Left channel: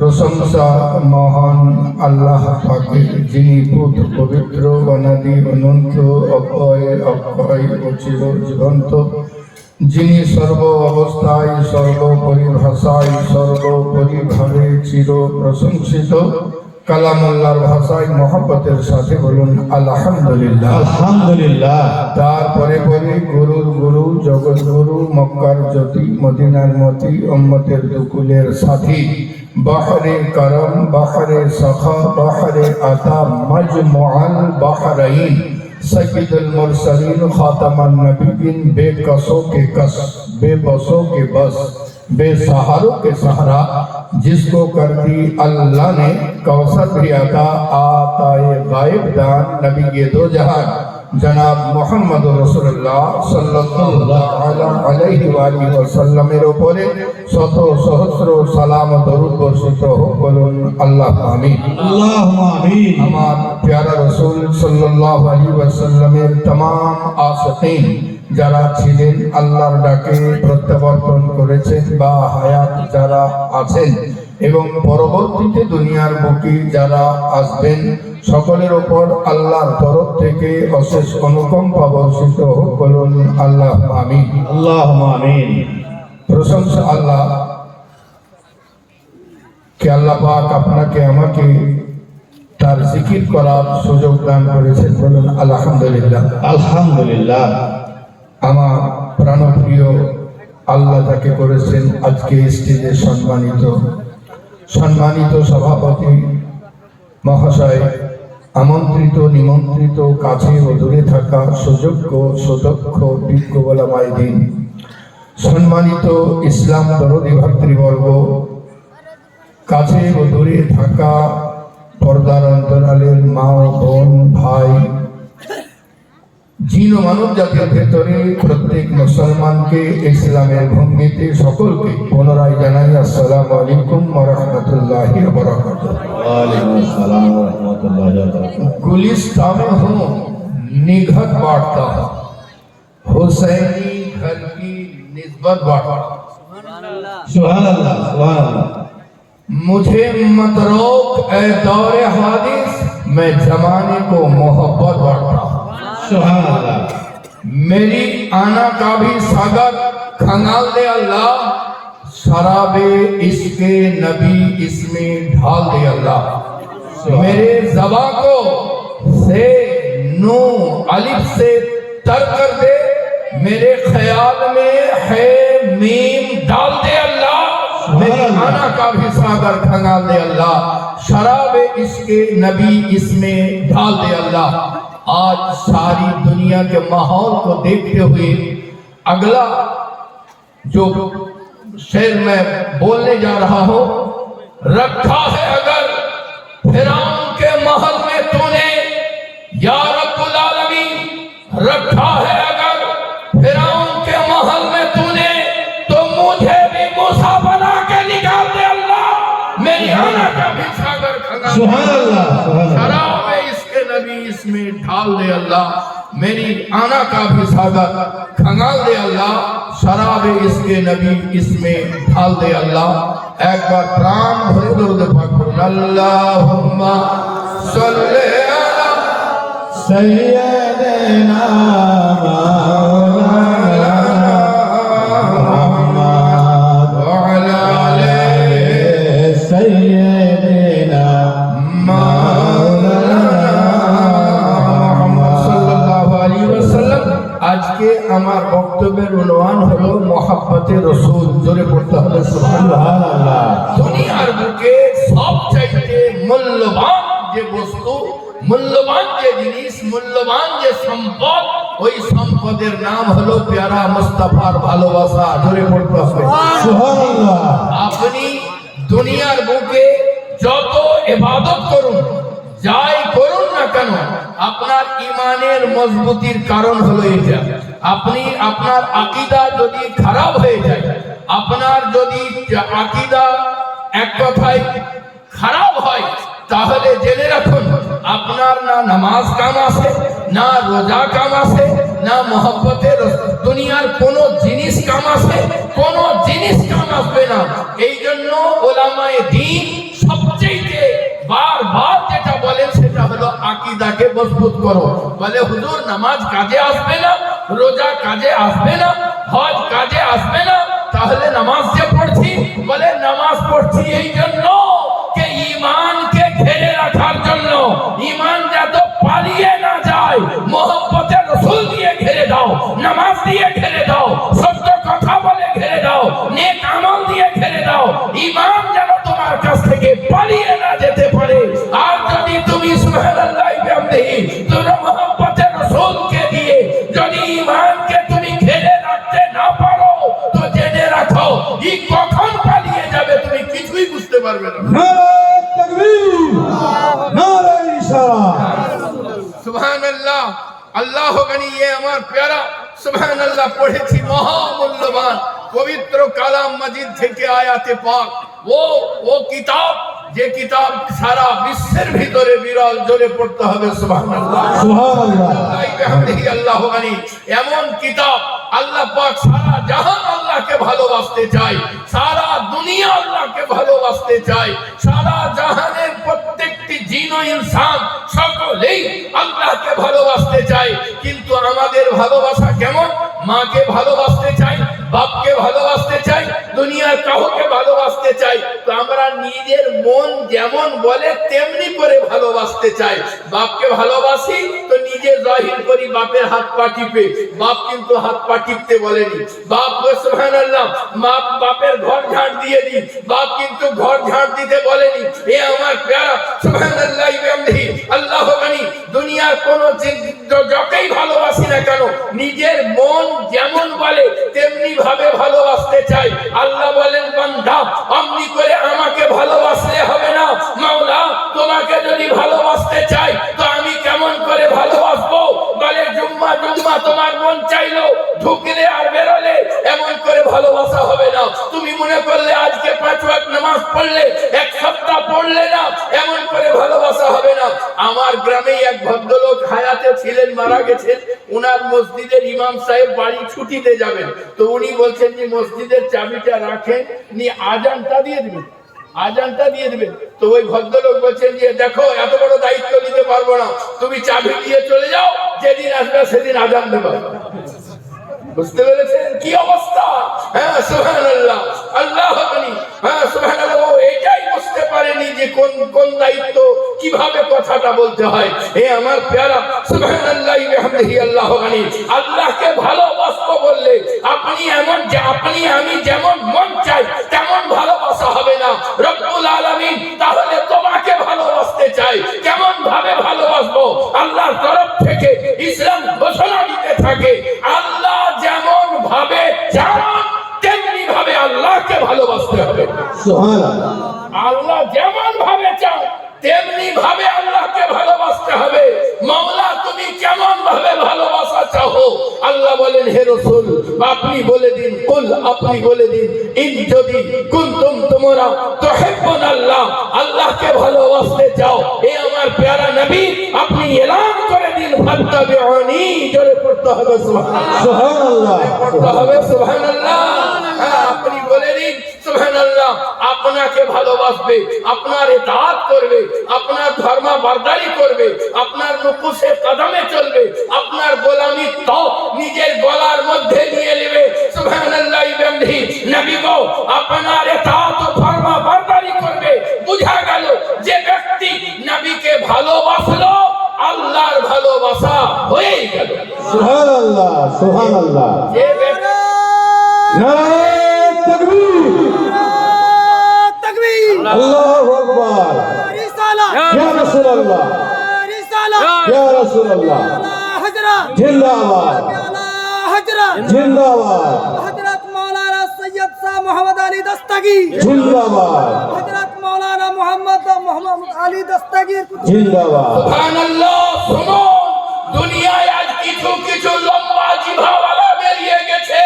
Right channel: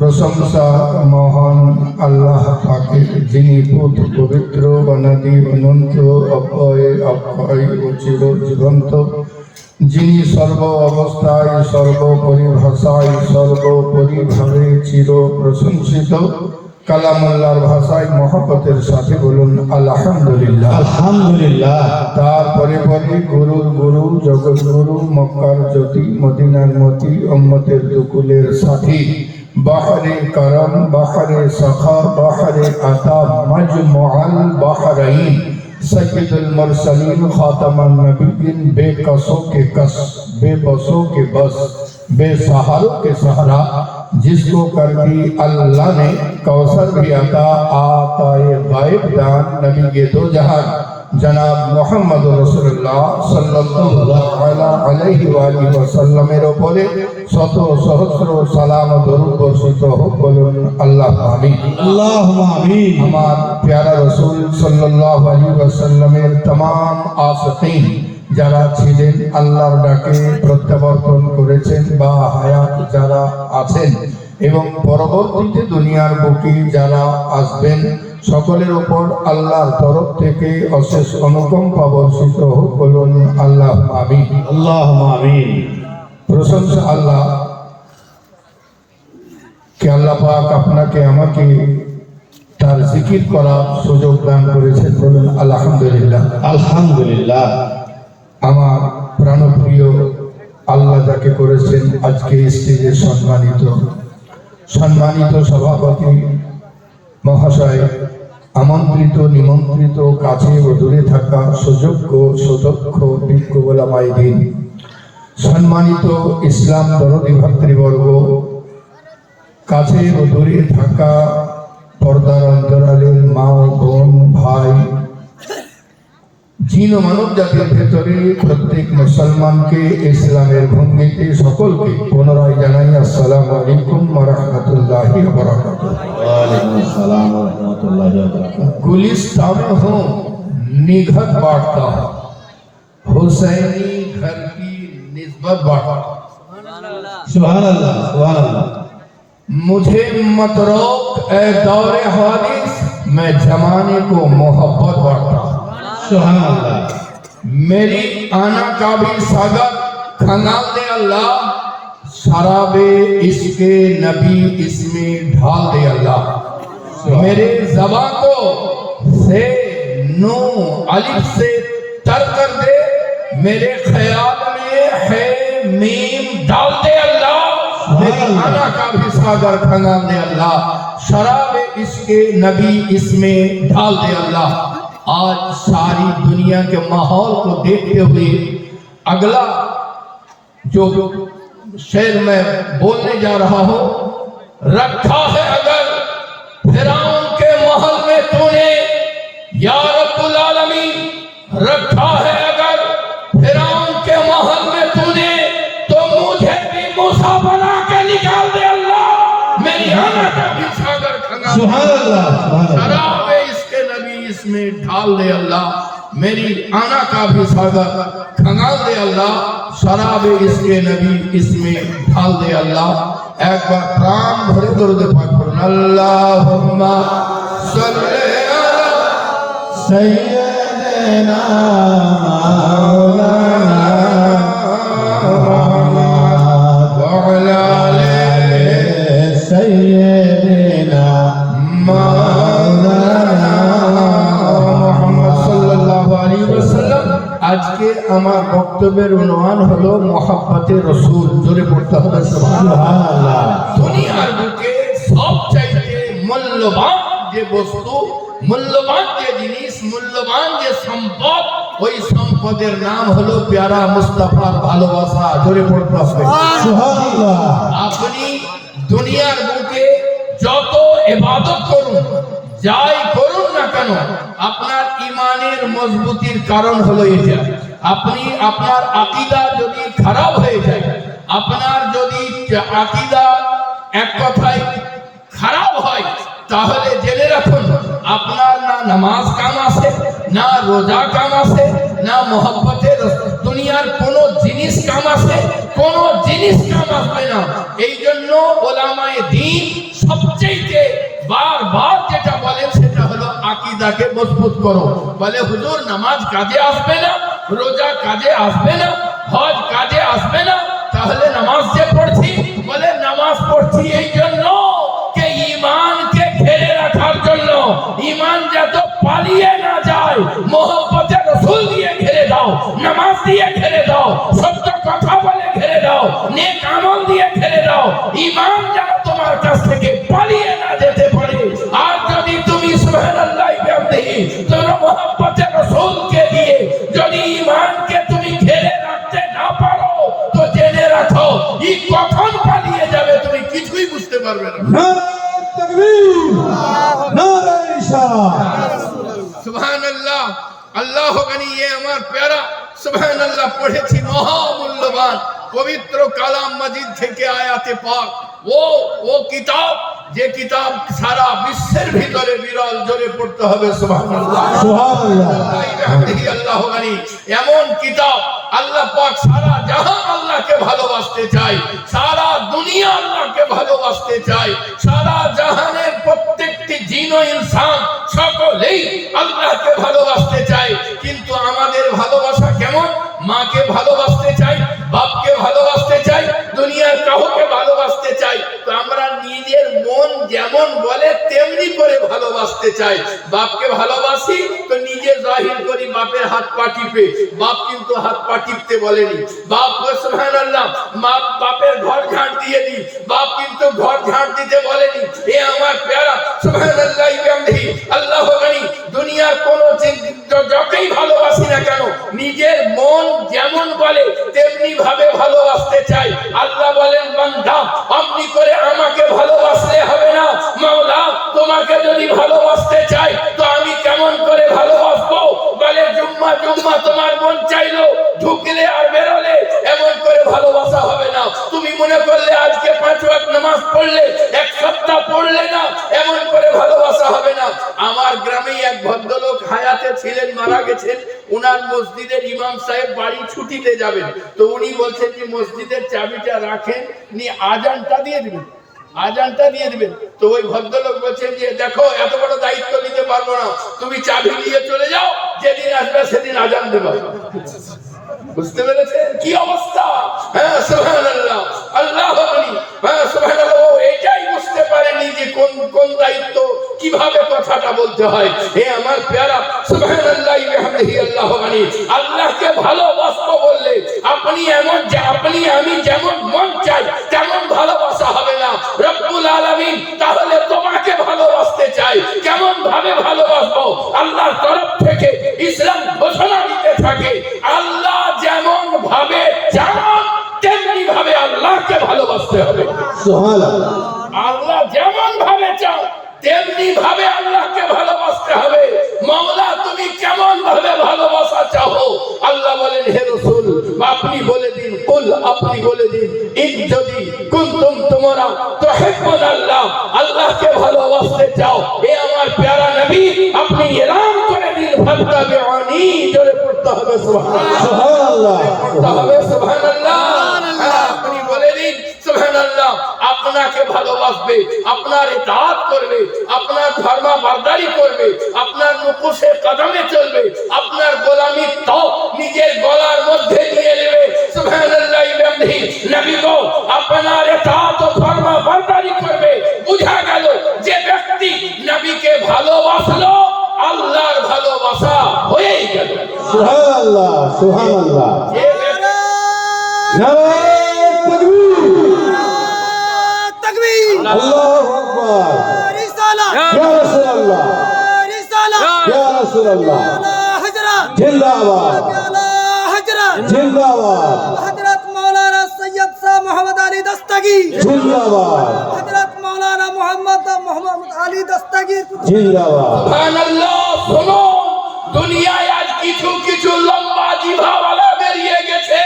প্রশংসা মহান আল্লাহ পাকের, যিনি পুত পবিত্র অনাদি অনন্ত অক্ষয় অক্ষয় ও চির জীবন্ত, যিনি সর্ব অবস্থায় সর্বপরিভাষায় সর্বপরিভাবে চির প্রশংসিত। কালাম আল্লাহর ভাষায় মহব্বতের সাথে বলুন আলহামদুলিল্লাহ। আলহামদুলিল্লাহ। তারপরে পরে গুরুর গুরু জগৎগুরু মক্কার জ্যোতি মদিনার মতি উম্মতের দুকুলের সাথী বাহরে করম বাহরে সখা বাহরে আতা মজমুআল বাহরাইন सैयदुल मुरसलीन खातमुन नबीयीन, बेकसों के कस बेबसों के बस बेसहारों के सहारा, जिसको कर दी अल्लाह ने कौसर भी अता आताए गायब दान नबी ये दो जहान जनाब मोहम्मद रसूलुल्लाह सल्लल्लाहु अलैहि वसल्लमेर উপরে শত সহস্র সালাম দরুদ বর্ষিত হোক, বলুন আল্লাহ আমিন। আল্লাহুম্মা আমিন। আমার প্যারা রাসূল সাল্লাল্লাহু আলাইহি ওয়াসাল্লামের तमाम আশিকিন যারা ছিলেন, আল্লাহর ডাকে প্রত্যাবর্তন করেছেন বা হায়াত যারা আছেন এবং পরবর্তীতে দুনিয়ার বুকে যারা আসবেন, সকলের উপর আল্লাহর তরফ থেকে অশেষ অনুকম্পা বর্ষিত হোক, বলুন আল্লাহ আমিন। আল্লাহুম্মা আমিন। প্রশংসা আল্লাহ কে আল্লাহ পাক আপনাকে আমাকে তার জিকির করার সুযোগ দান করেছেন, বলুন আলহামদুলিল্লাহ। আলহামদুলিল্লাহ। আমার প্রাণপ্রিয় আল্লাহ তাকে করেছেন আজকে স্টেজে সম্মানিত সভাপতি মহাশয়, আমন্ত্রিত নিমন্ত্রিত কাছে ও দূরে থাকা সুযোগ্য সুদক্ষ বিজ্ঞ ওলামায়ে দ্বীন, সম্মানিত ইসলাম দরদি ভাতৃবর্গ, কাছে ও দূরে থাকা পর্দার অন্তরালের মা বোন ভাই, জিন ও মানব জাতির ভেতরে প্রত্যেক মুসলমানকে ইসলামের ভঙ্গিতে সকলকে পুনরায় জানাই আসসালামু আলাইকুম ওয়া রাহমাতুল্লাহি ওয়া বারাকাতুহু। ওয়ালাইকুম আসসালাম ওয়া রাহমাতুল্লাহি ওয়া বারাকাতুহু। गुलिस्तान हूँ निघत बांटता हूँ, हुसैनी घर की निस्बत बांटता हूँ। सुभान अल्लाह, सुभान अल्लाह। मुझे मत रोक ए दौरे हादिस, मैं जमाने को मोहब्बत बांटता हूँ। सुभान अल्लाह। मेरी आना का भी सागर खंगाल दे अल्लाह, शराबे इसके नबी इसमें ढाल दे अल्लाह। मेरे ज़बान को से नू अलिफ से तर कर दे, मेरे ख्याल में है मीम डाल दे अल्लाह। मेरी आना का भी सागर खंगाल दे अल्लाह, शराबे इसके नबी इसमें ढाल दे अल्लाह। आज सारी दुनिया के माहौल को देखते हुए अगला जो शेर मैं बोलने जा रहा हूं, रखा है अगर फिरौन के महल में तूने या रब्बुल आलमीन, रखा है अगर फिरौन के महल में तूने, तो मुझे भी मूसा बना के निकाल दे अल्लाह। मेरी आना का भी सागर खंगाल दे अल्लाह, शराबे इसके नबी इसमें ढाल दे अल्लाह। मेरी आना का भी सागर खंगाल दे अल्लाह, शराबे इसके नबी इसमें ढाल दे अल्लाह। एक बार प्राण भरे दरूद पाक पढ़ो, अल्लाहुम्मा सल्ली अला सय्यिदिना سيدنا محمد وعلى آل سيدنا মুহাম্মদ সাল্লাল্লাহু আলাইহি ওয়াসাল্লাম। আজকে আমার বক্তব্যের উনওয়ান হলো মোহাব্বতে রসুল। জোরে পড়তে হবে সুবহানাল্লাহ। দুনিয়ার বুকে সবচাইতে মূল্যবান যে বস্তু, মূল্যবান যে জিনিস, মূল্যবান যে সম্পদ, ওই সম্পদের নাম হলো প্যারা মুস্তাফার ভালোবাসা। জোরে পড়তে হবে সুবহানাল্লাহ। আপনি দুনিয়ার বুকে যত ইবাদত করুন, যাই করুন না কেন, আপনার ইমানের মজবুতির কারণ হলো এটা। আপনি আপনার আকীদা যদি খারাপ হয়ে যায়, আপনার যদি আকীদা এক কথায় খারাপ হয়, তাহলে জেনে রাখুন আপনার না নামাজ কাম আসে, না রোজা কাম আসে, না মহব্বতের দুনিয়ার কোনো জিনিস কাম আসে, কোনো জিনিস কাম আসবে না। এই জন্য ওলামায়ে দ্বীন সবচেয়ে বারবার যেটা বলেন সেটা হলো আকীদাকে মজবুত করো। বলে হুজুর নামাজ কাজে আসবে না, রোজা কাজে আসবে না, হজ কাজে আসবে না, তাহলে নামাজ যে পড়ছি, বলে নামাজ পড়ছি এই জন্য যে ঈমানকে ঘিরে রাখার জন্য, ঈমান যাতে পালিয়ে না যায়। মহব্বতে রাসূল দিয়ে ঘিরে দাও, নামাজ দিয়ে ঘিরে দাও, সত্য কথা বলে ঘিরে দাও, নেক আমল দিয়ে ঘিরে দাও, ঈমান যেন তোমার কাছ থেকে পালিয়ে না যেতে পারে। আর যদি তুমি সুবহানাল্লাহ বিহামদিহি তোমরা মহব্বতে রাসূলকে দিয়ে যদি ঈমানকে তুমি ঘিরে রাখতে না পারো, তো জেনে রাখো ই কখন পালিয়ে যাবে তুমি কিছুই বুঝতে পারবে না। নারে তাকবীর, নারে ইশারা। সুবহানাল্লাহ। আল্লাহ গানি ये আমার প্যারা সুবহানাল্লাহ পড়েছি মহামূল্যবান পবিত্র কালাম মাজিদ থেকে আয়াতে পাক। ও কিতাব যে কিতাব সারা বিশ্বের ভিতরে বিরল। জোরে পড়তে হবে সুবহানাল্লাহ। সুবহানাল্লাহ। আল্লাহ গানি এমন কিতাব, আল্লাহ পাক সারা জাহান আল্লাহকে ভালোবাসতে চায়, সারা দুনিয়া আল্লাহকে ভালোবাসতে চায়, সারা জাহানের প্রত্যেকটি জিন ও ইনসান সকলেই আল্লাহকে ভালোবাসতে চায়। কিন্তু আমাদের ভালোবাসা কেমন? মাকে ভালোবাসতে চাই, বাপকে ভালোবাসতে চাই, দুনিয়ার কাউকে ভালোবাসতে চাই। তো আমরা নিজের মন যেমন বলে তেমনি করে ভালোবাসতে চাই। বাপকে ভালোবাসি তো নিজে জাহির করি বাপের হাত পা টিপে। বাপ কিন্তু হাত পা টিপতে বলেনি। বাপ সুবহানাল্লাহ বাপের ঘর ঝাড় দিয়ে দি, বাপ কিন্তু ঘর ঝাড় দিতে বলেনি। এ আমার প্যারা সুবহানাল্লাহ বিহামদিহি আল্লাহ গানি দুনিয়ার কোন যতই ভালোবাসি না কেন, নিজের মন যেমন বলে তেমনি ভাবে ভালোবাসতে চাই। আল্লাহ বলেন বান্দা অমনি করে আমাকে ভালোবাসলে হবে না। মাওলা তোমাকে যদি ভালোবাসতে চাই তো আমি কেমন করে ভালোবাসবো? বলে জুম্মা জুম্মা তোমার মন চাইলো, ঢুকলে আর বেরোলে এমন করে ভালোবাসা হবে না। তুমি মনে করলে আজকে 5 ওয়াক্ত নামাজ পড়লে, এক সপ্তাহ পড়লে না, এমন করে ভালোবাসা হবে না। আমার গ্রামে এক ভদ্রলোক হায়াতে ছিলেন, মারা গেছেন। উনার মসজিদের ইমাম সাহেব বাড়ি ছুটিতে যাবেন, তো উনি বলছেন যে মসজিদের চাবিটা রাখেন, নি আজানটা দিয়ে দিবেন, আজানটা দিয়ে দিবেন। তো ওই ভদ্রলোক বলছেন যে দেখো এত বড় দায়িত্ব নিতে পারবো না, তুমি চাবি নিয়ে চলে যাও, যেদিন আসবে সেদিন আজান দেবো। বুঝতে পেরেছেন কি অবস্থা? হ্যাঁ সুবহানাল্লাহ। আল্লাহ হ্যাঁ সুবহানাল্লাহ এটাই বুঝতে পারেনি যে কোন দায়িত্ব কিভাবে কথাটা বলতে হয়। হে আমার প্যারা সুবহানাল্লাহ বিহামদিহি আল্লাহ গানি আল্লাহকে ভালোবাসতে বললে আপনি এমন যে আপনি আমি যেমন মন চাই তেমন ভালোবাসা হবে না। রব্বুল আলামিন তাহলে তোমাকে ভালোবাসতে চাই, কেমন ভাবে ভালোবাসবো? আল্লাহর তরফ থেকে ইসলাম ঘোষণা দিতে থাকে আল্লাহ যেমন ভাবে চান তেমনি ভাবে আল্লাহকে ভালোবাসতে হবে। সুবহানাল্লাহ। আল্লাহ যেমন ভাবে চান তেমনি ভাবে আল্লাহকে ভালোবাসতে হবে। মাওলা তুমি কেমন ভাবে ভালোবাসা চাও? আল্লাহ বলেন হে রাসূল আপনি বলে দিন, কুল আপনি বলে দিন, ইন যদি কুনতুম তোমরা তুহিব্বুন আল্লাহ, আল্লাহকে ভালোবাসতে চাও, এ আমার প্যারা নবী আপনি এলান করে দিন ফাত্তাবিউনি। জোরে পড়তে হবে সুবহানাল্লাহ, পড়তে হবে সুবহানাল্লাহ। আপনি বলে দিন সুবহানাল্লাহ আপনাকে ভালোবাসবে, আপনার ইতাআত করবে, আপনার ফরমাবরদারি করবে, আপনার নুকুশে কদমে চলবে, আপনার সুবহানাল্লাহ সুবহানাল্লাহ ये बेटा নারে তাকবীর तकबीर আল্লাহু আকবার रिसालत ইয়া রাসূলুল্লাহ रिसालत ইয়া রাসূলুল্লাহ आला हजरत জিন্দাবাদ आला हजरत জিন্দাবাদ हजरत मौलाना सैयद शाह मोहम्मद अली दस्तगीर জিন্দাবাদ हजरत मौलाना मोहम्मद अली दस्तगीर জিন্দাবাদ সুবহানাল্লাহ। শোনো, দুনিয়ায় আজ কিছু কিছু লম্বা জিভাওয়ালা বেরিয়ে গেছে,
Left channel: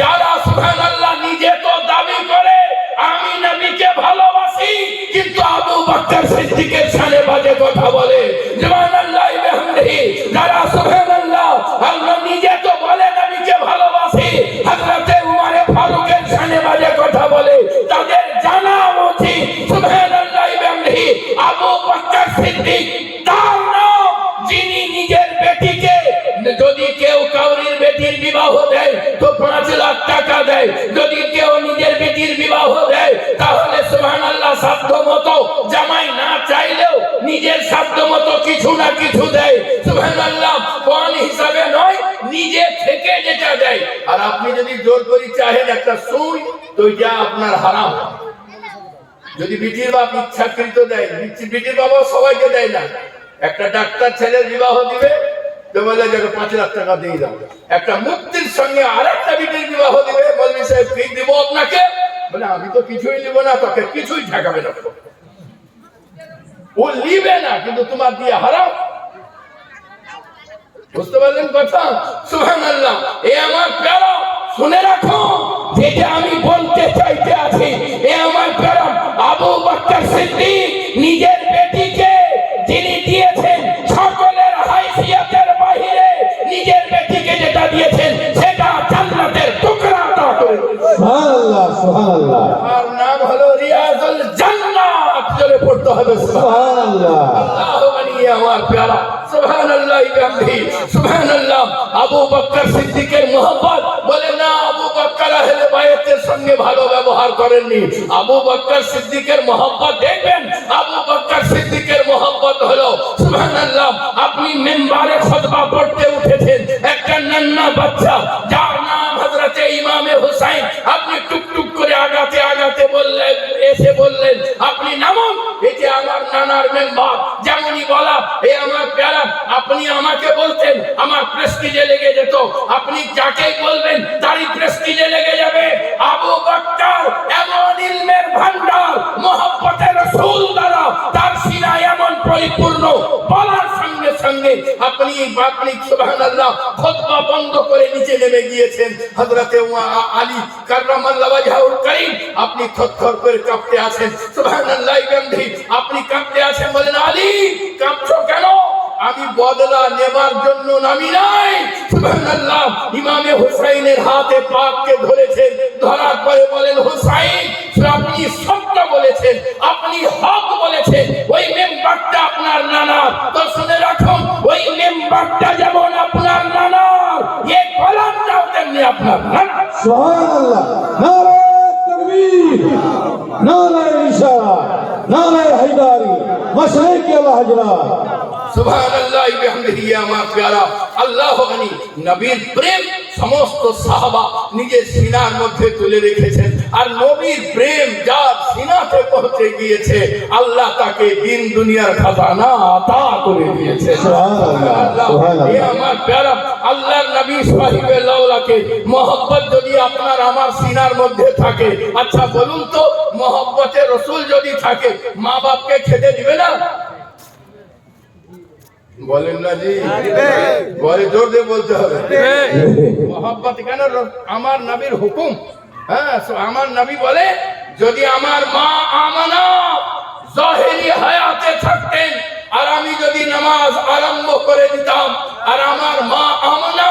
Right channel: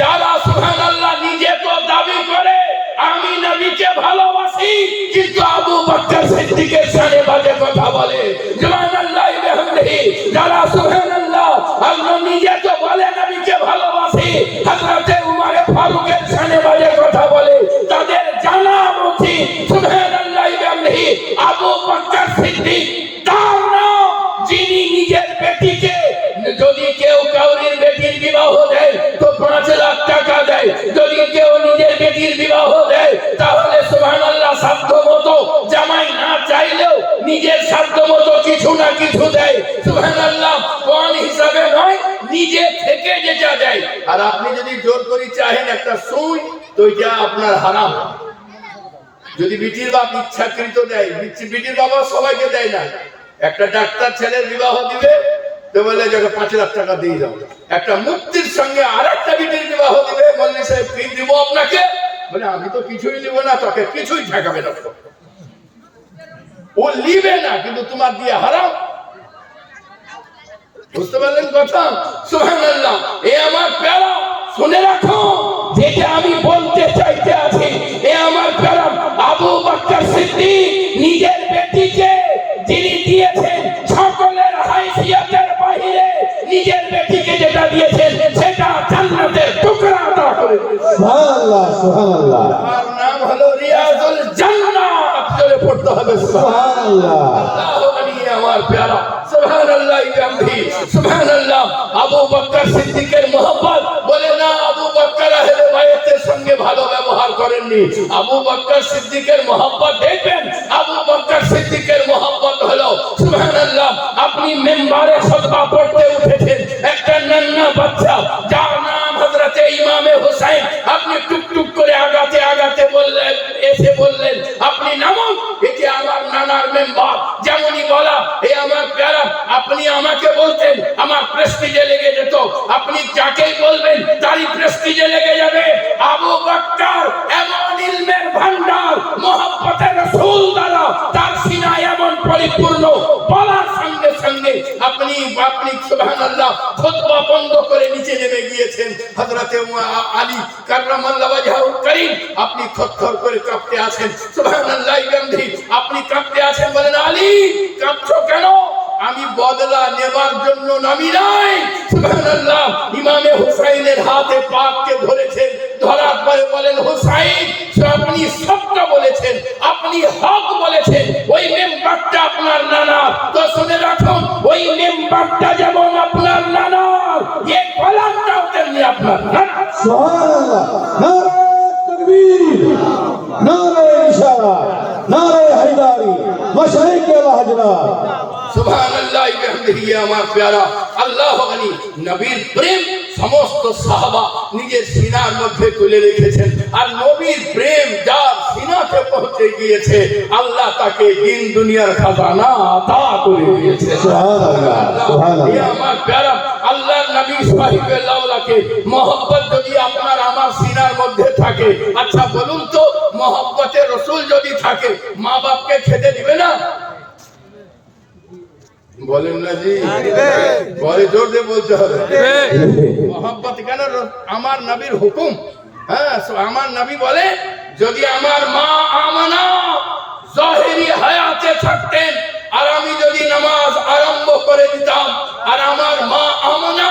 যারা সুবহানাল্লাহ নিজে তো দাবি করে আমি নবীকে ভালোবাসি, কিন্তু আবু বকর সিদ্দিকের শানে বাজে কথা বলে। সুবহানাল্লাহ বিহামদিহি। যারা সুবহানাল্লাহ আল্লাহ নিজে তো বলে নবীকে ভালোবাসি, হযরতে উমর ফারুকের শানে বাজে কথা বলে, তাদের জানা উচিত সুবহানাল্লাহ বিহামদিহি আবু বকর সিদ্দিক তার নাম, যিনি নিজের বেটিকে, যদি কেউ কাউরির বেটির বিবাহ দেয় তো 5 লাখ টাকা দেয়, যদি কেউ নিজের বেটির বিবাহ দেয় তাহলে সুবহানাল্লাহ সাধ্য মতো, জামাই না চাইলেও নিজের সাধ্য মতো কিছু না কিছু দেয়। সুবহানাল্লাহ, কোন হিসাবে নয়, নিজে থেকে যেটা দেয়। আর আপনি যদি জোর করে চাহেন একটা সুই, তো এটা আপনার হারাম। যদি বিটির বাপ ইচ্ছাকৃত দেয়, বিটির বাবা সবাইকে দেয় না, একটা ডাক্তার ছেলের বিবাহ দিবে তো বলে যাকে 5 লাখ টাকা দিয়ে দাও। একটা মুক্তির সঙ্গে আর একটা বিটির বিবাহ দিবে, বলবি সাহেব কি দিব আপনাকে, বলে আমি তো কিছুই নিব না, তোকে কিছুই ঠেকাবে না। ও নিবে না, কিন্তু তোমার দিয়ে হারাম। বুঝতে পারলেন কথা? সুবহানাল্লাহ। এ আমার প্যারা, শুনে রাখো যেটা আমি বলতে চাইতে আছি। এ আমার প্যারা, আবু বকর সিদ্দিক নিজের বেটিকে যিনি দিয়েছেন, সকলের হাইসিয়তের বাইরে নিজের বেটিকে যেটা দিয়েছেন সেটা জান্নাতের টুকরা আতা করে দিয়েছেন। সুবহানাল্লাহ সুবহানাল্লাহ আর নাম হলো রিয়াজুল জান্নাত, জোরে পড়তে হবে সুবহানাল্লাহ। আল্লাহু আকবার। আমার প্যারা, সুবহানাল্লাহ বিহামদিহি। সুবহানাল্লাহ। আবু বকর সিদ্দিকের মহব্বত, বলে না আবু বকর আহলে বাইতের সঙ্গে ভালো ব্যবহার করেননি। আবু বকর সিদ্দিকের মহব্বত দেখবেন, আবু বকর সিদ্দিকের মহব্বত হলো সুবহানাল্লাহ, আপনি মিম্বারে খুতবা পড়তে উঠেছেন, একটা নন্না বাচ্চা যার নাম হযরতে ইমামে হুসাইন, আপনি টুকটুক করে আগাতে আগাতে বললেন, এসে বললেন আপনি নামুন, এটি আমার নানার মেম্বার। যেমনই বলা, এ আমার প্যারা, আপনি আমাকে বলতেন আমার প্রেস্টিজে লেগে যেত, আপনি যাকেই বলবেন তারই প্রেস্টিজে লেগে যাবে। আবু বকর এমন ইলমের ভান্ডার, মহব্বতের রাসূল দ্বারা তার সিনায় এমন পরিপূর্ণ, বলার সঙ্গে সঙ্গে আপনি সুবহানাল্লাহ খুতবা বন্ধ করে নিচে নেমে গিয়েছেন। হযরতে আলী কাররামাল্লাহু ওয়াজহুল কারীম, আপনি থরথর করে কাঁপতে আছেন। সুবহানাল্লাহ বিহামদিহি। আপনি কাঁপতে আছেন, বলেন আলী কাঁপছো কেন? আমি বদলা নেবার জন্য নামি নাই। সুবহানাল্লাহ। ইমামে হুসাইনের হাতে পাককে ধরেছেন, ধরার পরে বলেন হুসাইন, আপনি সত্য বলেছেন, আপনি হক বলেছেন, ওই মেম্বারটা আপনার নানা, তো শুনে রাখুন ওই মেম্বারটা যেমন আপনার নানা, এই কলমটাও তেমনি আপনার নানা। সুবহানাল্লাহ নারে তাকবীর নারে ইশারাত নারে হায়দারি মাশায়েখ আলা হযরত সুবহানাল্লাহ বিহামদিহি। আমার প্যারা, আল্লাহু গনি, নবীর প্রেম সমস্ত সাহাবা নিজের সিনার মধ্যে তুলে রেখেছেন। আর নবীর প্রেম যার সিনাতে পৌঁছে গিয়েছে, আল্লাহ তাকে দিন দুনিয়ার খাজানা আতা করে দিয়েছে। সুবহানাল্লাহ এ সুবহানাল্লাহ আমার প্যারা, আল্লাহর নবী সাহিবে লাউলাকে মহব্বত যদি আপনার আমার সিনার মধ্যে থাকে, আচ্ছা বলুন তো, মহব্বতে রাসূল যদি থাকে, মা বাপকে খেতে দিবে না? বলেন না জি, বলে জোর দিয়ে বলতে হবে। মহব্বত কেন? আমার নবীর হুকুম। হ্যাঁ, আমার নবী বলে, যদি আমার মা আমানা জাহেরি হায়াতে থাকতেন, আর আমি যদি নামাজ আরম্ভ করে দিতাম, আর আমার মা আমানা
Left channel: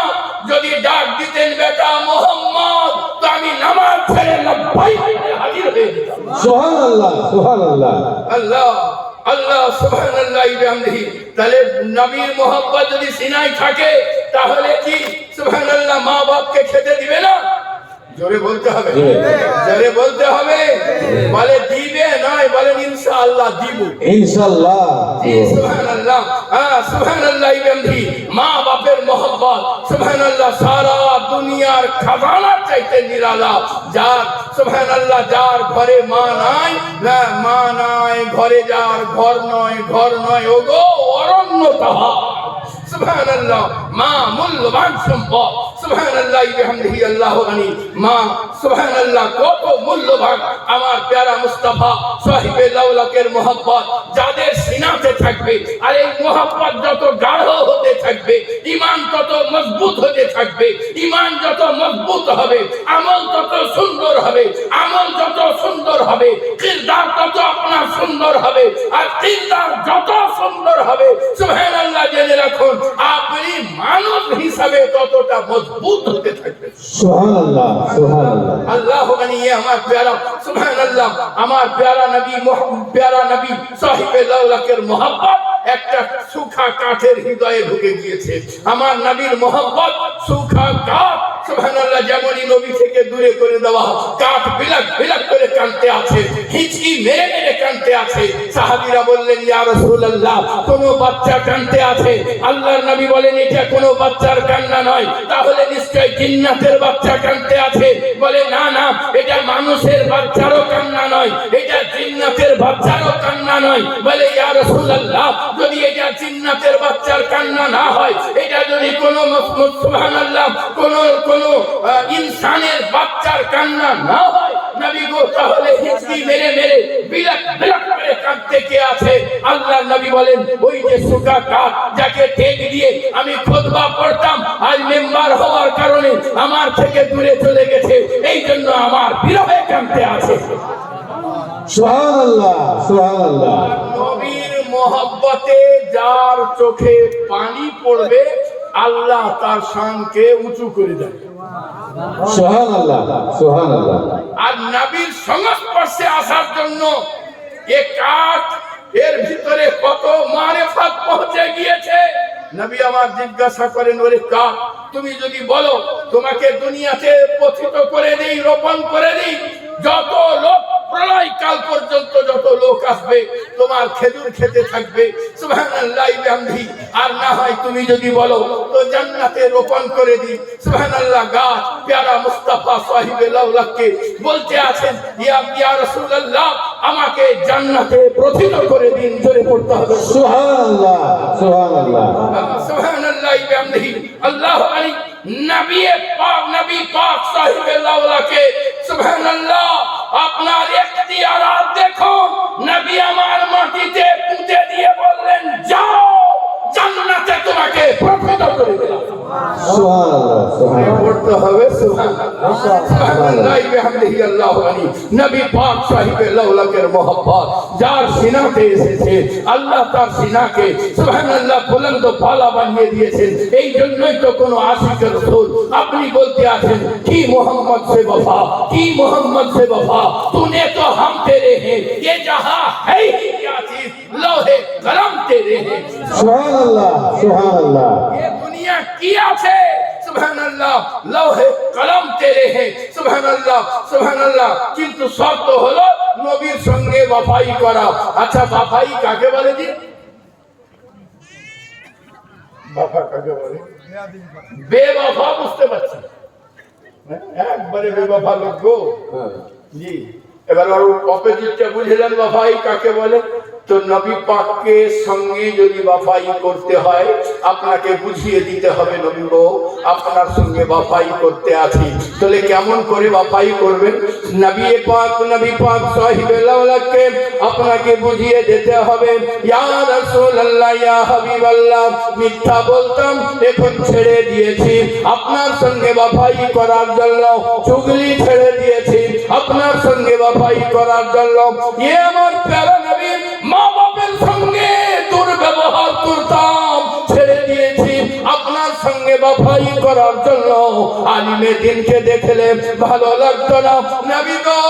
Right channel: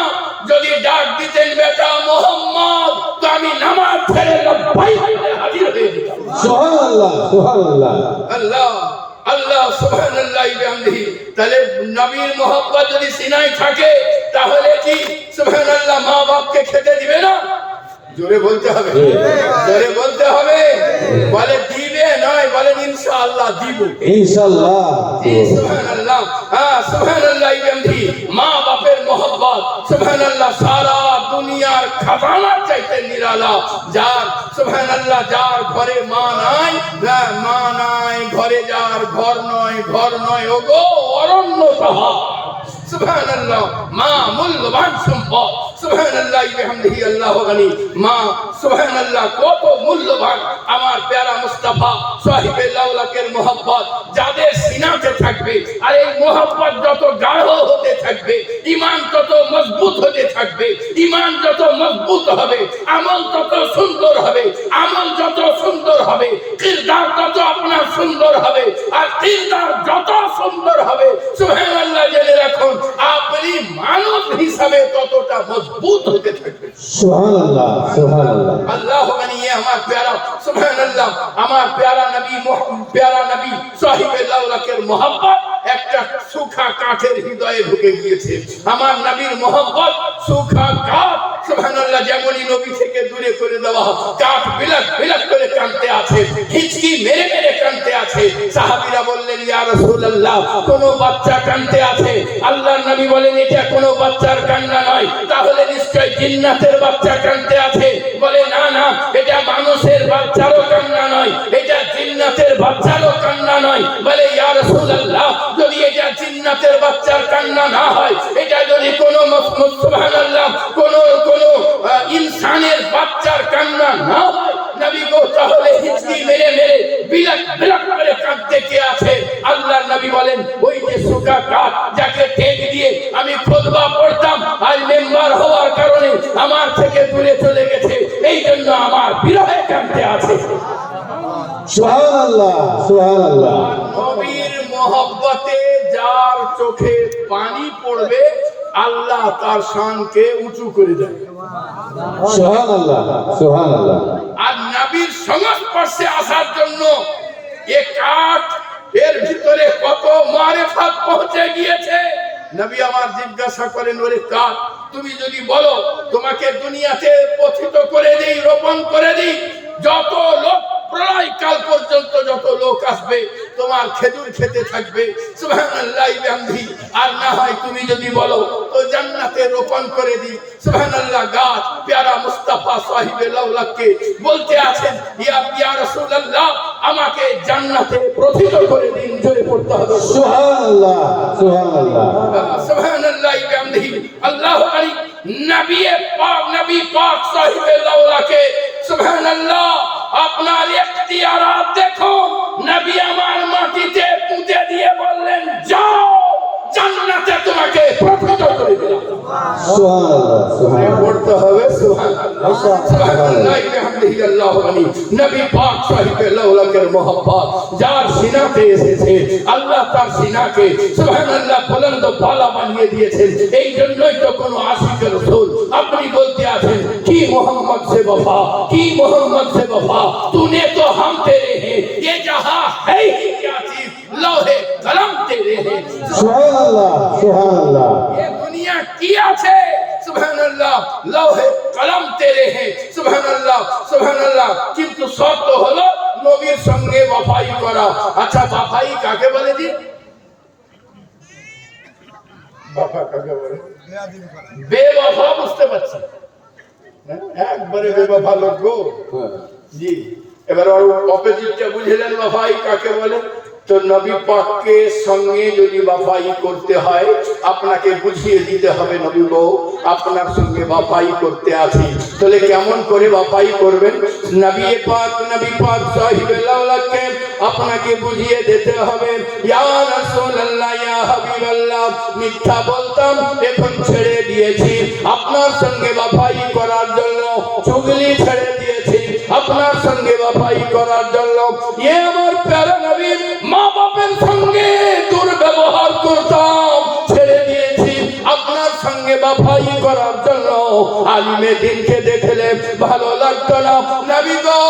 যদি ডাক দিতেন বেটা মোহাম্মদ, তো আমি নামাজ ছেড়ে লব্বাইক বলে হাজির হয়ে যেতাম। সুবহানাল্লাহ সুবহানাল্লাহ আল্লাহ আল্লাহ সুবহানাল্লাহ বিহামদিহি। তাহলে নবীর মহব্বত যদি সিনায় থাকে, তাহলে কি সুবহানাল্লাহ মা বাপকে খেতে দিবে না? জোরে বলতে হবে, জোরে বলতে হবে। বলে দিবে নয়, বলেন ইনশাআল্লাহ দিব। ইনশাআল্লাহ জি সুবহানাল্লাহ। হ্যাঁ সুবহানাল্লাহ বিহামদিহি। মা বাপের মহব্বত চাইতে নিরালা, যার সুবহানাল্লাহ যার ঘরে মা নাই, মা নাই ঘরে, যার ঘর নয় ওগো অরণ্য তাহার। সুবহানাল্লাহ, মা মূল্যবান সম্পদ। সুবহানাল্লাহ বিহামদিহি আল্লাহু গনি। মা সুবহানাল্লাহ কত মূল্যবান। আমার প্যারা মুস্তাফা সাহিবে লাউলাকের মোহাব্বত যাদের সিনাতে থাকবে, আর এই মোহাব্বত যত গাঢ় হতে থাকবে, ঈমান তত মজবুত হতে থাকবে। ঈমান যত মজবুত হবে, আমল তত সুন্দর হবে। আমল যত সুন্দর হবে, কিরদার তত আপনার সুন্দর হবে। আর কিরদার যত সুন্দর হবে, সুবহানাল্লাহ জেনে রাখুন, আপনি মানুষ হিসাবে ততটা মজবুত হতে থাকবে। সুবহানাল্লাহ, সুবহানাল্লাহ। আল্লাহ বানিয়ে আমার প্যারা সুবহানাল্লাহ, আমার প্যারা নবী সাহিবে লাউলাকের মোহাব্বত একটা সুখা কাঠের হৃদয়ে ঢুকে গিয়েছে। আমার নবীর মোহাব্বত সুখা কাঠ। সুবহানাল্লাহ, যেমনই নবী থেকে দূরে করে দেওয়া কাঠ বিলাক করে কাঁদতে আছে, হিচকি মেরে কাঁদতে আছে। সাহাবীরা বললেন, ইয়া রাসূলুল্লাহ, কোন বাচ্চা কাঁদতে আছে। আল্লাহর নবী বলেন, এটা কোনো বাচ্চার কান্না নয়, তাহলে নিশ্চয় জিন্নাতের বাচ্চা কাঁদতে আছে। বলে, না, এটা মানুষের বাচ্চারও কান্না নয়, এটা জিন্নাতের বাচ্চারও কান্না নয়। বলে, ইয়া রাসূলুল্লাহ, যদি এটা জিন্নাতের বাচ্চার কান্না না হয়, এটা যদি কোনো সুবহানাল্লাহ কোন ইনসানের বাচ্চার কান্না না হয়, নবী গো, তাহলে হিচকি মেরে বিলাক করে কাঁদতে কে আছে? আল্লাহর নবী বলেন, ওই যে সুখা কাঠ যাকে ঠেক দিয়ে আমি খুতবা পড়তাম, আজ মেম্বার হওয়ার কারণে আমার থেকে দূরে চলে গেছে, এই জন্য আমার বিরহে কাঁদতে আছে। সুবহানাল্লাহ, সুবহানাল্লাহ। নবীর মোহব্বতে যার চোখে পানি পড়বে, আল্লাহ তার শানকে উঁচু করে দেয়। সুবহানাল্লাহ, সুবহানাল্লাহ। আর নবীর সংস্পর্শে আসার জন্য এ কাঠ, এর ভিতরে কত মারেফাত পৌঁছে গিয়েছে। নবী আমার জিজ্ঞাসা করেন, ওরে কাঠ, তুমি যদি বলো তোমাকে দুনিয়াতে পতিত করে দেই, রোপণ করে দেই, যত লোক প্রলয় কাল পর্যন্ত যত লোক আসবে তোমার খেজুর খেতে থাকবে, সুবহানাল্লাহ বিহামদিহি। আর না হয় তুমি যদি বলো তো জান্নাতে রোপণ করে দিই। সুবহানাল্লাহ, গাছ প্যারা মুস্তাফা সাহিবে লাউলাককে বলতে আছেন, ইয়া রাসূলুল্লাহ, আমাকে জান্নাতে প্রথিত করে দিন। জোরে পড়তে হবে সুবহানাল্লাহ, সুবহানাল্লাহ। সুবহানাল্লাহ বিহামদিহি। আল্লাহু আলী নবী পাক সাহিবে লাউলাকে সুবহানাল্লাহ আপনার ইখতিয়ারাত দেখো। নবী আমার মাটিতে পুঁতে দিয়ে বললেন, যাও, জান্নাতে তোমাকে প্রথিত করে দিলাম। সুবহানাল্লাহ, সুবহানাল্লাহ। পড়তে হবে সুবহানাল্লাহ, সুবহানাল্লাহ বিহামদিহি। আল্লাহু আলী নবী পাক সাহিবে লাউলাকের মোহাব্বত যার সিনাতে এসেছে, আল্লাহ তার সিনাকে সুবহানাল্লাহ বুলন্দ পালা বানিয়ে দিয়েছেন। এই জন্যই তো কোন আশিকের রাসূল আপনি বলতে আছেন, কি মোহাম্মদ সে वफा, কি মোহাম্মদ সে वफा, तूने तो हम तेरे हैं, ये जहां है ही क्या चीज, लोहे कलम तेरे हैं। সুবহানাল্লাহ, সুবহানাল্লাহ। ये दुनिया की আছে, সুবহানাল্লাহ, লৌহে কলম তেরে হে, সুবহানাল্লাহ, সুবহানাল্লাহ। কিন্তু শর্ত হলো নবীর সঙ্গে ওয়াফাই করা। আচ্ছা, ওয়াফাই কাকে বলে জি? ওয়াফা কাকে বলে? বেওয়াফা বুঝতে পারছি, একবারে বেওয়াফা লোক গো। জি, এবার অপোজিটটা বুঝলেন ওয়াফাই কাকে বলে। তো নবী পাককে সঙ্গে যদি ওয়াফাই করতে হয়, আপনাকে বুঝিয়ে দিতে হবে, নবী গো, আপনার সঙ্গে ওয়াফাই করতে আছি। তাহলে কেমন করে ওয়াফাই করবেন? নবী পাক সাহিবে লাউলাককে আপনাকে বুঝিয়ে দিতে হবে। ইয়া রাসূলুল্লাহ, ইয়া হাবিবাল্লাহ, মিথ্যা বলতাম, এখন ছেড়ে দিয়েছি আপনার সঙ্গে ওয়াফাই করার জন্য, চুগলি ছেড়ে দিয়েছি আপনার সঙ্গে ওয়াফাই করার জন্য। এ আমার প্যারা নবী, মা বাপের সঙ্গে দুর্ব্যবহার করতাম, ছেড়ে দিয়েছি আপনার সঙ্গে ওয়াফাই করার জন্য। আলিমে দিনকে দেখলে ভালো লাগতো না, নবী গো,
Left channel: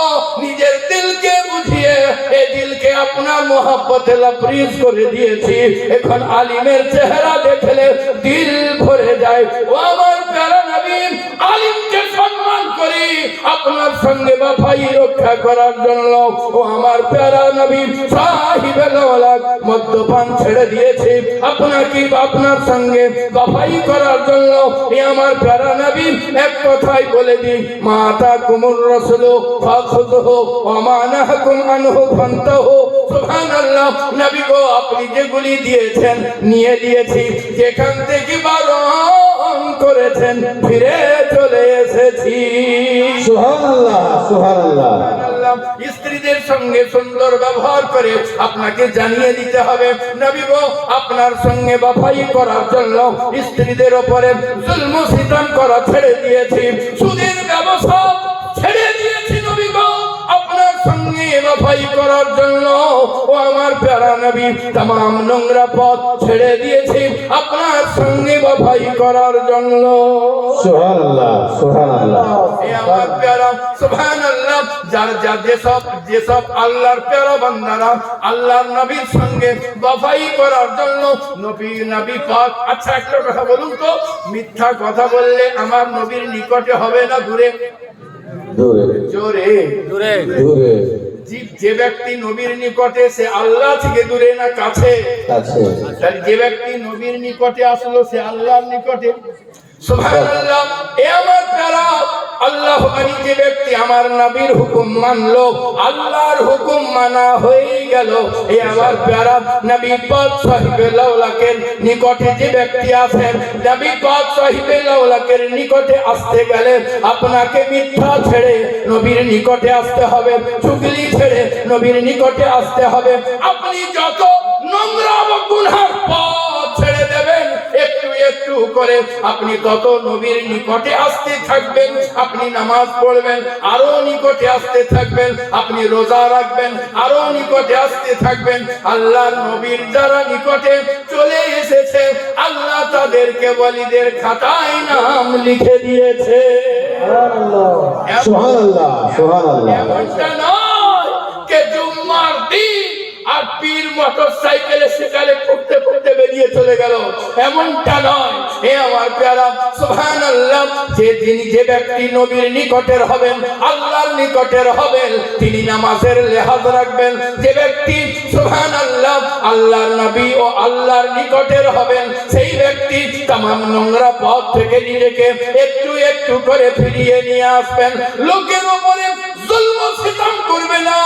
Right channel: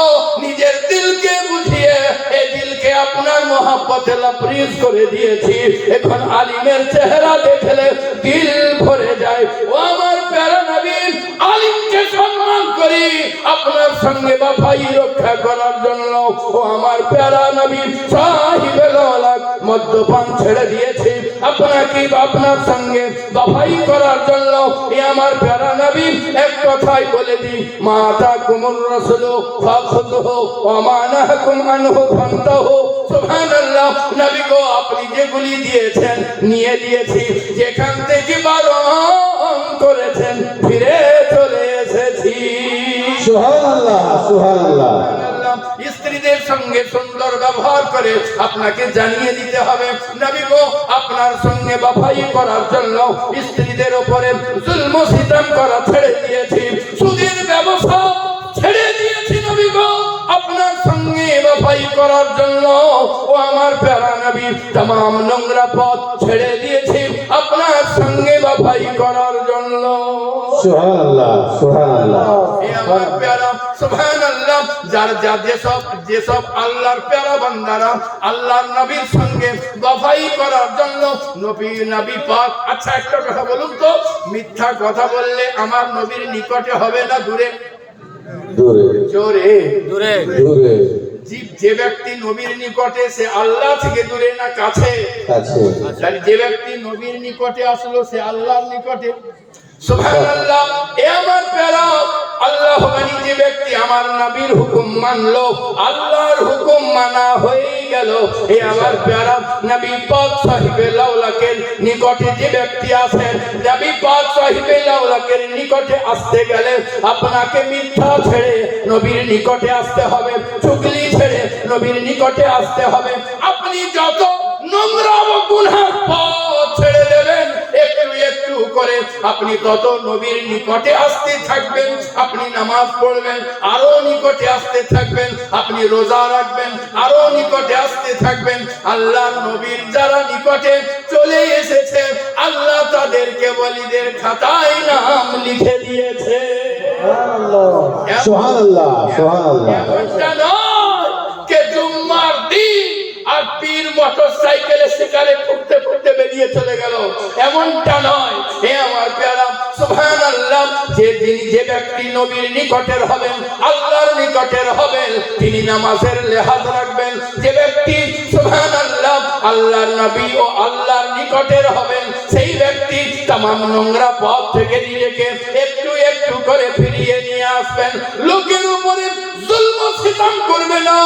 নিজের দিলকে বুঝিয়ে এই দিলকে আপনার মহব্বতে লবরেজ করে দিয়েছি। এখন আলিমের চেহারা দেখলে দিল ভরে যায়। ও আমার প্যারা নবী, আলিমকে সম্মান করি আপনার সঙ্গে ওয়াফাই রক্ষা করার জন্য। ও আমার প্যারা নবী সাহিবে লাউলাক মদ্যপান ছেড়ে দিয়েছে আপনাকে আপনার সঙ্গে ওয়াফাই করার জন্য। এ আমার প্যারা নবী এক কথাই বলে দিই, মাতা কুমুর রাসূলু ফাখুযুহু ওয়া মা নাহাকুম আনহু ফান্তাহু। সুবহানাল্লাহ। নবী গো, আপনি যেগুলি দিয়েছেন নিয়ে দিয়েছি, যেখান থেকে বারণ করেছেন ফিরে চলে এসেছি। সুবহানাল্লাহ, সুবহানাল্লাহ। স্ত্রীদের সঙ্গে সুন্দর ব্যবহার করে আপনাকে জানিয়ে দিতে হবে, নবী গো, আপনার সঙ্গে বাফাই করার জন্য স্ত্রীদের উপরে জুলম সিতাম করা ছেড়ে দিয়েছি, সুদের ব্যবসা ছেড়ে দিয়েছি নবী গো, আপনার সঙ্গে বাফাই করার জন্য। ও আমার প্যারা নবী, तमाम নোংরা পথ ছেড়ে দিয়েছি আপনার সঙ্গে বাফাই করার জন্য। সুবহানাল্লাহ, সুবহানাল্লাহ। এ আমার প্যারা, সুবহানাল্লাহ। যেসব আল্লাহর প্যারা বান্দারা আল্লাহর নবীর সঙ্গে বাফাই করার জন্য নবী পাক। আচ্ছা, একটা কথা বলুন তো, মিথ্যা কথা বললে আমার নবীর নিকটে হবে না দূরে? দূরে, জোরে দূরে দূরে, যে ব্যক্তি নবীর নিকটে সে আল্লাহ থেকে দূরে না কাছে? কাছে। তাহলে যে ব্যক্তি নবীর নিকটে আসলো সে আল্লাহর নিকটে। সুবহানাল্লাহ। এ আমার প্যারা, আল্লাহ মানি যে ব্যক্তি আমার নবীর হুকুম মানলো, আল্লাহর হুকুম মানা হয়ে গেল। এ আমার প্যারা, নবী পাক সাহিবে লাউলাকের নিকটে যে ব্যক্তি আসেন, নবী পাক সাহিবে লাউলাকের নিকটে আসতে গেলে আপনাকে মিথ্যা ছেড়ে নবীর নিকটে আসতে হবে, চুগলি ছেড়ে নবীর নিকটে আসতে হবে। আপনি যত নোংরা ও গুনাহ পথ ছেড়ে দেবেন একটু একটু করে, আপনি তত নবীর নিকটে আসতে থাকবেন। আপনি নামাজ পড়বেন, আরো নিকটে আসতে থাকবেন। আপনি রোজা রাখবেন, আরো নিকটে আসতে থাকবেন। আল্লাহর নবীর যারা নিকটে চলে এসেছে, আল্লাহ তাদেরকে ওয়ালিদের খাতায় নাম লিখে দিয়েছে। সুবহানাল্লাহ, সুবহানাল্লাহ। এমনটা নয় কে জুম্মার দিন আর পীর মোটরসাইকেলে শিকারে করতে করতে বেরিয়ে চলে গেল, এমনটা নয়। হে আমার প্যারা, সুবহানাল্লাহ। যে ব্যক্তি নবীর নিকটের হবেন, আল্লাহর নিকটের হবেন, তিনি নামাজের লেহাজ রাখবেন। যে ব্যক্তি সুবহানাল্লাহ আল্লাহর নবী ও আল্লাহর নিকটের হবেন, সেই ব্যক্তি तमाम নোংরা পথ থেকে নিজেকে একটু একটু করে ফিরিয়ে নিয়ে আসবেন। লোকের উপরে জুলম সিতাম করবে না,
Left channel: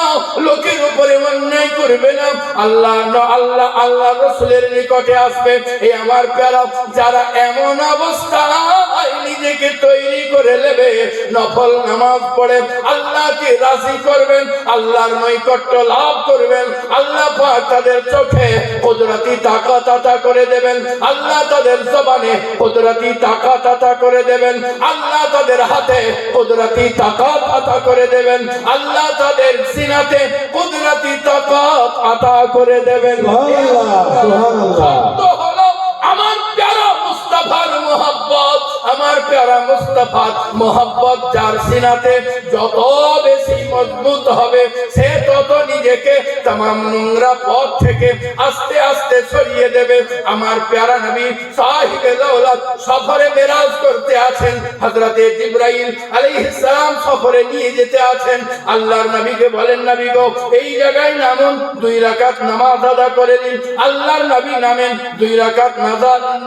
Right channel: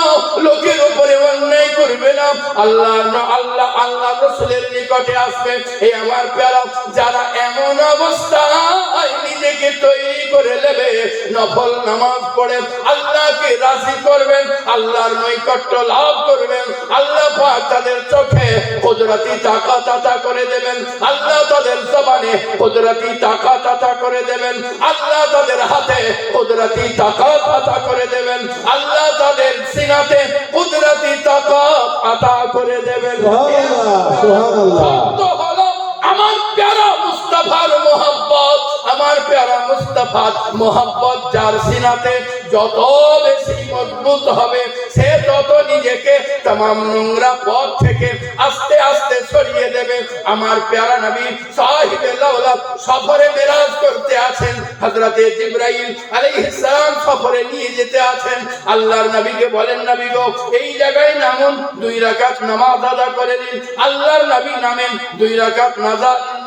লোকের উপরে অন্যায় করবে না, আল্লাহ রাসূলের নিকটে আসবে। এই আমার প্যারা, যারা এমন অবস্থায় নিজেকে তৈরি করে নেবে, নফল নামাজ পড়ে আল্লাহকে রাজি করবেন, আল্লাহর নৈকট্য লাভ করবেন, আল্লাহ পাক তাদের চোখে কুদরতি তাকাত আতা করে দেবেন, আল্লাহ তাদের জবানে কুদরতি তাকাত আতা করে দেবেন, আল্লাহ তাদের হাতে কুদরতি তাকাত আতা করে দেবেন, আল্লাহ তাদের সিনাতে কুদরতি তাকাত আতা করে দেবেন। সুবহানাল্লাহ, সুবহানাল্লাহ। সত্য হলো আমার প্যারা মুস্তাফার মোহাব্বত, আমার প্যারা মুস্তাফার মোহাব্বত যার সিনাতে যত বেশি মজবুত হবে, সে তত নিজেকে तमाम নোংরা পথ থেকে আস্তে আস্তে সরিয়ে দেবে। আমার প্যারা নবী সাহিবে লাউলা সফরে মেরাজ করতে আছেন, হযরতে জিবরাইল আলাইহিস সালাম সফরে নিয়ে যেতে আছেন। আল্লাহর নবীকে বলেন, নবী গো, এই জায়গায় নামুন, 2 রাকাত নামাজ আদা করে দিন। আল্লাহর নবী নামেন, 2 রাকাত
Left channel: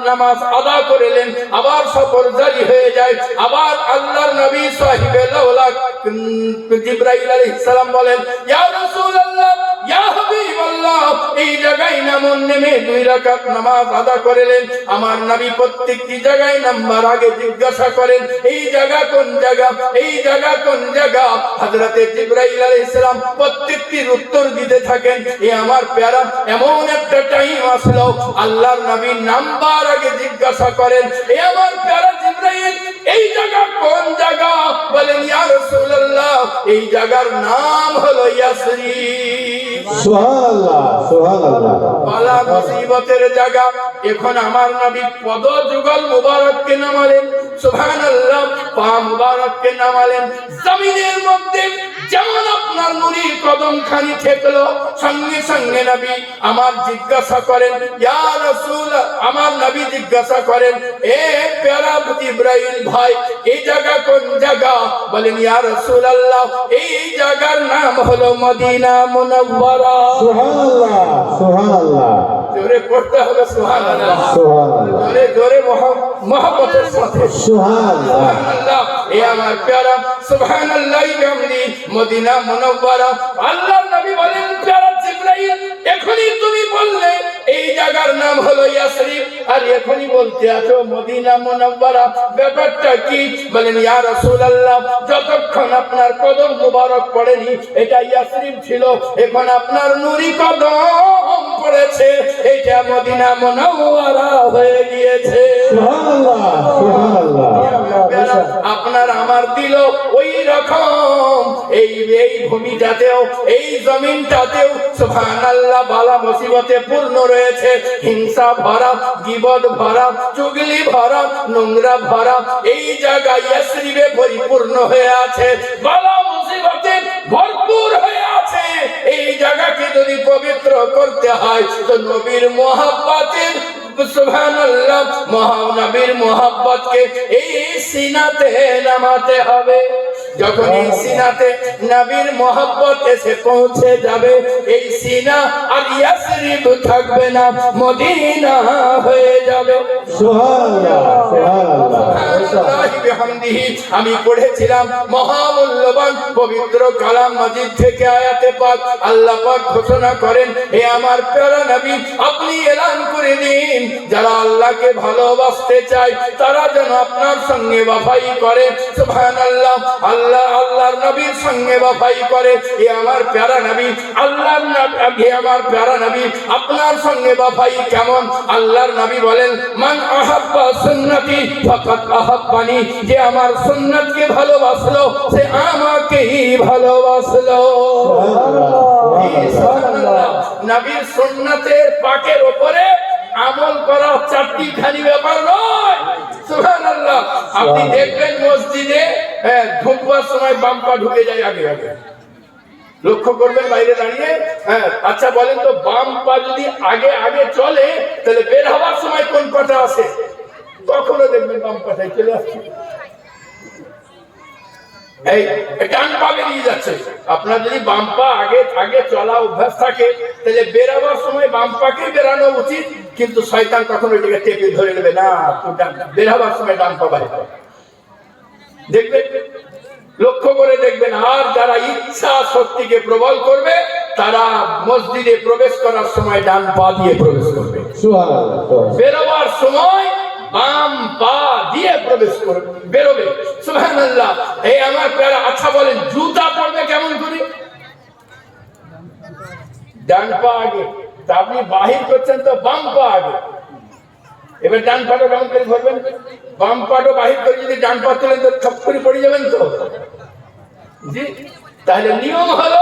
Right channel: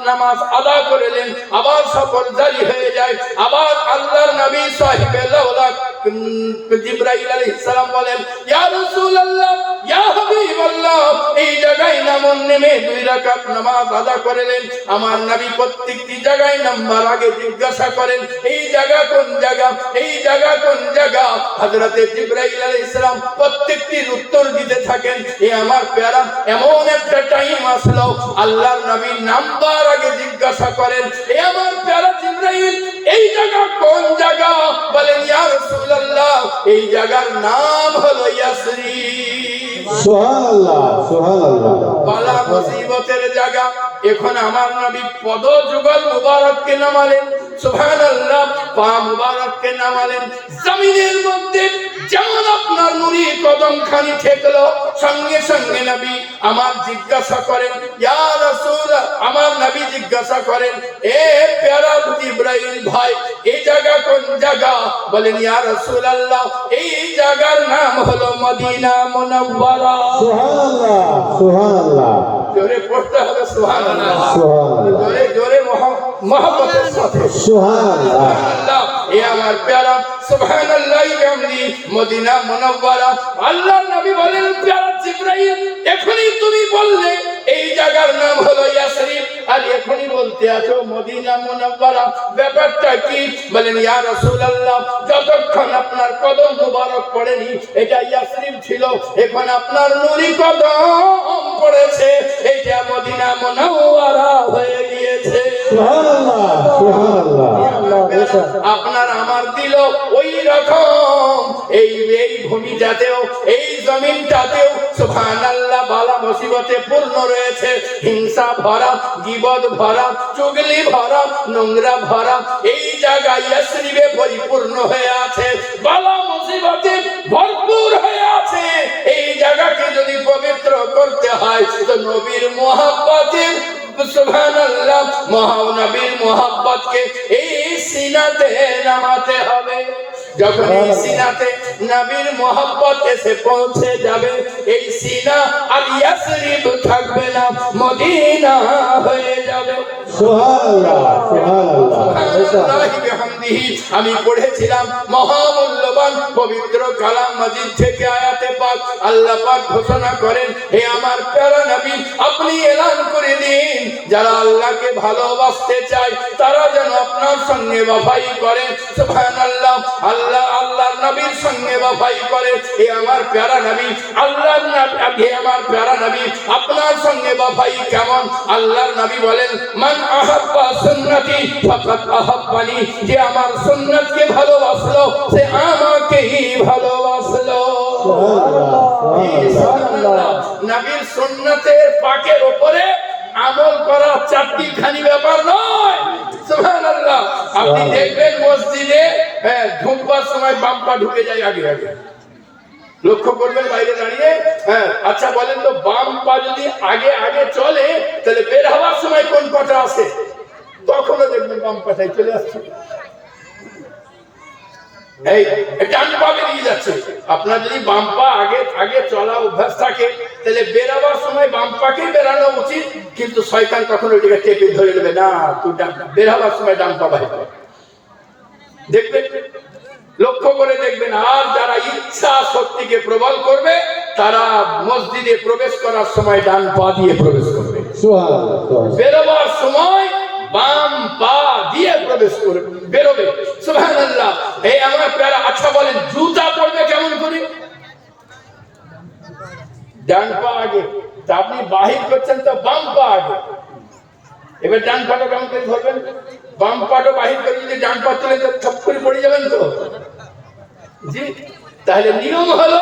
নামাজ আদা করলেন। আবার সফর জারি হয়ে যায়। আবার আল্লাহর নবী সাহিবে লাউলা জিবরাইল আলাইহিস সালাম বলেন, ইয়া রাসূলুল্লাহ, ইয়া হাবিবাল্লাহ, এই জায়গায় নামুন। নেমে 2 রাকাত নামাজ আদা করলেন। আমার নবী প্রত্যেকটি জায়গায় নাম্বার আগে জিজ্ঞাসা করেন, এই জায়গা কোন জায়গা, এই জায়গা কোন জায়গা। হযরতে জিবরাইল আলাইহিস সালাম প্রত্যেকটির উত্তর দিতে থাকেন। এ আমার প্যারা, এমন একটা টাইম আসলো আল্লাহর নবী নাম্বার আগে জিজ্ঞাসা করেন, এ আমার প্যারা জিবরাইল, এই জায়গা কোন জায়গা? বলেন, ইয়া রাসূলুল্লাহ, এই জায়গার নাম হলো ইয়াসরিব। সুবহানাল্লাহ, সুবহানাল্লাহ। বালা মুসিবতের জায়গা। এখন আমার নবী পদ যুগল মুবারককে নামালেন, সুবহানাল্লাহ, পা মুবারককে নামালেন। জমিনের মধ্যে যেমন আপনার নুরি কদম খানি ঠেকলো, সঙ্গে সঙ্গে নবী আমার জিজ্ঞাসা করেন, ইয়া রাসূল, আমার নবী জিজ্ঞাসা করেন, এ প্যারা জিবরাইল ভাই, এই জায়গা কোন জায়গা? বলেন, ইয়া রাসূলুল্লাহ, এই জায়গার নাম হলো মদিনা মুনাওয়ারা। সুবহানাল্লাহ, সুবহানাল্লাহ। জোরে পড়তে হবে সুবহানাল্লাহ, সুবহানাল্লাহ, জোরে জোরে মহব্বতের সাথে সুবহানাল্লাহ, সুবহানাল্লাহ। এ আমার প্যারা সুবহানাল্লাহি বিহামদি মদিনা মুনাওয়ারা। আল্লাহর নবী বলেন, প্যারা জিবরাইল এখনই তুমি বললে এই জায়গার নাম হলো ইয়াসরিব, আর এখনই বলতে আছো মদিনা মুনাওয়ারা, ব্যাপারটা কি? বলেন ইয়া রাসূলুল্লাহ, যতক্ষণ আপনার কদম মুবারক পড়েনি এটা ইয়াসরিব ছিল, এখন আপনার নূরি কদম পড়েছে, এটা মদিনা মুনাওয়ারা হয়ে গিয়েছে। সুবহানাল্লাহ, সুবহানাল্লাহ, আপনার আমার দিল ওই রকম এই ভূমিটাতেও এই জমিনটাতেও সুবহানাল্লাহ বালা মুসিবতে পূর্ণ রয়েছে, হিংসা ভরা, গীবত ভরা, চুগলি ভরা, নোংরা ভরা, এই জায়গায় ইয়াসরিবে পরিপূর্ণ হয়ে আছে, বালা মুসিবতে ভরপুর হয়ে আছে। এই জায়গাকে যদি পবিত্র করতে হয় তো নবীর মুহাব্বতে সুবহানাল্লাহ মহানবীর মুহাব্বতকে এই সিনাতে নামাতে হবে। যখন এই সিনাতে নবীর মুহাব্বত এসে পৌঁছে যাবে, এই সিনা আর ইয়াসরিব থাকবে না, মদিনা হয়ে যাবে। সুবহানাল্লাহ, সুবহানাল্লাহ, সুবহানাল্লাহি বিহামদিহি। আমি পড়েছিলাম মহামূল্যবান পবিত্র কালাম মাজিদ থেকে আয়াতে পাক, আল্লাহ পাক ঘোষণা করেন, হে আমার প্যারা নবী আপনি এলান করে দিন, যারা আল্লাহকে ভালোবাসতে চায় তারা যেন আপনার সঙ্গে ওয়াফাই করে। সুবহানাল্লাহ, আল্লাহ আল্লাহর নবীর সঙ্গে ওয়াফাই করে। হে আমার প্যারা নবী, আল্লাহর নবী, হে আমার প্যারা নবী আপনার সঙ্গে ওয়াফাই কেমন? আল্লাহর নবী বলেন, মান আহাব্বা সুন্নতি ফাকাত আহাব্বানি, যে আমার সুন্নতকে ভালোবাসলো সে আমাকেই ভালোবাসলো। সুবহানাল্লাহ, নবীর সুন্নতের পাকের উপরে আমল করা চারটি খানি ব্যাপার নয়। সুবহানাল্লাহ, আপনি দেখবেন মসজিদে ধূমপার সময় বাম পা ঢুকে যায় আগে আগে, লক্ষ্য করবেন বাইরে দাঁড়িয়ে। আচ্ছা বলেন তো, বাম পা যদি আগে আগে চলে তাহলে বের হওয়ার সময় কোন পাটা আসে? তখনও দেখবেন বাম পাটাই চলে আসছে, এই ডান পা বেরিয়ে যাচ্ছে। আপনার যদি বাম পা আগে আগে চলা অভ্যাস থাকে তাহলে বেরাবার সময় বাম পাকেই বেরানো উচিত, কিন্তু শয়তান কখনো এটাকে টেপে ধরে নেবে না, তো বেরাবার সময় ডান পা বাইরে দেখবেন, লক্ষ্য করে দেখবেন। আর যারা ইচ্ছা শক্তিকে প্রবল করবে তারা মসজিদে প্রবেশ করার সময় ডান পা দিয়ে প্রবেশ করবে, সুবহানাল্লাহ, বেরোবার সময় বাম পা দিয়ে প্রবেশ করবে, বেরোবে। সুবহানাল্লাহ। এই আমার প্যারা। আচ্ছা বলেন, জুতা পরবে কেমন করে? ডান পা আগে, তা আপনি বাহির করছেন তো বাম পা আগে, এবার ডান পাটা কেমন করে ধরবেন? বাম পাটা বাহির করে যদি ডান পা তোলেন তো থপ করে পড়ে যাবেন তো, জি। তাহলে নিয়ম হলো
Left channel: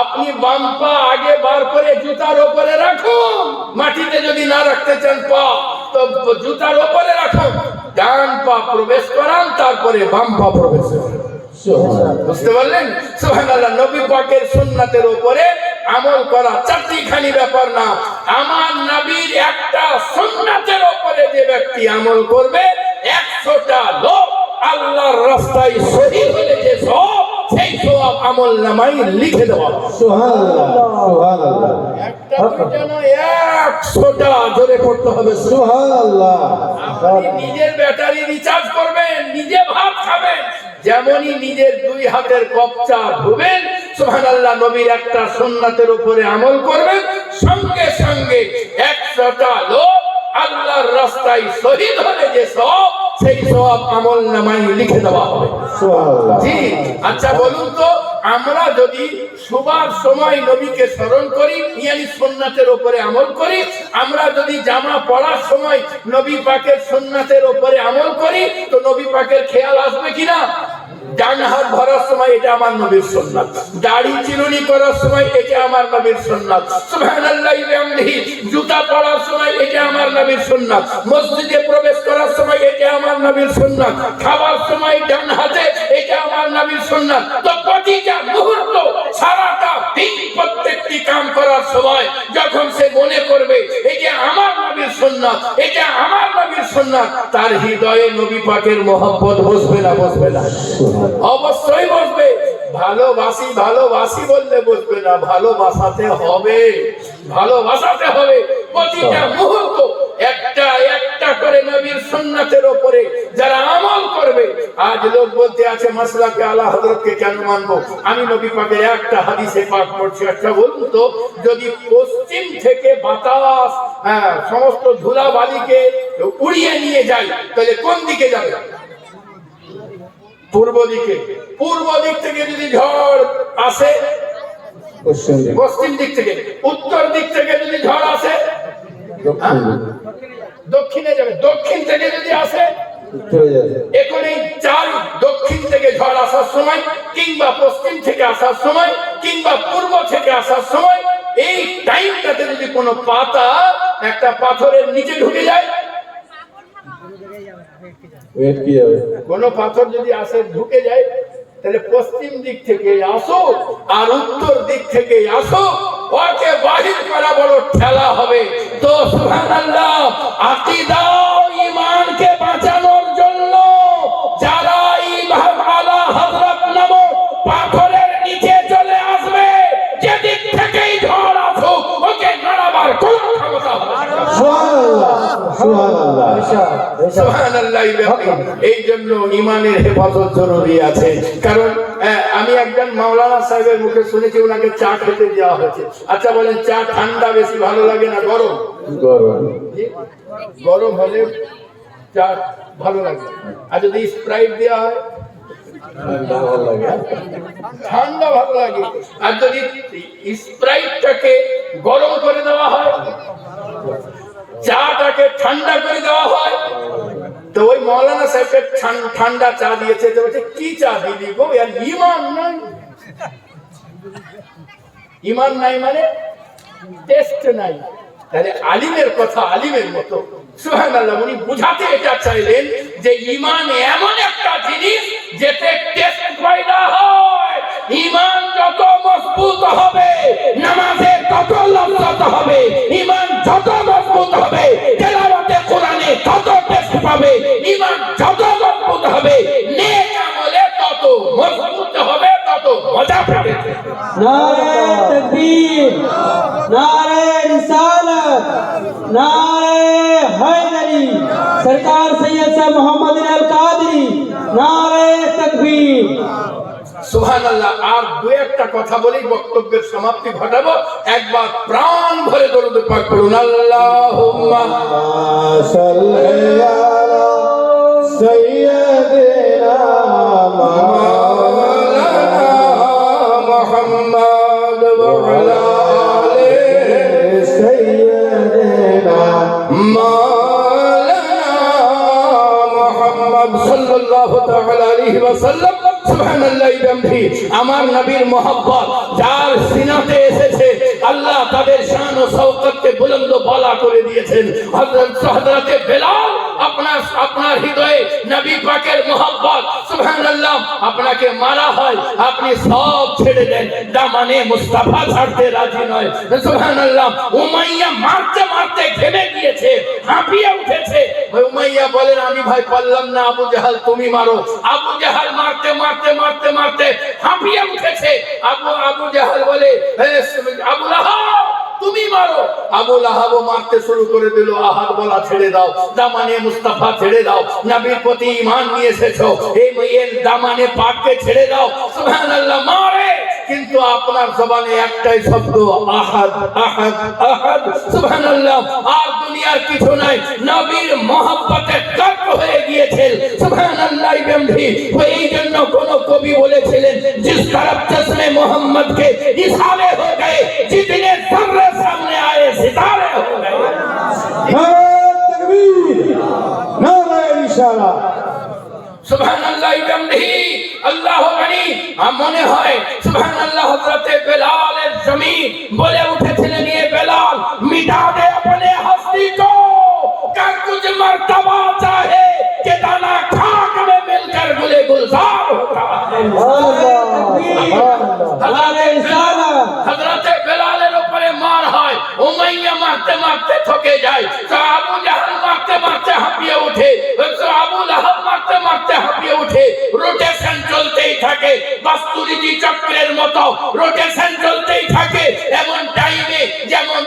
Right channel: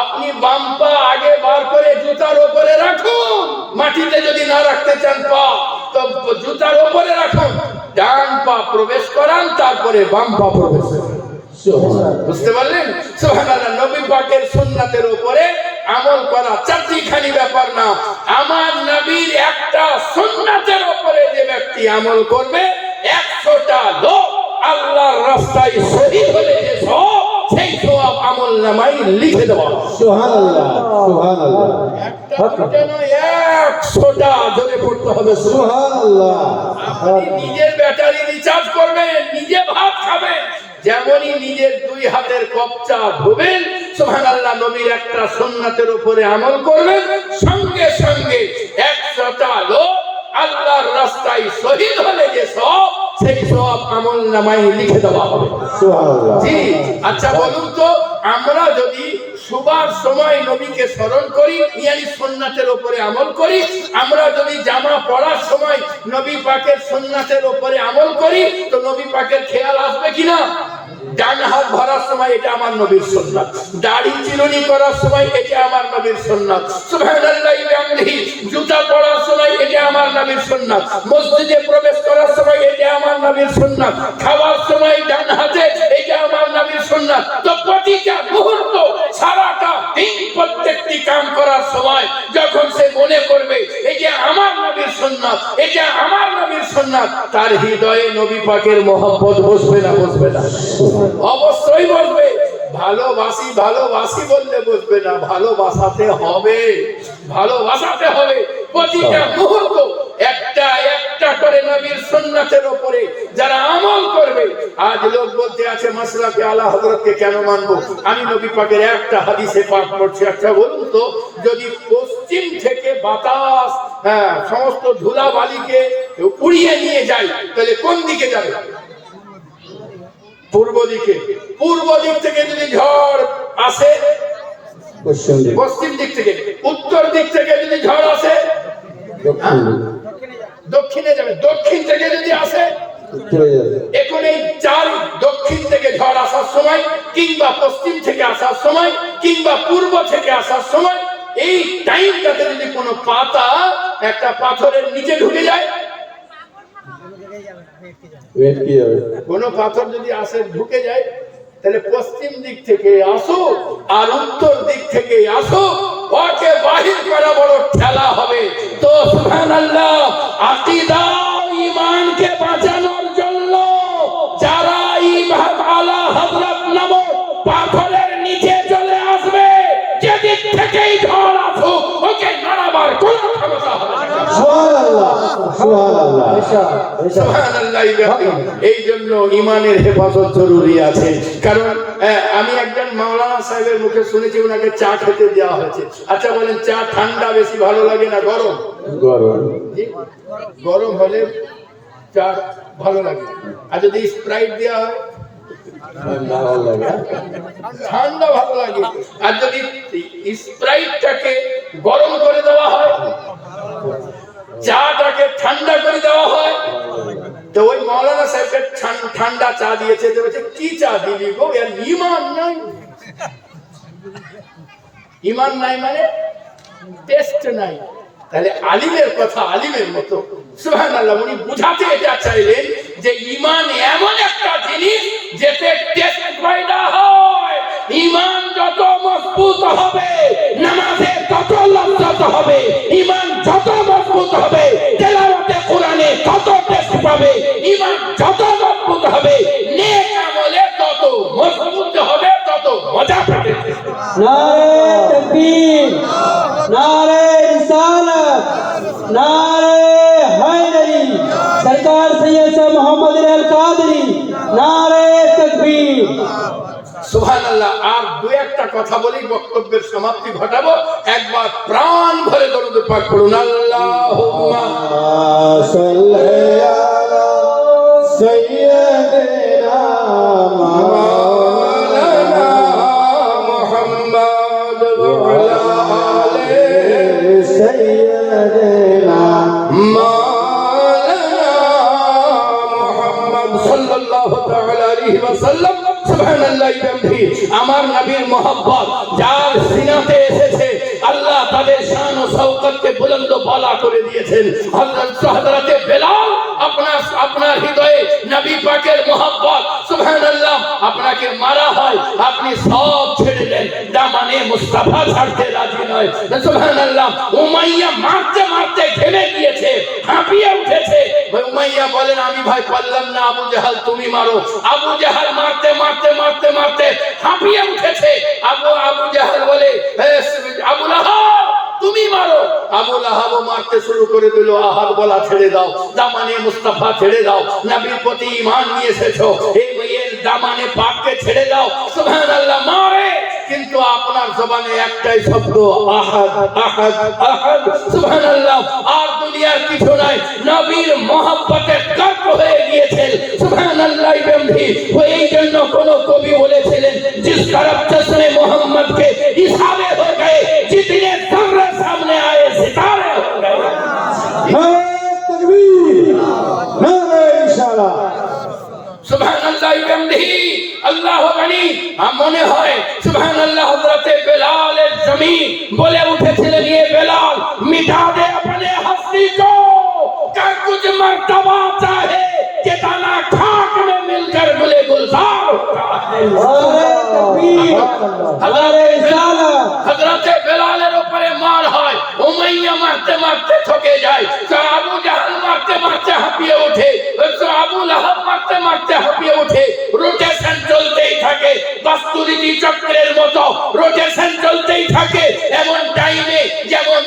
আপনি বাম পা আগে বার করে জুতার উপরে রাখুন, মাটিতে যদি না রাখতে চান পা তো জুতার উপরে রাখুন, ডান পা প্রবেশ করান, তারপরে বাম পা প্রবেশ করান। বুঝতে পারলেন? সুবহানাল্লাহ। নবী পাকের সুন্নাতের উপরে আমল করা চারটি খানি ব্যাপার না, আমার নবীর একটা সুন্নাতের উপরে যে ব্যক্তি আমল করবে 100টা লোক আল্লাহর রাস্তায় শহীদ হলে যে সব, সেই সওয়াব আমলনামায় লিখে দেওয়া। সুবহানাল্লাহ, সুবহানাল্লাহ, একটা দুটো নয়, 100টা জোরে পড়তে হবে। সুবহানাল্লাহ। আপনি নিজের ব্যাটারি রিচার্জ করবেন, নিজে ভাত খাবেন, যেমনই নিজের দুই হাতের কপচা ধুবেন, সুবহানাল্লাহ, নবীর একটা সুন্নাতের উপরে আমল করবেন, সঙ্গে সঙ্গে 100টা লোক আল্লাহর রাস্তায় শহীদ হলে যে সব, সেই সব আমলনামায় লিখে দেওয়া হবে। সুবহানাল্লাহ। জি। আচ্ছা বলুন তো, আমরা যদি সুবার সময় নবীকে স্মরণ করি, ইয়ানি সুন্নাতের উপরে আমল করি, আমরা যদি জামা পরার সময় নবী পাকের সুন্নাতের উপরে আমল করি, তো নবী পাকের খেয়াল আসবে কিনা? ডান হাত ভরার সময় এটা আমার নবীর সুন্নাত, দাড়ি চিরুনি করার সময় এটা আমার নবীর সুন্নাত, সুবহানাল্লাহি ওয়া বিহামদিহি, জুতা পরার সময় এটা আমার নবীর সুন্নাত, মসজিদে প্রবেশ করার সময় এটা আমার নবীর সুন্নাত, খাবার সময় ডান হাতে এটা আমার নবীর সুন্নাত। তো প্রতিটা মুহূর্ত, সারাটা দিন, প্রত্যেকটি কাম করার সময় যখন সে মনে করবে এটা আমার নবীর সুন্নাত, এটা আমার নবীর সুন্নাত, তার হৃদয়ে নবী পাকের মহব্বত বসবে না? বসবে না? অবশ্যই বসবে। ভালোবাসি ভালোবাসি বললে বসবে না, ভালোবাসাতে হবে। ভালোবাসাতে হবে প্রতিটা মুহূর্ত। একটা একটা করে নবীর সুন্নাতের উপরে যারা আমল করবে। আজ লোক বলতে আছে মাসলাকে আলা হযরতকে কেন মানবো? আমি নবী পাকের একটা হাদিসে পাক করছি। আচ্ছা বলুন তো, যদি পশ্চিম থেকে বাতাস সমস্ত ধুলাবালিকে উড়িয়ে নিয়ে যায়, তাহলে কোন দিকে যাবে? পূর্ব দিকে। পূর্ব দিক থেকে যদি ঝড় আসে পশ্চিম দিক, পশ্চিম দিক থেকে, উত্তর দিক থেকে যদি ঝড় আসে দক্ষিণ দিক, দক্ষিণে যাবে। দক্ষিণ থেকে যদি আসে উত্তরে যাবে। এখন এই চার, দক্ষিণ থেকে ঝড় আসার সময় কিংবা পশ্চিম থেকে আসার সময় কিংবা পূর্ব থেকে আসার সময়, এই টাইমটাতে যদি কোনো পাতা একটা পাথরের নিচে ঢুকে যায়, ওয়েটকে যাবে। কোনো পাথর যদি আসে ঢুকে যায়, তাহলে পশ্চিম দিক থেকে আসো আর উত্তর দিক থেকে আসো, ওকে বাহির করা বড় ঠেলা হবে। তো সুবহানাল্লাহ, আকীদা ঈমানকে বাঁচানোর জন্য যারা ইমাম আলা হযরত নামক পাথরের নিচে চলে আসবে, যেদিক থেকেই ঝড় আসুক, ওকে নাড়াবার কোনো ক্ষমতা হবে না। সুবহানাল্লাহ। এই জন্য ইমানের হেফাজত জরুরি আছে। কারণ আমি একজন মাওলানা সাহেবের মুখে শুনেছি ওনাকে চা খেতে দেওয়া হয়েছে। আচ্ছা বলেন, চা ঠান্ডা বেশি ভালো লাগে না গরম? গরম। জি? গরম হলে চা ভালো লাগে। আর যদি স্প্রাইট দেওয়া হয় ঠান্ডা ভালো লাগে। ঠান্ডা ভালো লাগে। আর যদি স্প্রাইটটাকে গরম করে দেওয়া হয়, চাটাকে ঠান্ডা করে দেওয়া হয়, তো ওই মৌলানা সাহেবকে ঠান্ডা চা দিয়েছে। তো বলছে, কি চা দিলি গো? এর ঈমান নাই। ঈমান নাই মানে টেস্ট নাই। তাহলে আলিমের কথা আলিমের মতো। সুবহানাল্লাহ। উনি বুঝাতে এটা চাইলেন যে ঈমান এমন একটা জিনিস যেতে টেস্ট পয়দা হয়। ঈমান যত মজবুত হবে, নামাজে তত লজ্জত হবে। ঈমান যত মজবুত হবে, তেলাওয়াতে কোরআনে তত টেস্ট পাবে। ঈমান যত মজবুত হবে, নেক আমলে তত মজবুত হবে, তত মজা পাবে। नारे तकबीर, नारे रिसालत, नारे हैदरी, सरकार सैयद साहब मोहम्मद अल कादरी, नारे तकबीर। সুবহানাল্লাহ। আর দু একটা কথা বলি, বক্তব্যের সমাপ্তি ঘটাবো। একবার প্রাণ ভরে দরুদ পাক পড়ুন। আল্লাহুম্মা সাল্লি আলা সাইয়্যিদিনা মাওলানা মুহাম্মদ ওয়া আলা আলিহি সাইয়্যিদিনা মাওলানা মুহাম্মদ সাল্লাল্লাহু তাআলা আলাইহি ওয়াসাল্লাম। সুবহানাল্লাহ। আমার নবীর মোহাব্বত যার সিনাতে এসেছে, আল্লাহ তাদের শান ও শওকতকে বুলন্দ বালা করে দিয়েছেন। হযরত বেলাল আপনার হৃদয়ে নবী পাকের মোহাব্বত, সুবহানাল্লাহ, আপনাকে মারা হয়, আপনি সব ছেড়ে দেন, দামানে মুস্তাফা ছাড়তে রাজি নয়। সুবহানাল্লাহ। উমাইয়া মারতে মারতে ঘেমে গিয়েছে, হাঁপিয়ে উঠেছে। উমাইয়া বলেন, আমি ভাই পারলাম না, আবু জাহাল তুমি মারো। আবু জাহাল মারতে মারতে মারতে মারতে হাঁপিয়ে উঠেছে। আবু জাহাল বলে, আবু লাহাব তুমি মারো। আবু লাহাব মারতে শুরু করে দিল। আহাদ বলা ছেড়ে দাও, দামানে মুস্তাফা ছেড়ে দাও, নবীর প্রতি ঈমান নিয়ে এসেছো, এই মেয়ের দামানে পাককে ছেড়ে দাও। সুবহানাল্লাহ। মারে, কিন্তু আপনার জবানে একটাই শব্দ, আহাদ আহাদ আহাদ। সুবহানাল্লাহ। আর দুনিয়ার কিছু নাই, নবীর মহব্বতে কাফর হয়ে গিয়েছেন। সুবহানাল্লাহ। এই জন্য কোন কবি বলেছিলেন, जिस तरफ जश्न मोहम्मद के इशारे हो गए, जितने जर्रे सामने आए सितारे हो गए। নারে তাকবীর, নারে ইশারা। সুবহানাল্লাহ। আল্লাহ গনি। মনে হয় সুবহানাল্লাহ, হযরতে বেলালের জমিন বলে উঠেছিলেন, ये बेलाल मिटा दे अपने हस्ती को, कर कुछ मर्तबा चाहे कि दाना खाक में मिलकर गुले गुलजार होगा। হযরতে বেলালের উপরে মার হয়, উমাইয়া মারতে মারতে ঠকে যায়, আবু জাহাল মারতে মারতে হাঁপিয়ে ওঠে, আবু লাহাব মারতে মারতে হাঁপিয়ে ওঠে। রোটেশন চলতেই থাকে, বাস্তুরিতি চক্রের মতো রোটেশন চলতেই থাকে। এমন টাইমে যেমন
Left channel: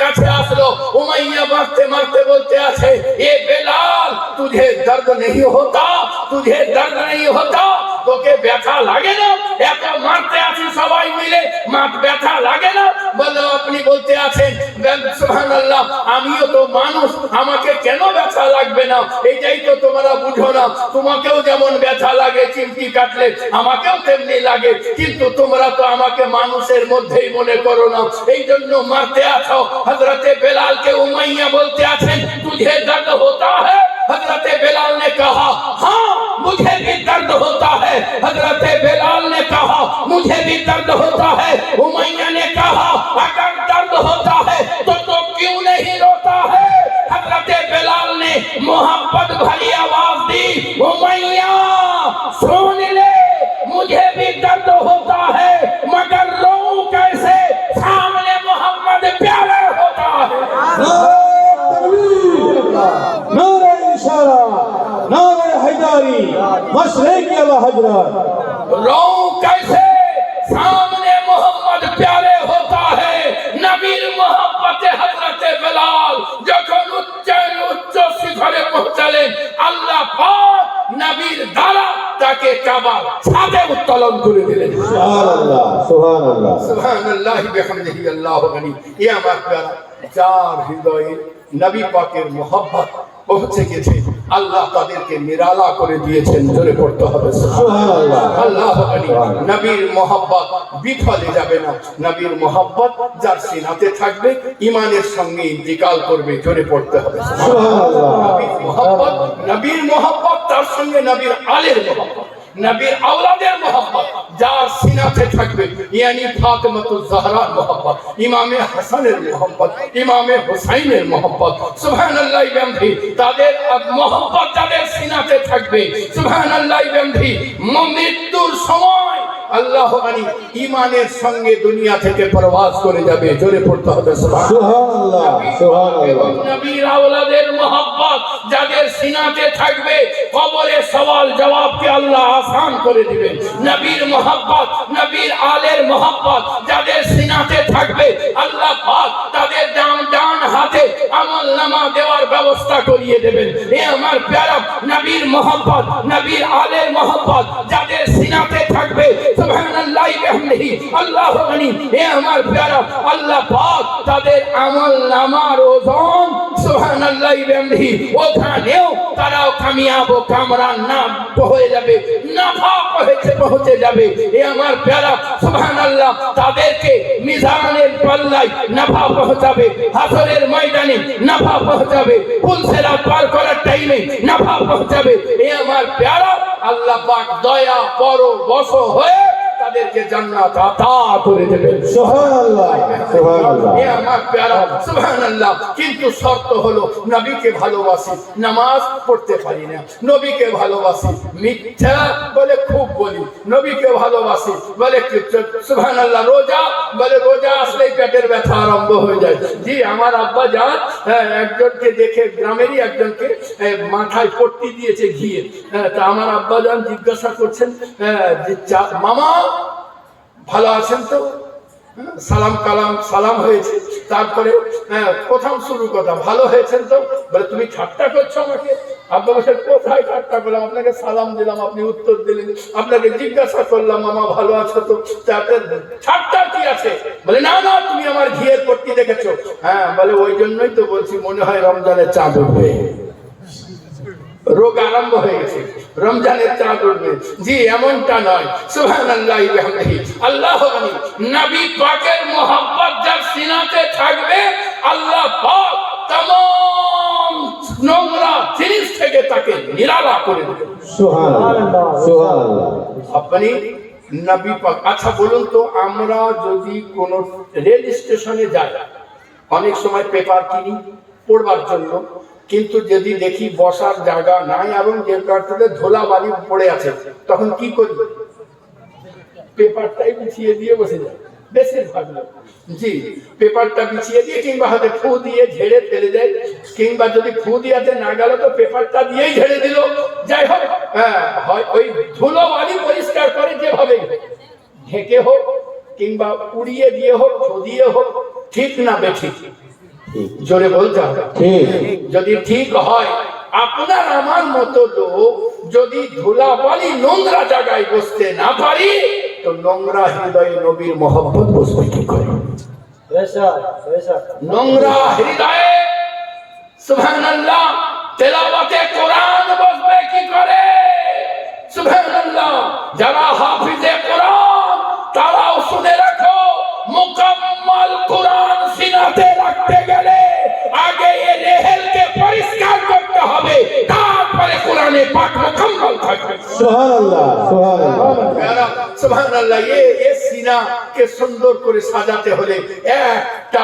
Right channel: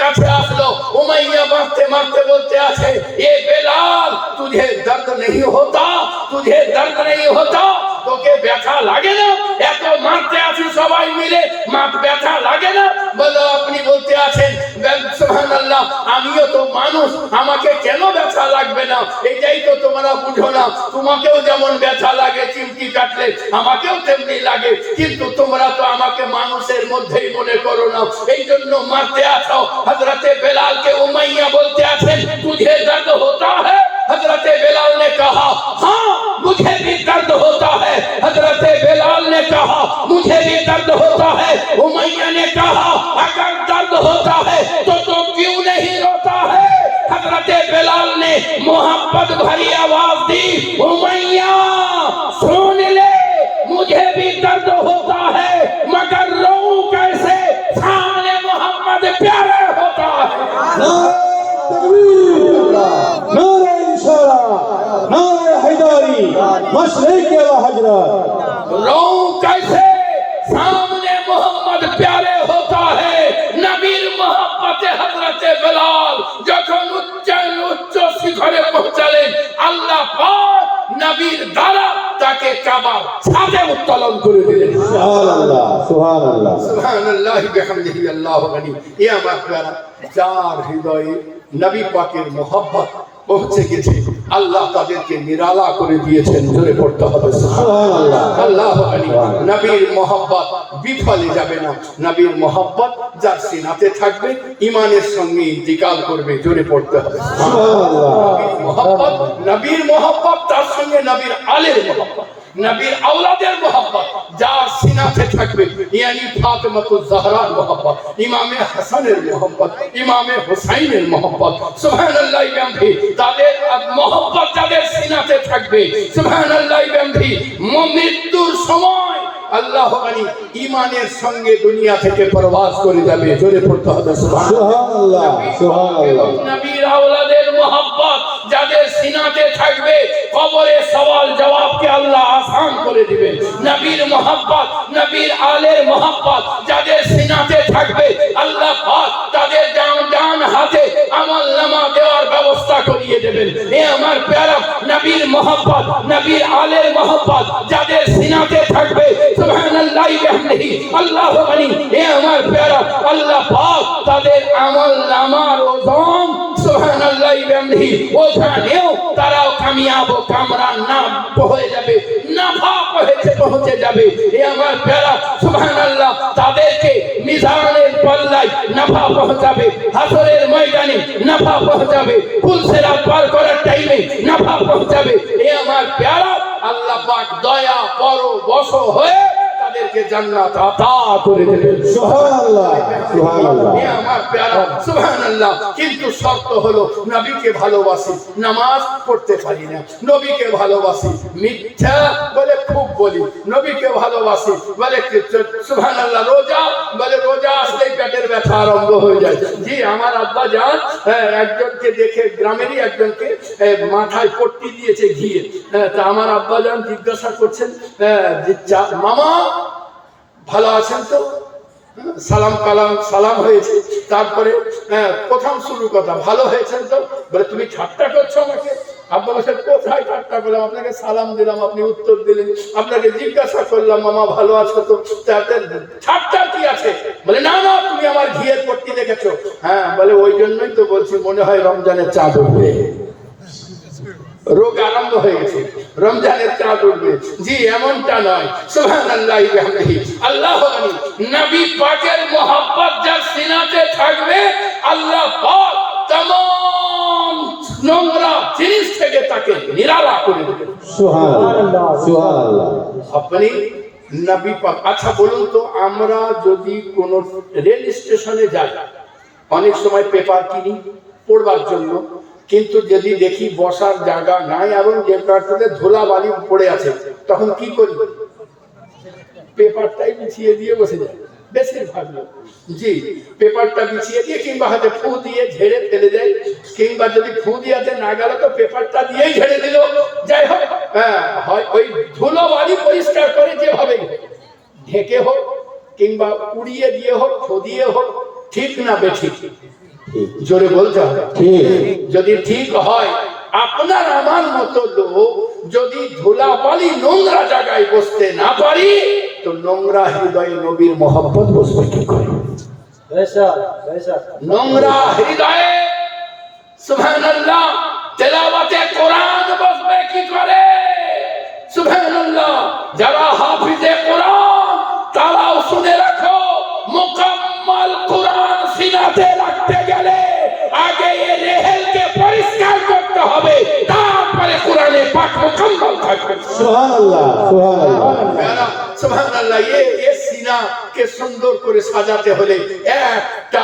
কাছে আসলো। উমাইয়া মারতে মারতে বলতে আছে, এ বেলাল তুঝে দর্দ नहीं होता, तुझे दर्द नहीं होता, তোকে ব্যথা লাগে না? এত মারতে আছি সবাই মিলে, মার ব্যথা লাগে না? বলো, আপনি বলতে আছেন সুবহানাল্লাহ, আমিও তো মানুষ, আমাকে কেন ব্যথা লাগবে না? এইটাই তো তোমরা বুঝো না। তোমাকেও যেমন ব্যথা লাগে চিমটি কাটলে, আমাকেও তেমনি লাগে, কিন্তু তোমরা তো আমাকে মানুষের মধ্যেই মনে করো না, এই জন্য মারতে আছো। হযরতে বেলালকে উমাইয়া বলতে আছেন, তুঝে দর্দ होता है? हजरत बेलाल ने कहा, हाँ मुझे भी दर्द होता है। हजरत बेलाल ने कहा, मुझे भी दर्द होता है। उमैया ने कहा, अगर दर्द होता है तो क्यों नहीं रोता है? हजरत बेलाल ने मोहब्बत भरी आवाज दी, उमैया सुन ले, मुझे भी दर्द होता है, मगर रोऊं कैसे? सामने मोहम्मद प्यारा होता है। नारे रिसाला, नारे हैदारी, मशरिक या हजरत। रोऊं कैसे? सामने मोहम्मद प्यारे होता है। नबीर मोहब्बत हजरत बेलाल যখন উচ্চ শিখরে পৌঁছালেন, আল্লাহ পাক নবীর দ্বারা তাকে কাবার ছাদে উত্তোলন করে দিলেন। সুবহানাল্লাহ, সুবহানাল্লাহ, সুবহানাল্লাহ বিহামদিহি, আল্লাহু গনি। এ আমার প্যারা, যার হৃদয়ে নবী পাকের মোহব্বত পৌঁছে গেছে, আল্লাহ তাদেরকে নিরালা করে দিয়েছেন। জোরে পড়তে হবে সুবহানাল্লাহ। আল্লাহু গনি। নবীর মোহব্বত বিফলে যাবে না। নবীর মোহব্বত যার সিনাতে থাকবে, ঈমানের সঙ্গে ইন্তিকাল করবে। জোরে পড়তে হবে সুবহানাল্লাহ। নবীর মোহব্বত তার সঙ্গে নবীর আলের মোহব্বত, নবীর আওলাদের মোহব্বত যার সিনাতে থাকবে, ইয়ানি ফাতেমাতুজ জাহরার মোহব্বত, ইমামে হাসানের মোহব্বত, ইমামে হুসাইনের মোহব্বত, সুবহানাল্লাহ বিহামদিহি, তাদের মোহব্বত যাদের সিনাতে থাকবে, সুবহানাল্লাহ বিহামদিহি, মৃত্যুর সময় আল্লাহ আলী ঈমানের সঙ্গে দুনিয়া থেকে প্রবাস করে যাবে। জোরে পড়তে হবে সুবহানাল্লাহ, সুবহানাল্লাহ। নবীর আওলাদের মোহব্বত যাদের সিনাতে থাকবে, কবরে সওয়াল জবাবকে আল্লাহ আসান করে দিবেন। নবীর মোহব্বত, নবীর আলের মোহব্বত যাদের সিনাতে থাকবে, আল্লাহ পাক তাদের ডান হাতে আমলনামা দেওয়ার ব্যবস্থা করিয়ে দেবেন। এ আমার প্যারা, নবীর মোহব্বত, নবীর আলের মোহব্বত যাদের সিনাতে থাকবে, সুবহানাল্লাহ বিহামদিহি, আল্লাহু গনি। এ আমার প্যারা, আল্লাহ পাক তাদের আমলনামার ওজন, সুবহানাল্লাহ বিহামদিহি, ওখানেও তারাও কামিয়াব ও কামরান না হয়ে যাবে, নাফা পৌঁছে যাবে। এ আমার প্যারা, সুবহানাল্লাহ তাদেরকে মিজানের পাল্লায় নাফা পৌঁছাবে, হাসরের ময়দানে নাফা পৌঁছাবে, পুলসেরা পার করার টাইমে নাফা পৌঁছাবে। এ আমার প্যারা, আল্লাহ পাক দয়া পরবশ হয়ে তাদেরকে জান্নাত আতা করে দেবেন। সুবহানাল্লাহ, সুবহানাল্লাহ। এ আমার প্যারা, সুবহানাল্লাহ। কিন্তু শর্ত হলো, নবীকে ভালোবাসি, নামাজ পড়তে পারি না। নবীকে ভালোবাসি, মিথ্যা বলে খুব বলি। নবীকে ভালোবাসি বলে সুবহানাল্লাহ, রোজা বলে রোজা আসলেই পেটের ব্যথা আরম্ভ হয়ে যায়। জি, আমার আব্বা জান একজনকে দেখে, গ্রামেরই একজনকে মাথায় পট্টি দিয়েছে ঘিয়ে। তা আমার আব্বা জান জিজ্ঞাসা করছেন, মামা ভালো আছেন তো? সালাম কালাম সালাম হয়েছে। তারপরে প্রথম শুরু কথা, ভালো হয়েছেন তো? বলে, তুমি ঠাট্টা করছো আমাকে? আব্বা বলছেন, কোথায় ঠাট্টা করলাম? আপনাকে সালাম দিলাম, আপনি উত্তর দিলেন। আপনাকে জিজ্ঞাসা করলাম, মামা ভালো আছো তো? তাতে ঠাট্টা কি আছে? বলে, না না, তুমি আমার ঘিয়ের পট্টি দেখেছো। হ্যাঁ, বলে ওই জন্যই তো বলছি, মনে হয় রমজানের চাঁদ উঠবে। রোগ আরম্ভ হয়ে গেছে, রমজানের চাঁদ উঠবে। জি, এমনটা নয়। সুবহানাল্লাহ বিহামদিহি, আল্লাহু গনি। নবী পাকের মোহব্বত যার সিনাতে থাকবে, আল্লাহ পাক तमाम নোংরা জিনিস থেকে তাকে নিরালা করে দেবেন। সুবহানাল্লাহ, সুবহানাল্লাহ। আপনি নবী পাক। আচ্ছা বলুন তো, আমরা যদি কোন রেল স্টেশনে যাই, অনেক সময় পেপার কিনি পড়বার জন্য, কিন্তু যদি দেখি বসার জায়গা নাই এবং যে প্রান্ততে ধুলাবালি পড়ে আছে, তখন কি করি? পেপারটাই বিছিয়ে দিয়ে বসে যায় বেশিরভাগ লোক। জি, পেপারটা বিছিয়ে দিয়ে কিংবা হাতে ফু দিয়ে ঝেড়ে ফেলে দেয়, কিংবা যদি ফু দিয়াতে না গেল তো পেপারটা দিয়েই ঝেড়ে দিল। যাই হোক, হয় ওই ধুলোবালি পরিষ্কার করে যেভাবে ঢেকে হোক কিংবা উড়িয়ে দিয়ে হোক, ফু দিয়ে হোক, ঠিক না বেঠিক? ঠিক জোরে বলতে হবে। ঠিক যদি ঠিক হয়, আপনার আমার মতো লোক যদি ধুলাবালি নোংরা জায়গায় বসতে না পারি, তো নোংরা হৃদয়ে নবীর মহব্বত বসবে কি করে? নোংরা হৃদয়ে সুবহানাল্লাহ তেলাওয়াতে কোরআন বসবে কি করে? সুবহানাল্লাহ। যারা হাফিজে কোরআন তারাও শুনে রাখো, মুকাম্মাল কোরআন সিনাতে রাখতে গেলে আগে এই রেহেলকে পরিষ্কার করতে হবে, তারপরে কোরআনে পাক মুকাম্মাল থাকবে। সুবহানাল্লাহ সুবহানাল্লাহ প্যারা সুবহানাল্লাহ। এই সিনা কে সুন্দর করে সাজাতে হলে একটা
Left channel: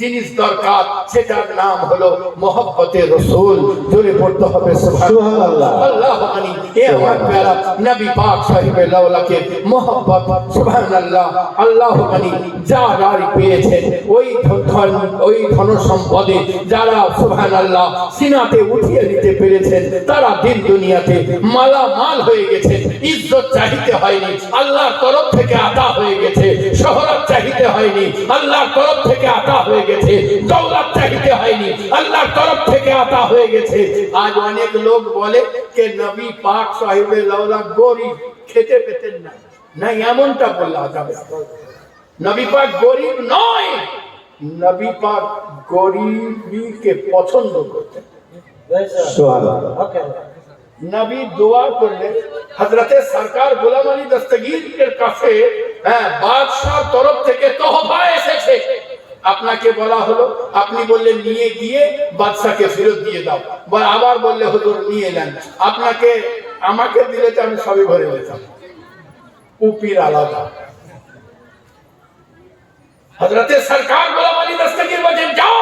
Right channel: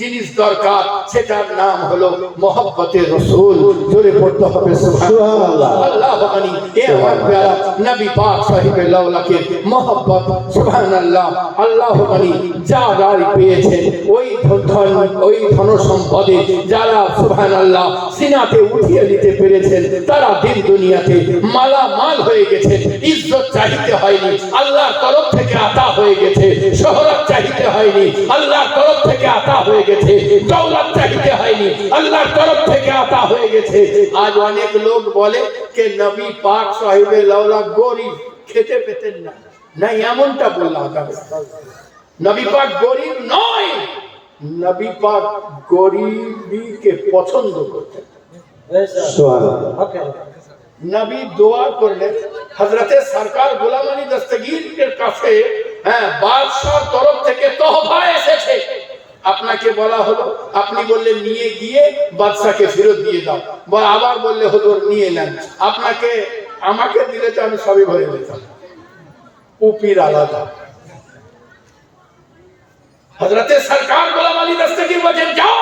জিনিস দরকার, সেটার নাম হলো মহব্বতে রাসূল। জোরে পড়তে হবে সুবহানাল্লাহ। আল্লাহ মানি এ আমার প্যারা নবী পাক সাহেবে লাওলাকে মহব্বত সুবহানাল্লাহ। আল্লাহ মানি যা গাড়ি পেয়েছেন ওই ধন সম্পদে যারা সুবহানাল্লাহ সিনাতে উঠিয়ে নিতে পেরেছেন, তারা দিন দুনিয়াতে মালামাল হয়ে গেছেন। ইজ্জত চাইতে হয়নি, আল্লাহর তরফ থেকে আতা হয়ে গেছে। শহরত চাইতে হয়নি, আল্লাহর তরফ থেকে আতা হয়ে গেছে। দৌলত চাইতে হয়নি, আল্লাহর তরফ থেকে আতা হয়ে গেছে। আজ অনেক লোক বলে যে নবী পাক সাহেবে লাওলা গরিব, খেতে পেতেন না। না, এমনটা বললা যাবে। নবী পাক গরিব নয়, নবী পাক গরিবীকে পছন্দ করতেন। সুবহানাল্লাহ নবী দোয়া করলেন, হযরতে সরকার গোলাম আলী দস্তগীরের কাছে বাদশার তরফ থেকে তোহফা এসেছে। আপনাকে বলা হলো, আপনি বললেন নিয়ে গিয়ে বাদশাকে ফেরত দিয়ে দাও, বা আবার বললে হুজুর নিয়ে নেন। আপনাকে আমাকে দিলে তো আমি সবই ভরে দিতাম। উপির আলাদা। হযরতে সরকার গোলাম আলী দস্তগীর বলেন, যাও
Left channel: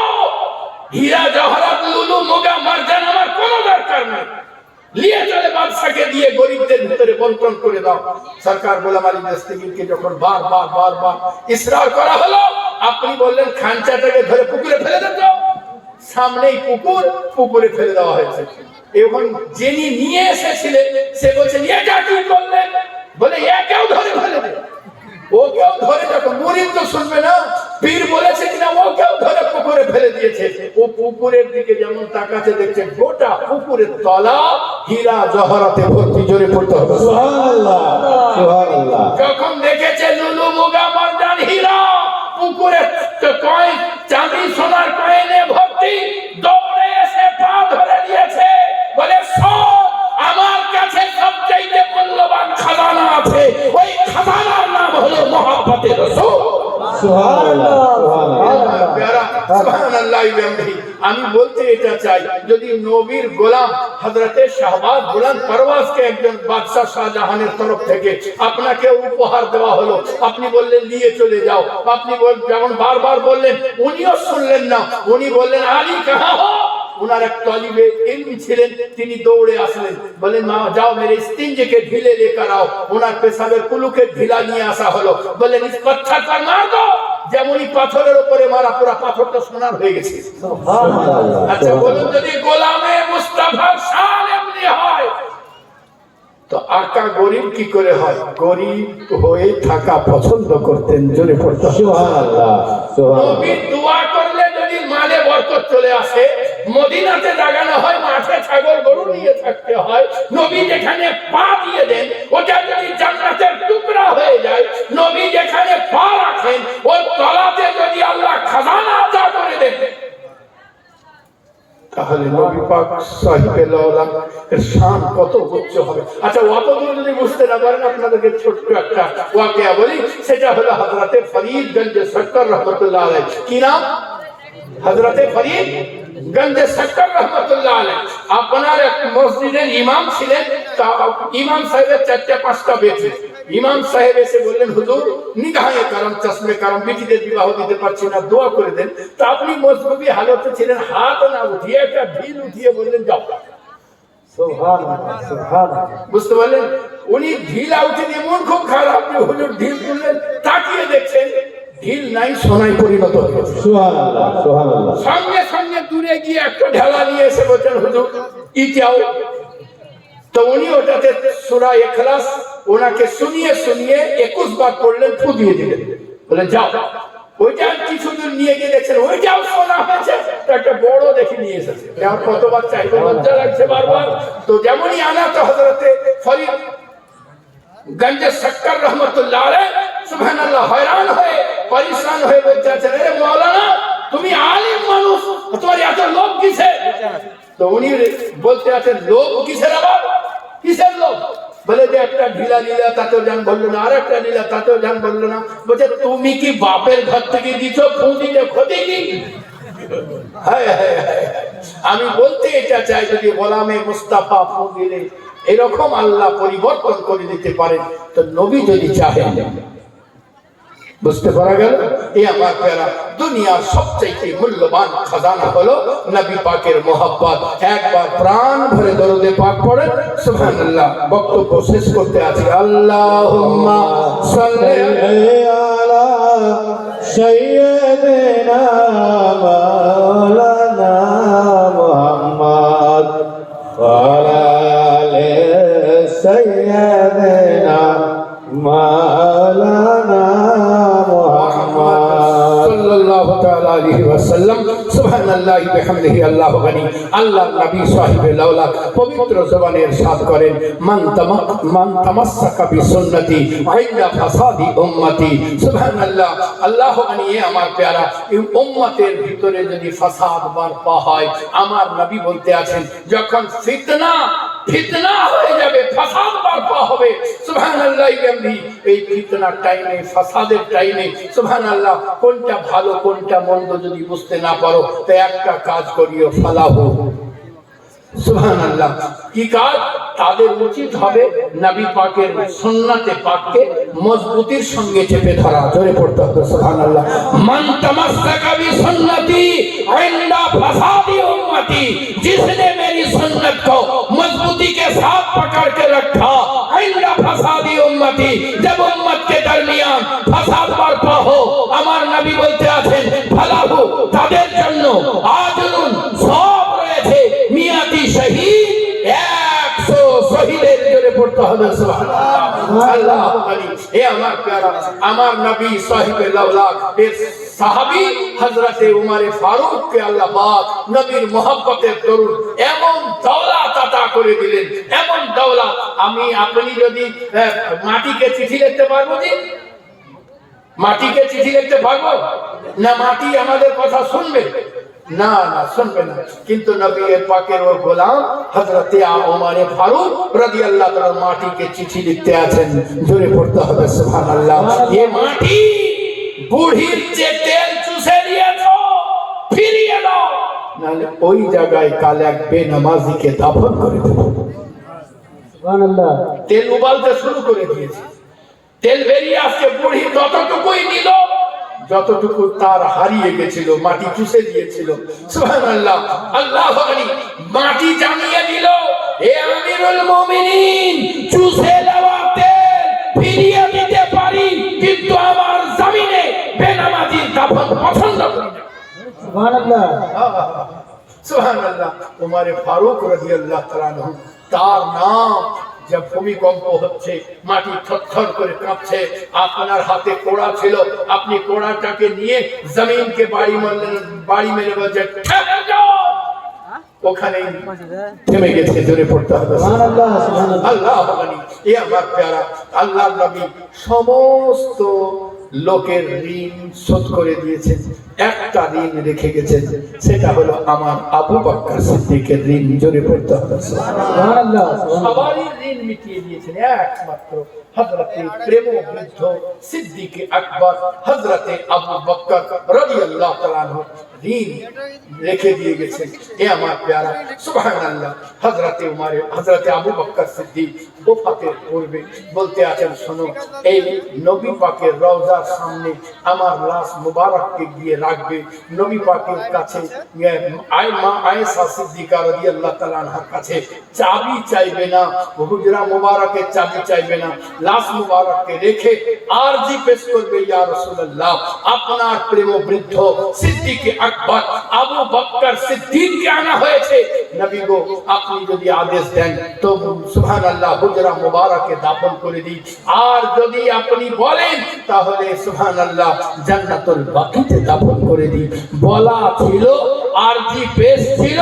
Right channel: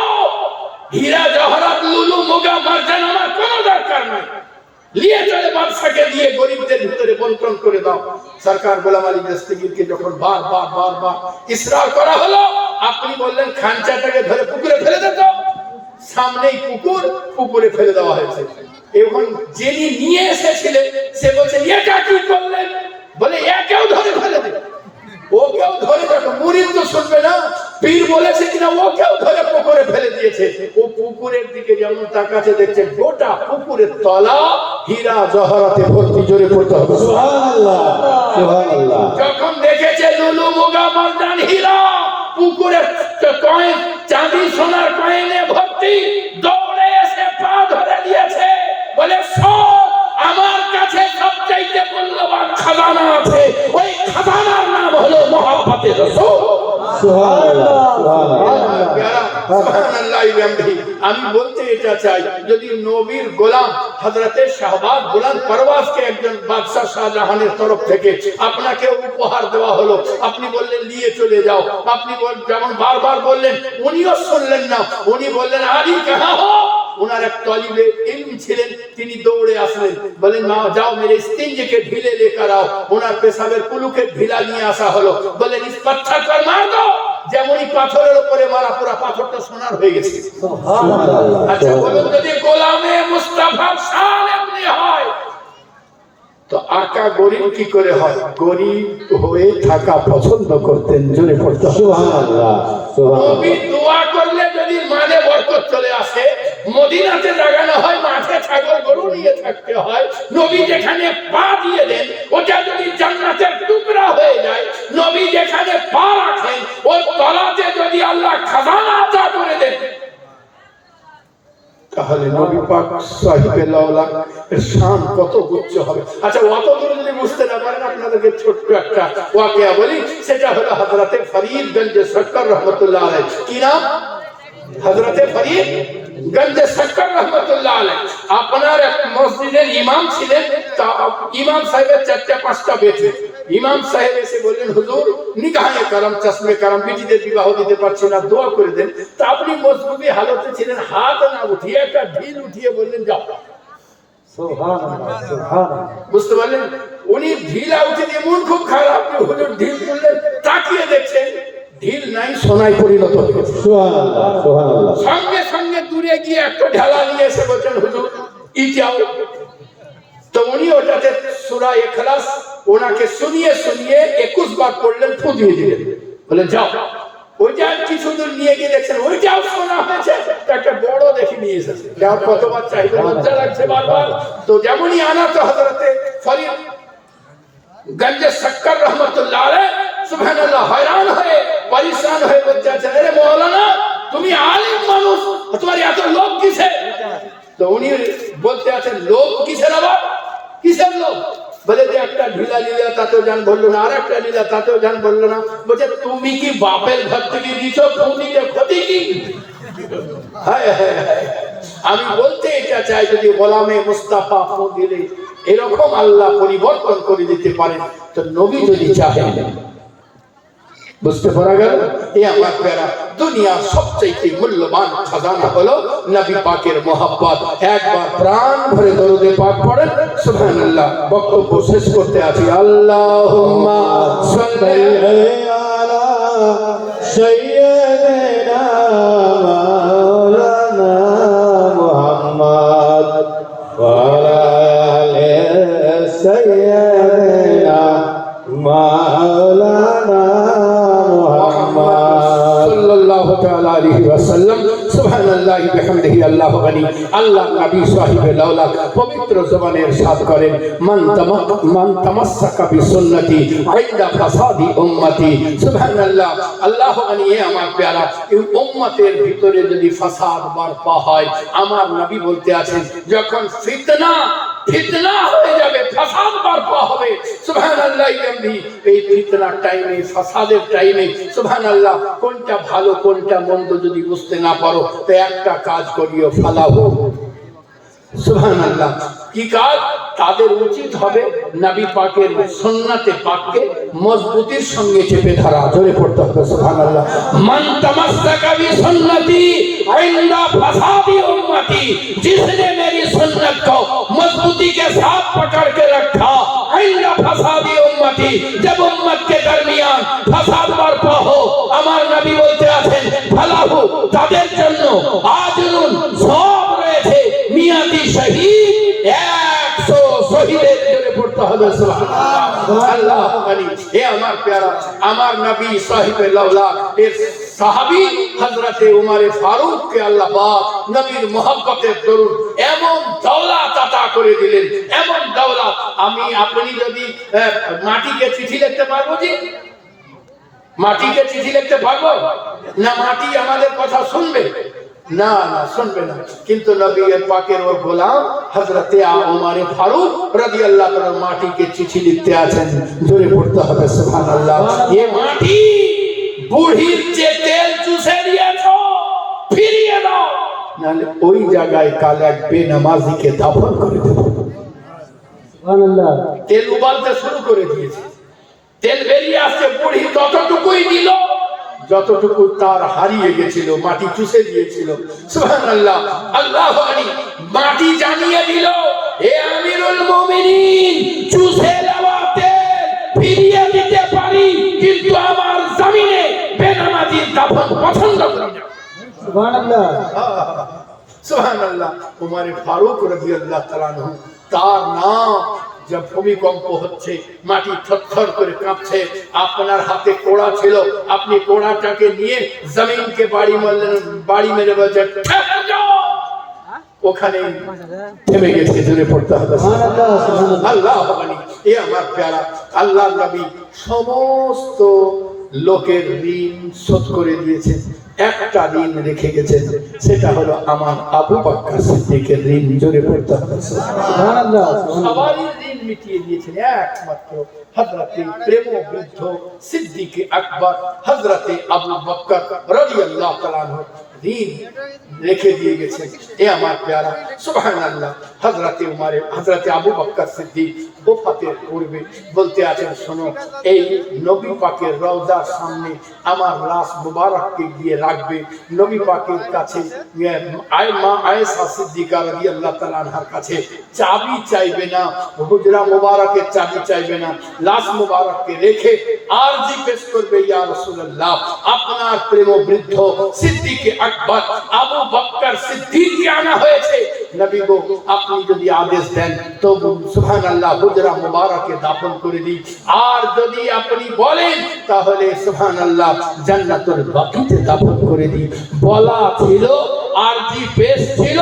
হীরা জওহরাত লুলু মুগা মারজান আমার কোনো দরকার নাই, নিয়ে চলে বাদশাকে দিয়ে গরিবদের ভিতরে বন্টন করে দাও। সরকার গোলাম আলী দস্তগীরকে যখন বারবার ইসরার করা হলো, আপনি বললেন খানচাটাকে ধরে পুকুরে ফেলে দাও। সামনেই পুকুরে ফেলে দেওয়া হয়েছে। এবং যিনি নিয়ে এসেছিলেন সে বলছেন, এটা কি করলেন? বলে একেও ধরে ফেলে দে। ও কেউ ধরে দেখো, মুরিদ তো শুনবে না, পীর বলেছে কিনা, ও কেউ ধরে পুকুরে ফেলে দিয়েছে। ও পুকুরের দিকে যেমন তাকাচ্ছে, দেখছে গোটা পুকুরের তলা হীরা জহরাতে ভর্তি। জোরে পড়তে হবে সুবহানাল্লাহ সুবহানাল্লাহ যখন দেখেছে লুলু মুগা মারজান হীরা পুকুরে কয়েন চাঁদি সোনার কয়েনে ভর্তি, দৌড়ে এসে পা ধরে দিয়েছে। বলে শোন, আমার কাছে সবচাইতে মূল্যবান খাজানা আছে, ওই খাজানার নাম হলো মহব্বতে রাসূল। সুবহানাল্লাহ সুবহানাল্লাহ। আমি বলতে এটা চাই, যদি নবীর গোলাম হযরতে শাহবাজ গোলাম পরওয়াজকে একজন বাদশা শাহজাহানের তরফ থেকে আপনাকে উপহার দেওয়া হলো, আপনি বললেন নিয়ে চলে যাও। আপনি যেমন বারবার বললেন, উনিও শুনলেন না। উনি বললেন, আলী কাহা হো? উনার এক তালিবে ইলম ছিলেন, তিনি দৌড়ে আসলেন। বলেন, মা যাও মেরে ইস্তিনজে ঢিলে লেकर आओ। উনার পেশাবের কুলুকে ঢিলা নিয়ে আসা হলো। বলেন, ইস পাথর पर मार दो। যেমনই পাথরের উপরে মারা, পুরো পাথরটা সোনার হয়ে গেছে। সুবহানাল্লাহ আচ্ছা বলুন, যদি গোলামে মুস্তাফার শান এমনি হয়, তো আকা গরিব কি করে হয়? গরিব হয়ে থাকা পছন্দ করতেন। জোরে পড়তে হবে সুবহানাল্লাহ সুবহানাল্লাহ নবী দোয়া করলে যদি মানে বরকত চলে আসে। মদিনাতে লাগানো হয়, মাঠে ছাগল গরু নিয়ে থাকতে হয়। নবী যেখানে পা দিয়ে দেন, ওটা যদি জান্নাতের টুকরা হয়ে যায়। নবী যেখানে পা রাখেন, ওই তলাতে যদি আল্লাহ খাজানা আতা করে দেন, তাহলে নবী পাক সাহেবে লাওলা এর শান কত উচ্চ হবে। আচ্ছা, অত দূর যদি বুঝতে না পারেন, আপনাদেরকে ছোট্ট একটা ওয়াকিয়া বলি। সেটা হলো হযরতে ফরিদগঞ্জ সরকার রহমাতুল্লাহ আলাইহি। কি নাম? হযরতে ফরিদগঞ্জ সরকার রহমাতুল্লাহ আলাইহি। আপনার এক মসজিদের ইমাম ছিলেন। ইমাম সাহেবের 4-5টা বেটি। ইমাম সাহেব এসে বললেন, হুজুর নিগাহে করম, চশমে করম, বেটিদের বিবাহ দিতে পারছি না, দোয়া করে দেন। তা আপনি মজলুবি হালতে ছিলেন, হাত না উঠিয়ে একটা ঢিল উঠিয়ে বললেন, যাও। সুবহানাল্লাহ সুবহানাল্লাহ বুঝতে পারলেন? উনি ঢিলা উঠে দিয়ে মন খুব খারাপ, হুজুর ঢিল তুললেন, তাকিয়ে দেখছেন ঢিল নাই, সোনায় পরিণত হয়ে গেছে। সুবহানাল্লাহ সুবহানাল্লাহ সঙ্গে সঙ্গে দূরে গিয়ে একটা ঢালা নিয়ে এসে বলছেন, হুজুর ইটাও। তো উনি ওটাতে সূরা ইখলাস ওনাকে শুনিয়ে 21 বার পড়লেন, ফু দিয়ে দিলেন। বলেন, যাও। ওইটা কিছু দূর নিয়ে গিয়ে দেখছেন ওইটাও সোনা হয়েছে, একটা বড় দেখে নিয়ে এসেছে। যেমন কতবার চাইবে, লজ্জা লাগছে বারবার। তো যেমনই আনা তো হযরতে ফরিদ গঞ্জে শক্কর রহমতুল্লাহ আলাইহি সুবহানাল্লাহ হয়রান হয়ে পরেশান হয়ে বলতে আছেন, আরে মাওলানা তুমি আলিম মানুষ, তোমার এত লোভ কিসে? তো উনি বলতে আছেন, লোভ কিসের আবার? কিসের লোভ? বলে যে একটা ঢিলা লীলা তাতেও জান বললো না, আর একটা লীলা তাতেও জান বললো না। বলছে তুমি কি বাপের ঘর থেকে দিচ্ছ, দিতে ক্ষতি কি? হায় হায় হায়। আমি বলতে এটা চাই, যদি গোলামে মুস্তাফা ফু দিলে এরকম আল্লাহ পরিবর্তন করে দিতে পারেন, তো নবী যদি চাহেন। বুঝতে পারা গেল? এই আমার প্যারা দুনিয়ার সবচেয়ে মূল্যবান খাজানা হলো নবী পাকের মহব্বত। একবার প্রাণ ভরে দরুদে পাক পড়েন সুবহানাল্লাহ। বক্তব্য শেষ করতে আছি। আল্লাহুম্মা সাল্লি আলা সাইয়্যিদিনা মাওলানা মুহাম্মদ ওয়া আলা আলি সাইয়্যিদিনা মাওলানা সাল্লাল্লাহু তাআলা আলাইহি ওয়াসাল্লাম। সুবহানাল্লাহি বিহামদিহি আল্লাহু গনি। আল্লাহ নবী সাহিবে লাউলা পবিত্র জবানে ইরশাদ করেন, মান তামাসসাকা বিসুন্নতি ইনদা ফাসাদি উম্মতি। সুবহানাল্লাহ। আল্লাহু গনি। এ আমার প্যারা, এই উম্মতের ভিতরে যদি ফাসাদ বারপা হয়, আমার নবী বলতে আছেন যখন ফিতনা হয়ে যাবে, ফাসাদ বারপা হবে, সুবহানাল্লাহ বিহামদিহি, এই ফিতনার টাইমে, ফাসাদের টাইমে সুবহানাল্লাহ কোনটা ভালো কোনটা মন্দ যদি বুঝতে না পারো, তো একটা কাজ করিও, ফালাহু। সুবহানাল্লাহ। কি কাজ? তাদের উচিত হবে নবী পাকের সুন্নাতে পাককে মজবুতির সঙ্গে চেপে ধরা। জোরে পড়তে হবে সুবহানাল্লাহ। মান তামাসসাকা বিসুন্নতি ইনদা ফাসাদি উম্মতি, जिसने मेरी सुन्नत को मजबूती के साथ पकड़ के रखा, इनदा फसादी उम्मती, जब उम्मत के दरमियान फसाद बरपा हो, আমার নবী বলতে আছেন ফালাহু, তাদের জন্য আজরুন সওয়াব রয়েছে, মিয়াতি শহীদ 100 শহীদের জন্য পড়তে হবে সুবহানাল্লাহ। আল্লাহু গনি। এ আমার প্যারা, আমার নবী সাহিবে লাউলা এর সাহাবী হযরতে উমরে ফারুক কে আল্লাহ পাক নবীর মহব্বতের দরুন এমন দৌলত আতা করে দিলেন, এমন দৌলত। আমি আপনি যদি মাটিকে চিঠি লিখতে পারবো, জি মাটিকে চিঠি লিখতে পারবো না? মাটি আমাদের কথা শুনবে না? না শুনবে না। কিন্তু নবীর পাকের ওর গোলাম হযরতে উমরে ফারুক রাদিয়াল্লাহু তাআলা মাটিকে চিঠি লিখতে আছেন। জোরে পড়তে হবে সুবহানাল্লাহ। এ মাটি বুড়ির যে তেল চুষে নিয়েছো, ফিরিয়ে দাও, নাহলে ওই জায়গায় কাল এক বেনামাজিকে দাফন করে দেব। সুবহানাল্লাহ। তেল উবালতে শুরু করে দিয়েছে, তেল বেরিয়ে আসছে, বুড়ি ততটুকুই দিল যতটুকু তার হারিয়ে গেছিল, মাটি চুষে দিয়েছিল। সুবহানাল্লাহ। আল্লাহু আকবার। মাটি জানিয়ে দিল, এ আমিরুল মুমিনিন, চুষে দেওয়া তেল ফিরিয়ে দিতে পারি, কিন্তু আমার জমিনে বেনামাজির দাফন পছন্দ করি না। সুবহানাল্লাহ। সুবহানাল্লাহ। উমরে ফারুক রাদিয়াল্লাহু তাআলা আনহু, তার নাম जब भूमिकंप হচ্ছে, মাটি থরথর করে কাঁপছে, আপনার হাতে কোড়া ছিল, আপনি কোড়াটাকে নিয়ে জমিনকে বাড়ি মেরে বলছেন ঠেকে যাও, ওখানে থেমে গেছে। জোরে পড়তে হবে সুবহানাল্লাহ। আল্লাহু আকবার। এ আমার প্যারা, আল্লাহর নবী সমস্ত লোকের ঋণ শোধ করে দিয়েছেন, একটা ঋণ রেখে গেছেন, সেটা হলো আমার আবু বকর সিদ্দিকের ঋণ। জোরে পড়তে হবে সুবহানাল্লাহ। সবারই ঋণ মিটিয়ে দিয়েছেন একমাত্র হযরতে প্রেম বৃদ্ধ সিদ্দিক আকবর হযরতে আবু বকর রাদিয়াল্লাহু তাআলা আনহু ঋণ রেখে দিয়ে গেছেন। এ আমার প্যারা সুবহানাল্লাহ। হযরতে আবু বকর সিদ্দিক ওফাতের পূর্বে বলতে আছেন, শোনো, এই নবী পাকের রওজার সামনে আমার লাশ মুবারককে গিয়ে রাখবে। নবী পাকের কাছে আয়েশা সিদ্দিকা রাদিয়াল্লাহু তাআলা আনহার কাছে চাবি চাইবে না, হুজরা মুবারকের চাবি চাইবে না, লাশ মুবারককে রেখে আরজি পেশ করবে, ইয়া রাসূলুল্লাহ, আপনার প্রেম বৃদ্ধ সিদ্দিক আকবর আবু বকর সিদ্দিককে আনা হয়েছে। নবী গো আপনি যদি আদেশ দেন তো সুবহানাল্লাহ হুজরা মুবারকে দাফন করে দিই, আর যদি আপনি বলেন তাহলে সুবহানাল্লাহ জান্নাতুল বাকিতে দাফন করে দিই। বলা ছিল আর জি পেশ ছিল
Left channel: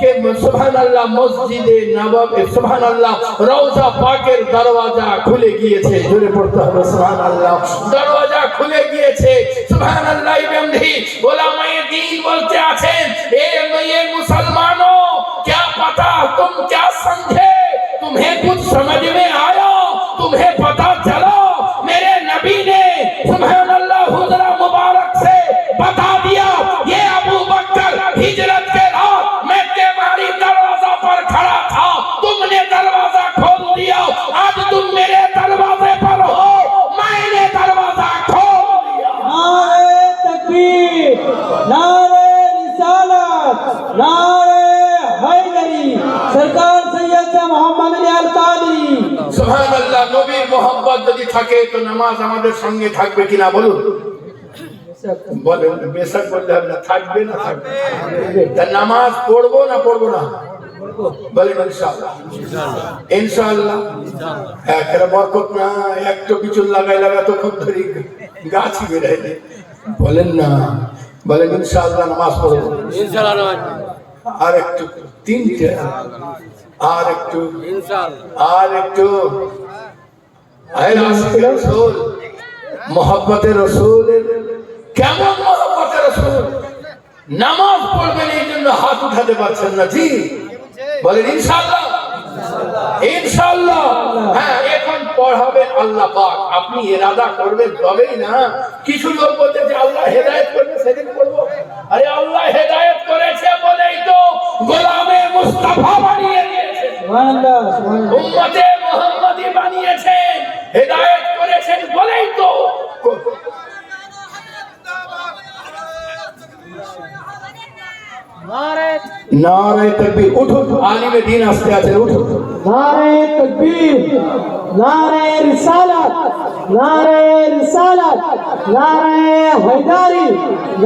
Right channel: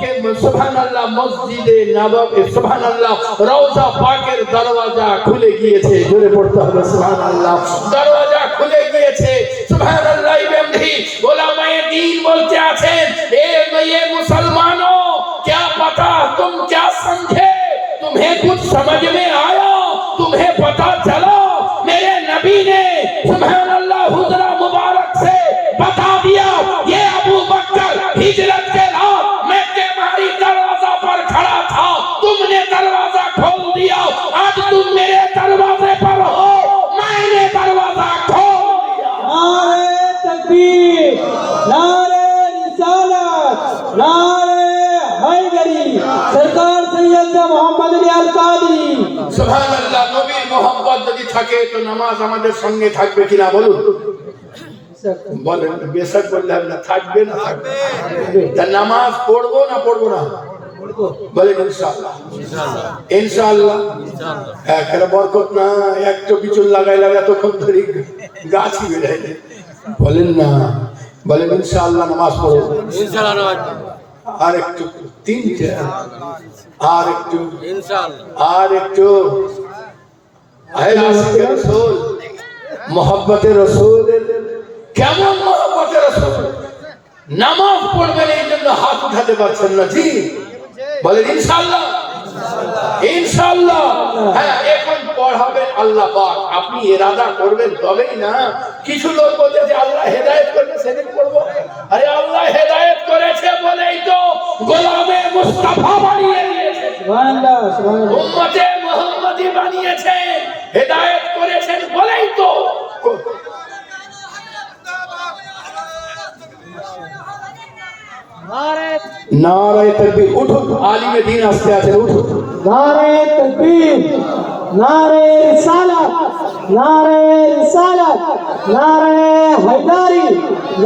কে সুবহানাল্লাহ মসজিদে নববী সুবহানাল্লাহ রওজা পাকের দরওয়াজা খুলে গিয়েছে। জোরে পড়তে হবে সুবহানাল্লাহ। দরওয়াজা খুলে গিয়েছে সুবহানাল্লাহ। ইমামজি উলামায়ে দ্বীন বলতে আছেন এ মুসলমানों क्या पता तुम क्या समझे, तुम्हें कुछ समझ में आया, तुम्हें पता चला मेरे नबी ने सुबहानअल्लाह हुजरा मुबारक से बता दिया ये अबू बकर हिजरत के रात मक्के मारी दरवाजा पर खड़ा था, तुमने दरवाजा खोल दिया, आज तुम मेरे दरवाजे पर हो, मैंने दरवाजा खोल दिया। नारे तकबीर, नारे रिसालत, नारे हैदरी, सरदार सैयद मोहम्मद अली अल कादरी। সুবহানাল্লাহ। নবীর মোহাম্মত যদি থাকে তো নামাজ আমাদের সঙ্গে থাকবে কিনা বলুন? বলেন বেশক বললে না থাকবে না থাকবে? তা নামাজ পড়বো না পড়বো না? বলেন ইনশাআল্লাহ। ইনশাআল্লাহ ইনশাআল্লাহ ইনশাআল্লাহ। হ্যাঁ কেন বরকত না একটু কিছু লাগাই তো খুব ধরি গাছই বেড়ে যায়। বলেন না, বলেন ইনশাআল্লাহ নামাজ পড়বো। ইনশাআল্লাহ নামাজ আর একটু তিনটে আর একটু ইনশাআল্লাহ আর একটু রসুল মোহাম্মতে রসুলের কেমন মোহাম্মতে রসুল নামাজ পড়বেন এই জন্য হাত উঠাতে পারছেন না। জি বলেন ইনশাআল্লাহ ইনশাআল্লাহ। হ্যাঁ এখন পড়াবেন আল্লাহ পাক, আপনি ইরাদা করবেন তবেই না। কিছু লোক বলছে যে আল্লাহ হেদায়েত করবে সেদিন পড়বো। আরে আল্লাহ হেদায়েত করেছে বলেই তো গোলামে মুস্তাফা বানিয়ে দিয়েছে, সুবহানাল্লাহ, সুবহানাল্লাহ। উম্মতে মুহাম্মাদি বানিয়েছেন, হেদায়েত করেছেন বলেই তো। নারে তাকবীর। উঠুন আলিমে দ্বীন আসতে আছে, উঠুন। नारे तकबीर, नारे रिसालत, नारे रिसालत, नारे हैदरी,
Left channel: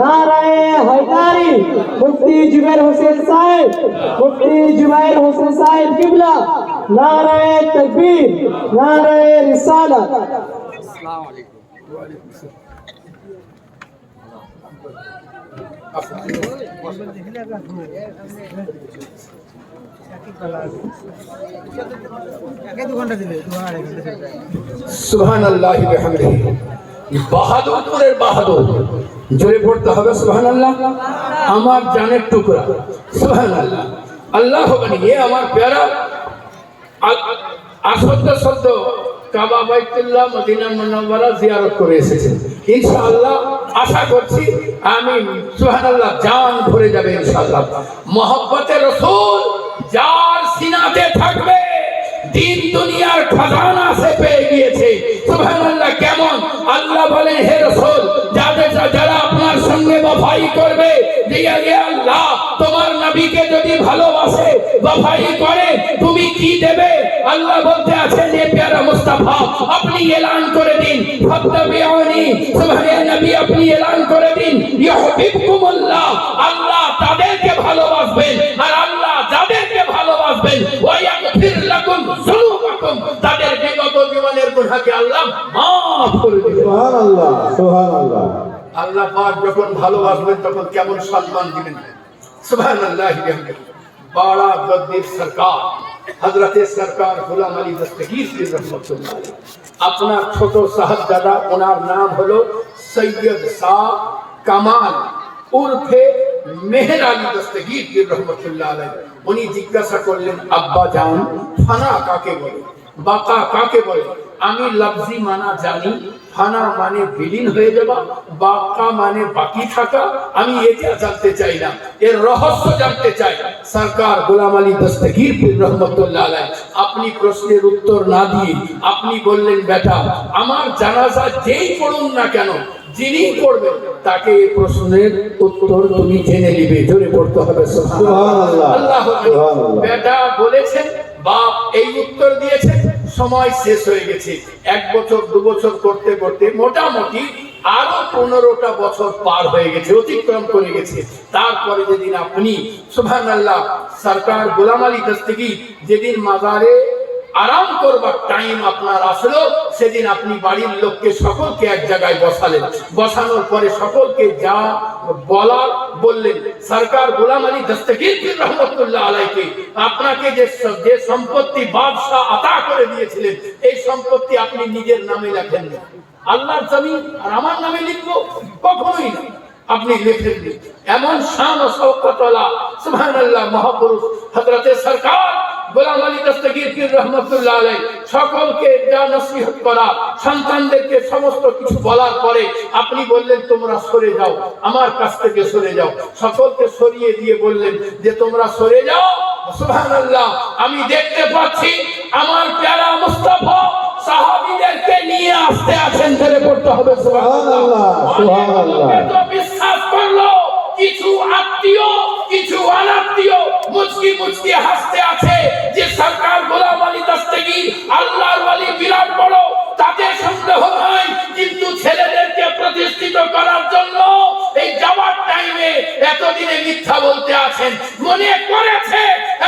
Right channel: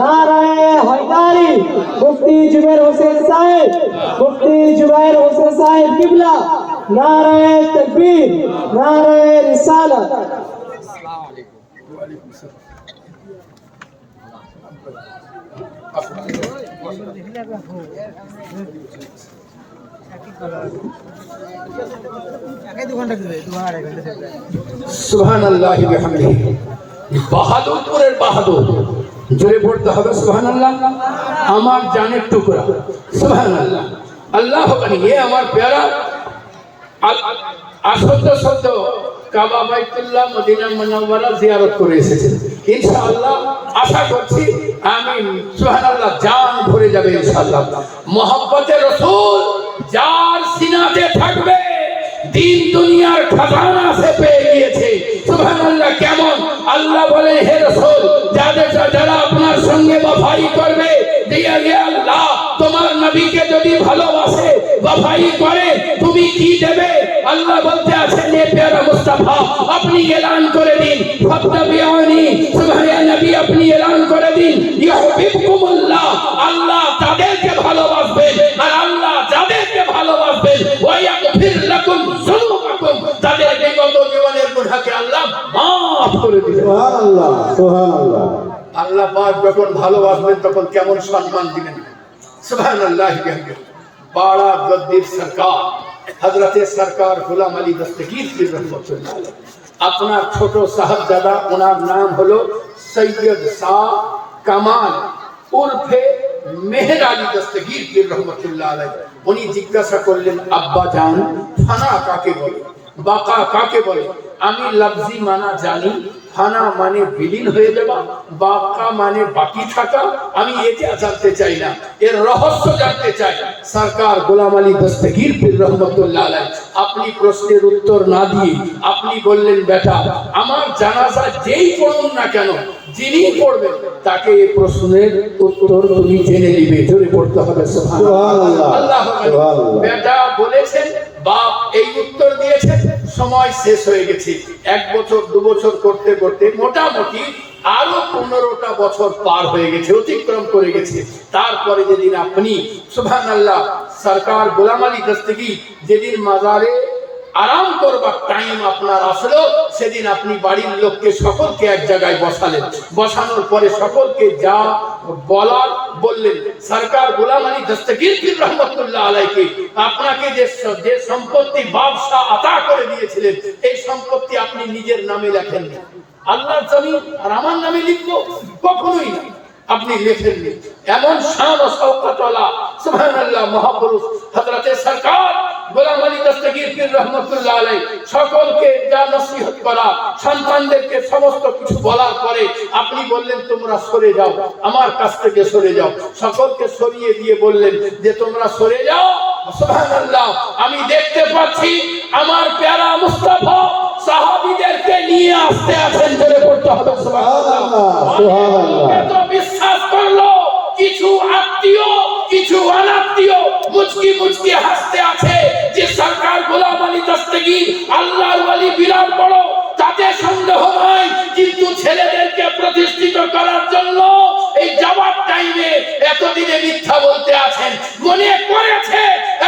नारे हैदरी। मुफ्ती जुबैर हुसैन साहिब, मुफ्ती जुबैर हुसैन साहिब किबला। नारे तकबीर, नारे रिसालत। সুবহানাল্লাহ বিহামদিহি। বাহাদুরপুরের বাহাদুর, জোরে পড়তে হবে সুবহানাল্লাহ। আমার জানের টুকরা সুবহানাল্লাহ। আল্লাহ বানিয়ে আমার প্যারা আসদ্দ শব্দ কাবা বাইতুল্লাহ মদিনা মুনাওয়ারা জিয়ারত করে এসেছেন। ইনশাআল্লাহ আশা করছি আমি সুবহানাল্লাহ জান ভরে যাবে ইনশাআল্লাহ। মোহাম্মতে রাসূল যার সিনাতে থাকবে দিন দুনিয়ার খাজানা সে পেয়ে গিয়েছে সুবহানাল্লাহ। কেমন আল্লাহ বলে হে রাসূল যারা আপনার সঙ্গে ওয়াফাই করবে দিয়া হে আল্লাহ তোমার নবীকে যদি ভালোবাসে ওয়াফাই করে তুমি কি দেবে? আল্লাহ বলতে আছেন হে প্যারা মুস্তাফা আপনি এলান করে দিন ফাত্তাবিউনি সুবহানাল্লাহ। নবী আপনি এলান করে দিন ইউহিব্বুকুমুল্লাহ, আল্লাহ তাদেরকে ভালোবাসবেন আর আল্লাহ যাদেরকে ভালোবাসবেন ওয়া ইয়াগফির লাকুম যুনুবাকুম, তাদের বিগত জীবনের গুনাহকে আল্লাহ maaf করে দিবেন। সুবহানাল্লাহ সুবহানাল্লাহ। আল্লাহ পাক যখন ভালোবাসবেন তখন কেমন সম্মান দিবেন সুবহানাল্লাহ। बड़ा गद्दीर सरकार हजरत सरकार गुलाम अली दस्तगीर की रहमतुल्लाह अलैह अपना छोटो साहबजादा उनार नाम हलो सैयद शाह कमाल उर्फे मेहर अली दस्तगीर की रहमतुल्लाह अलैह। उनी जिज्ञासा करलेन अब्बा जान फाना काके बोले, बाका काके बोले? আমি লফজি মানা জানি, ফানা মানে বিলীন হয়ে যাওয়া, বাকা মানে বাকি থাকা। আমি এটা জানতে চাই না, এর রহস্য জানতে চাই। সরকার গোলাম আলী দস্তগীর পীর রহমাতুল্লাহ আলাইহি আপনি প্রশ্নের উত্তর না দিয়ে আপনি বললেন বেটা আমার জানাজা যেই পড়ুন না কেন যিনি পড়বেন তাকে এই প্রশ্নের উত্তর তুমি জেনে নিবে। জোরে পড়তে হবে সুবহানাল্লাহ। আল্লাহু আকবার। বেটা বলেছেন বাপ এই উত্তর দিয়েছে, সময় শেষ হয়ে গেছে। 1 বছর 2 বছর করতে করতে মোটামুটি আরো 15টা বছর পার হয়ে গেছে, অতিক্রম করে গেছে। তারপরে যেদিন আপনি সুবহানাল্লাহ সরকার গোলাম আলী দস্তগীর যেদিন মাজারে আরাম করবার টাইম আপনার আসলো, সেদিন আপনি বাড়ির লোককে সকলকে এক জায়গায় বসালেন। বসানোর পরে সকলকে যা বলার বললেন। সরকার গোলাম আলী দস্তগীর পীর রহমতুল্লাহ আলাইকে আপনাকে যে সম্পত্তি বাদশাহ আতা করে দিয়েছিলেন, এই সম্পত্তি আপনি নিজের নামে লেখেননি। আল্লাহর জমিন আর আমার নামে লিখবো? কখনোই না, আপনি লেখেননি। এমন শান ও শওকত ওয়ালা সুবহানাল্লাহ মহাপুরুষ হযরতে সরকার গোলাম আলী দস্তগীর পীর রহমতুল্লাহ আলাইহি সকলকে যা নসিহত করা, সন্তানদেরকে সমস্ত কিছু বলার পরে আপনি বললেন তোমরা সরে যাও, আমার কাছ থেকে সরে যাও। সকলকে সরিয়ে দিয়ে বললেন যে তোমরা সরে যাও। সুবহানাল্লাহ, আমি দেখতে পাচ্ছি আমার প্যারা মুস্তাফা সাহাবীদেরকে নিয়ে আসতে আছেন। জেনে পড়তে হবে সুবহানাল্লাহ। তো বিশ্বাস করলো, কিছু আত্মীয় কিছু অনাত্মীয় মুচকি মুচকি হাসতে আছে যে সরকার গোলাম আলী দস্তগীর আল্লাহর ওয়ালি বিরাট বড়, তাতে সন্দেহ নাই। কিন্তু ছেলেদেরকে প্রতিষ্ঠিত করার জন্য এই যাওয়ার টাইমে এতদিনে মিথ্যা বলতে আছেন, মনে করেছে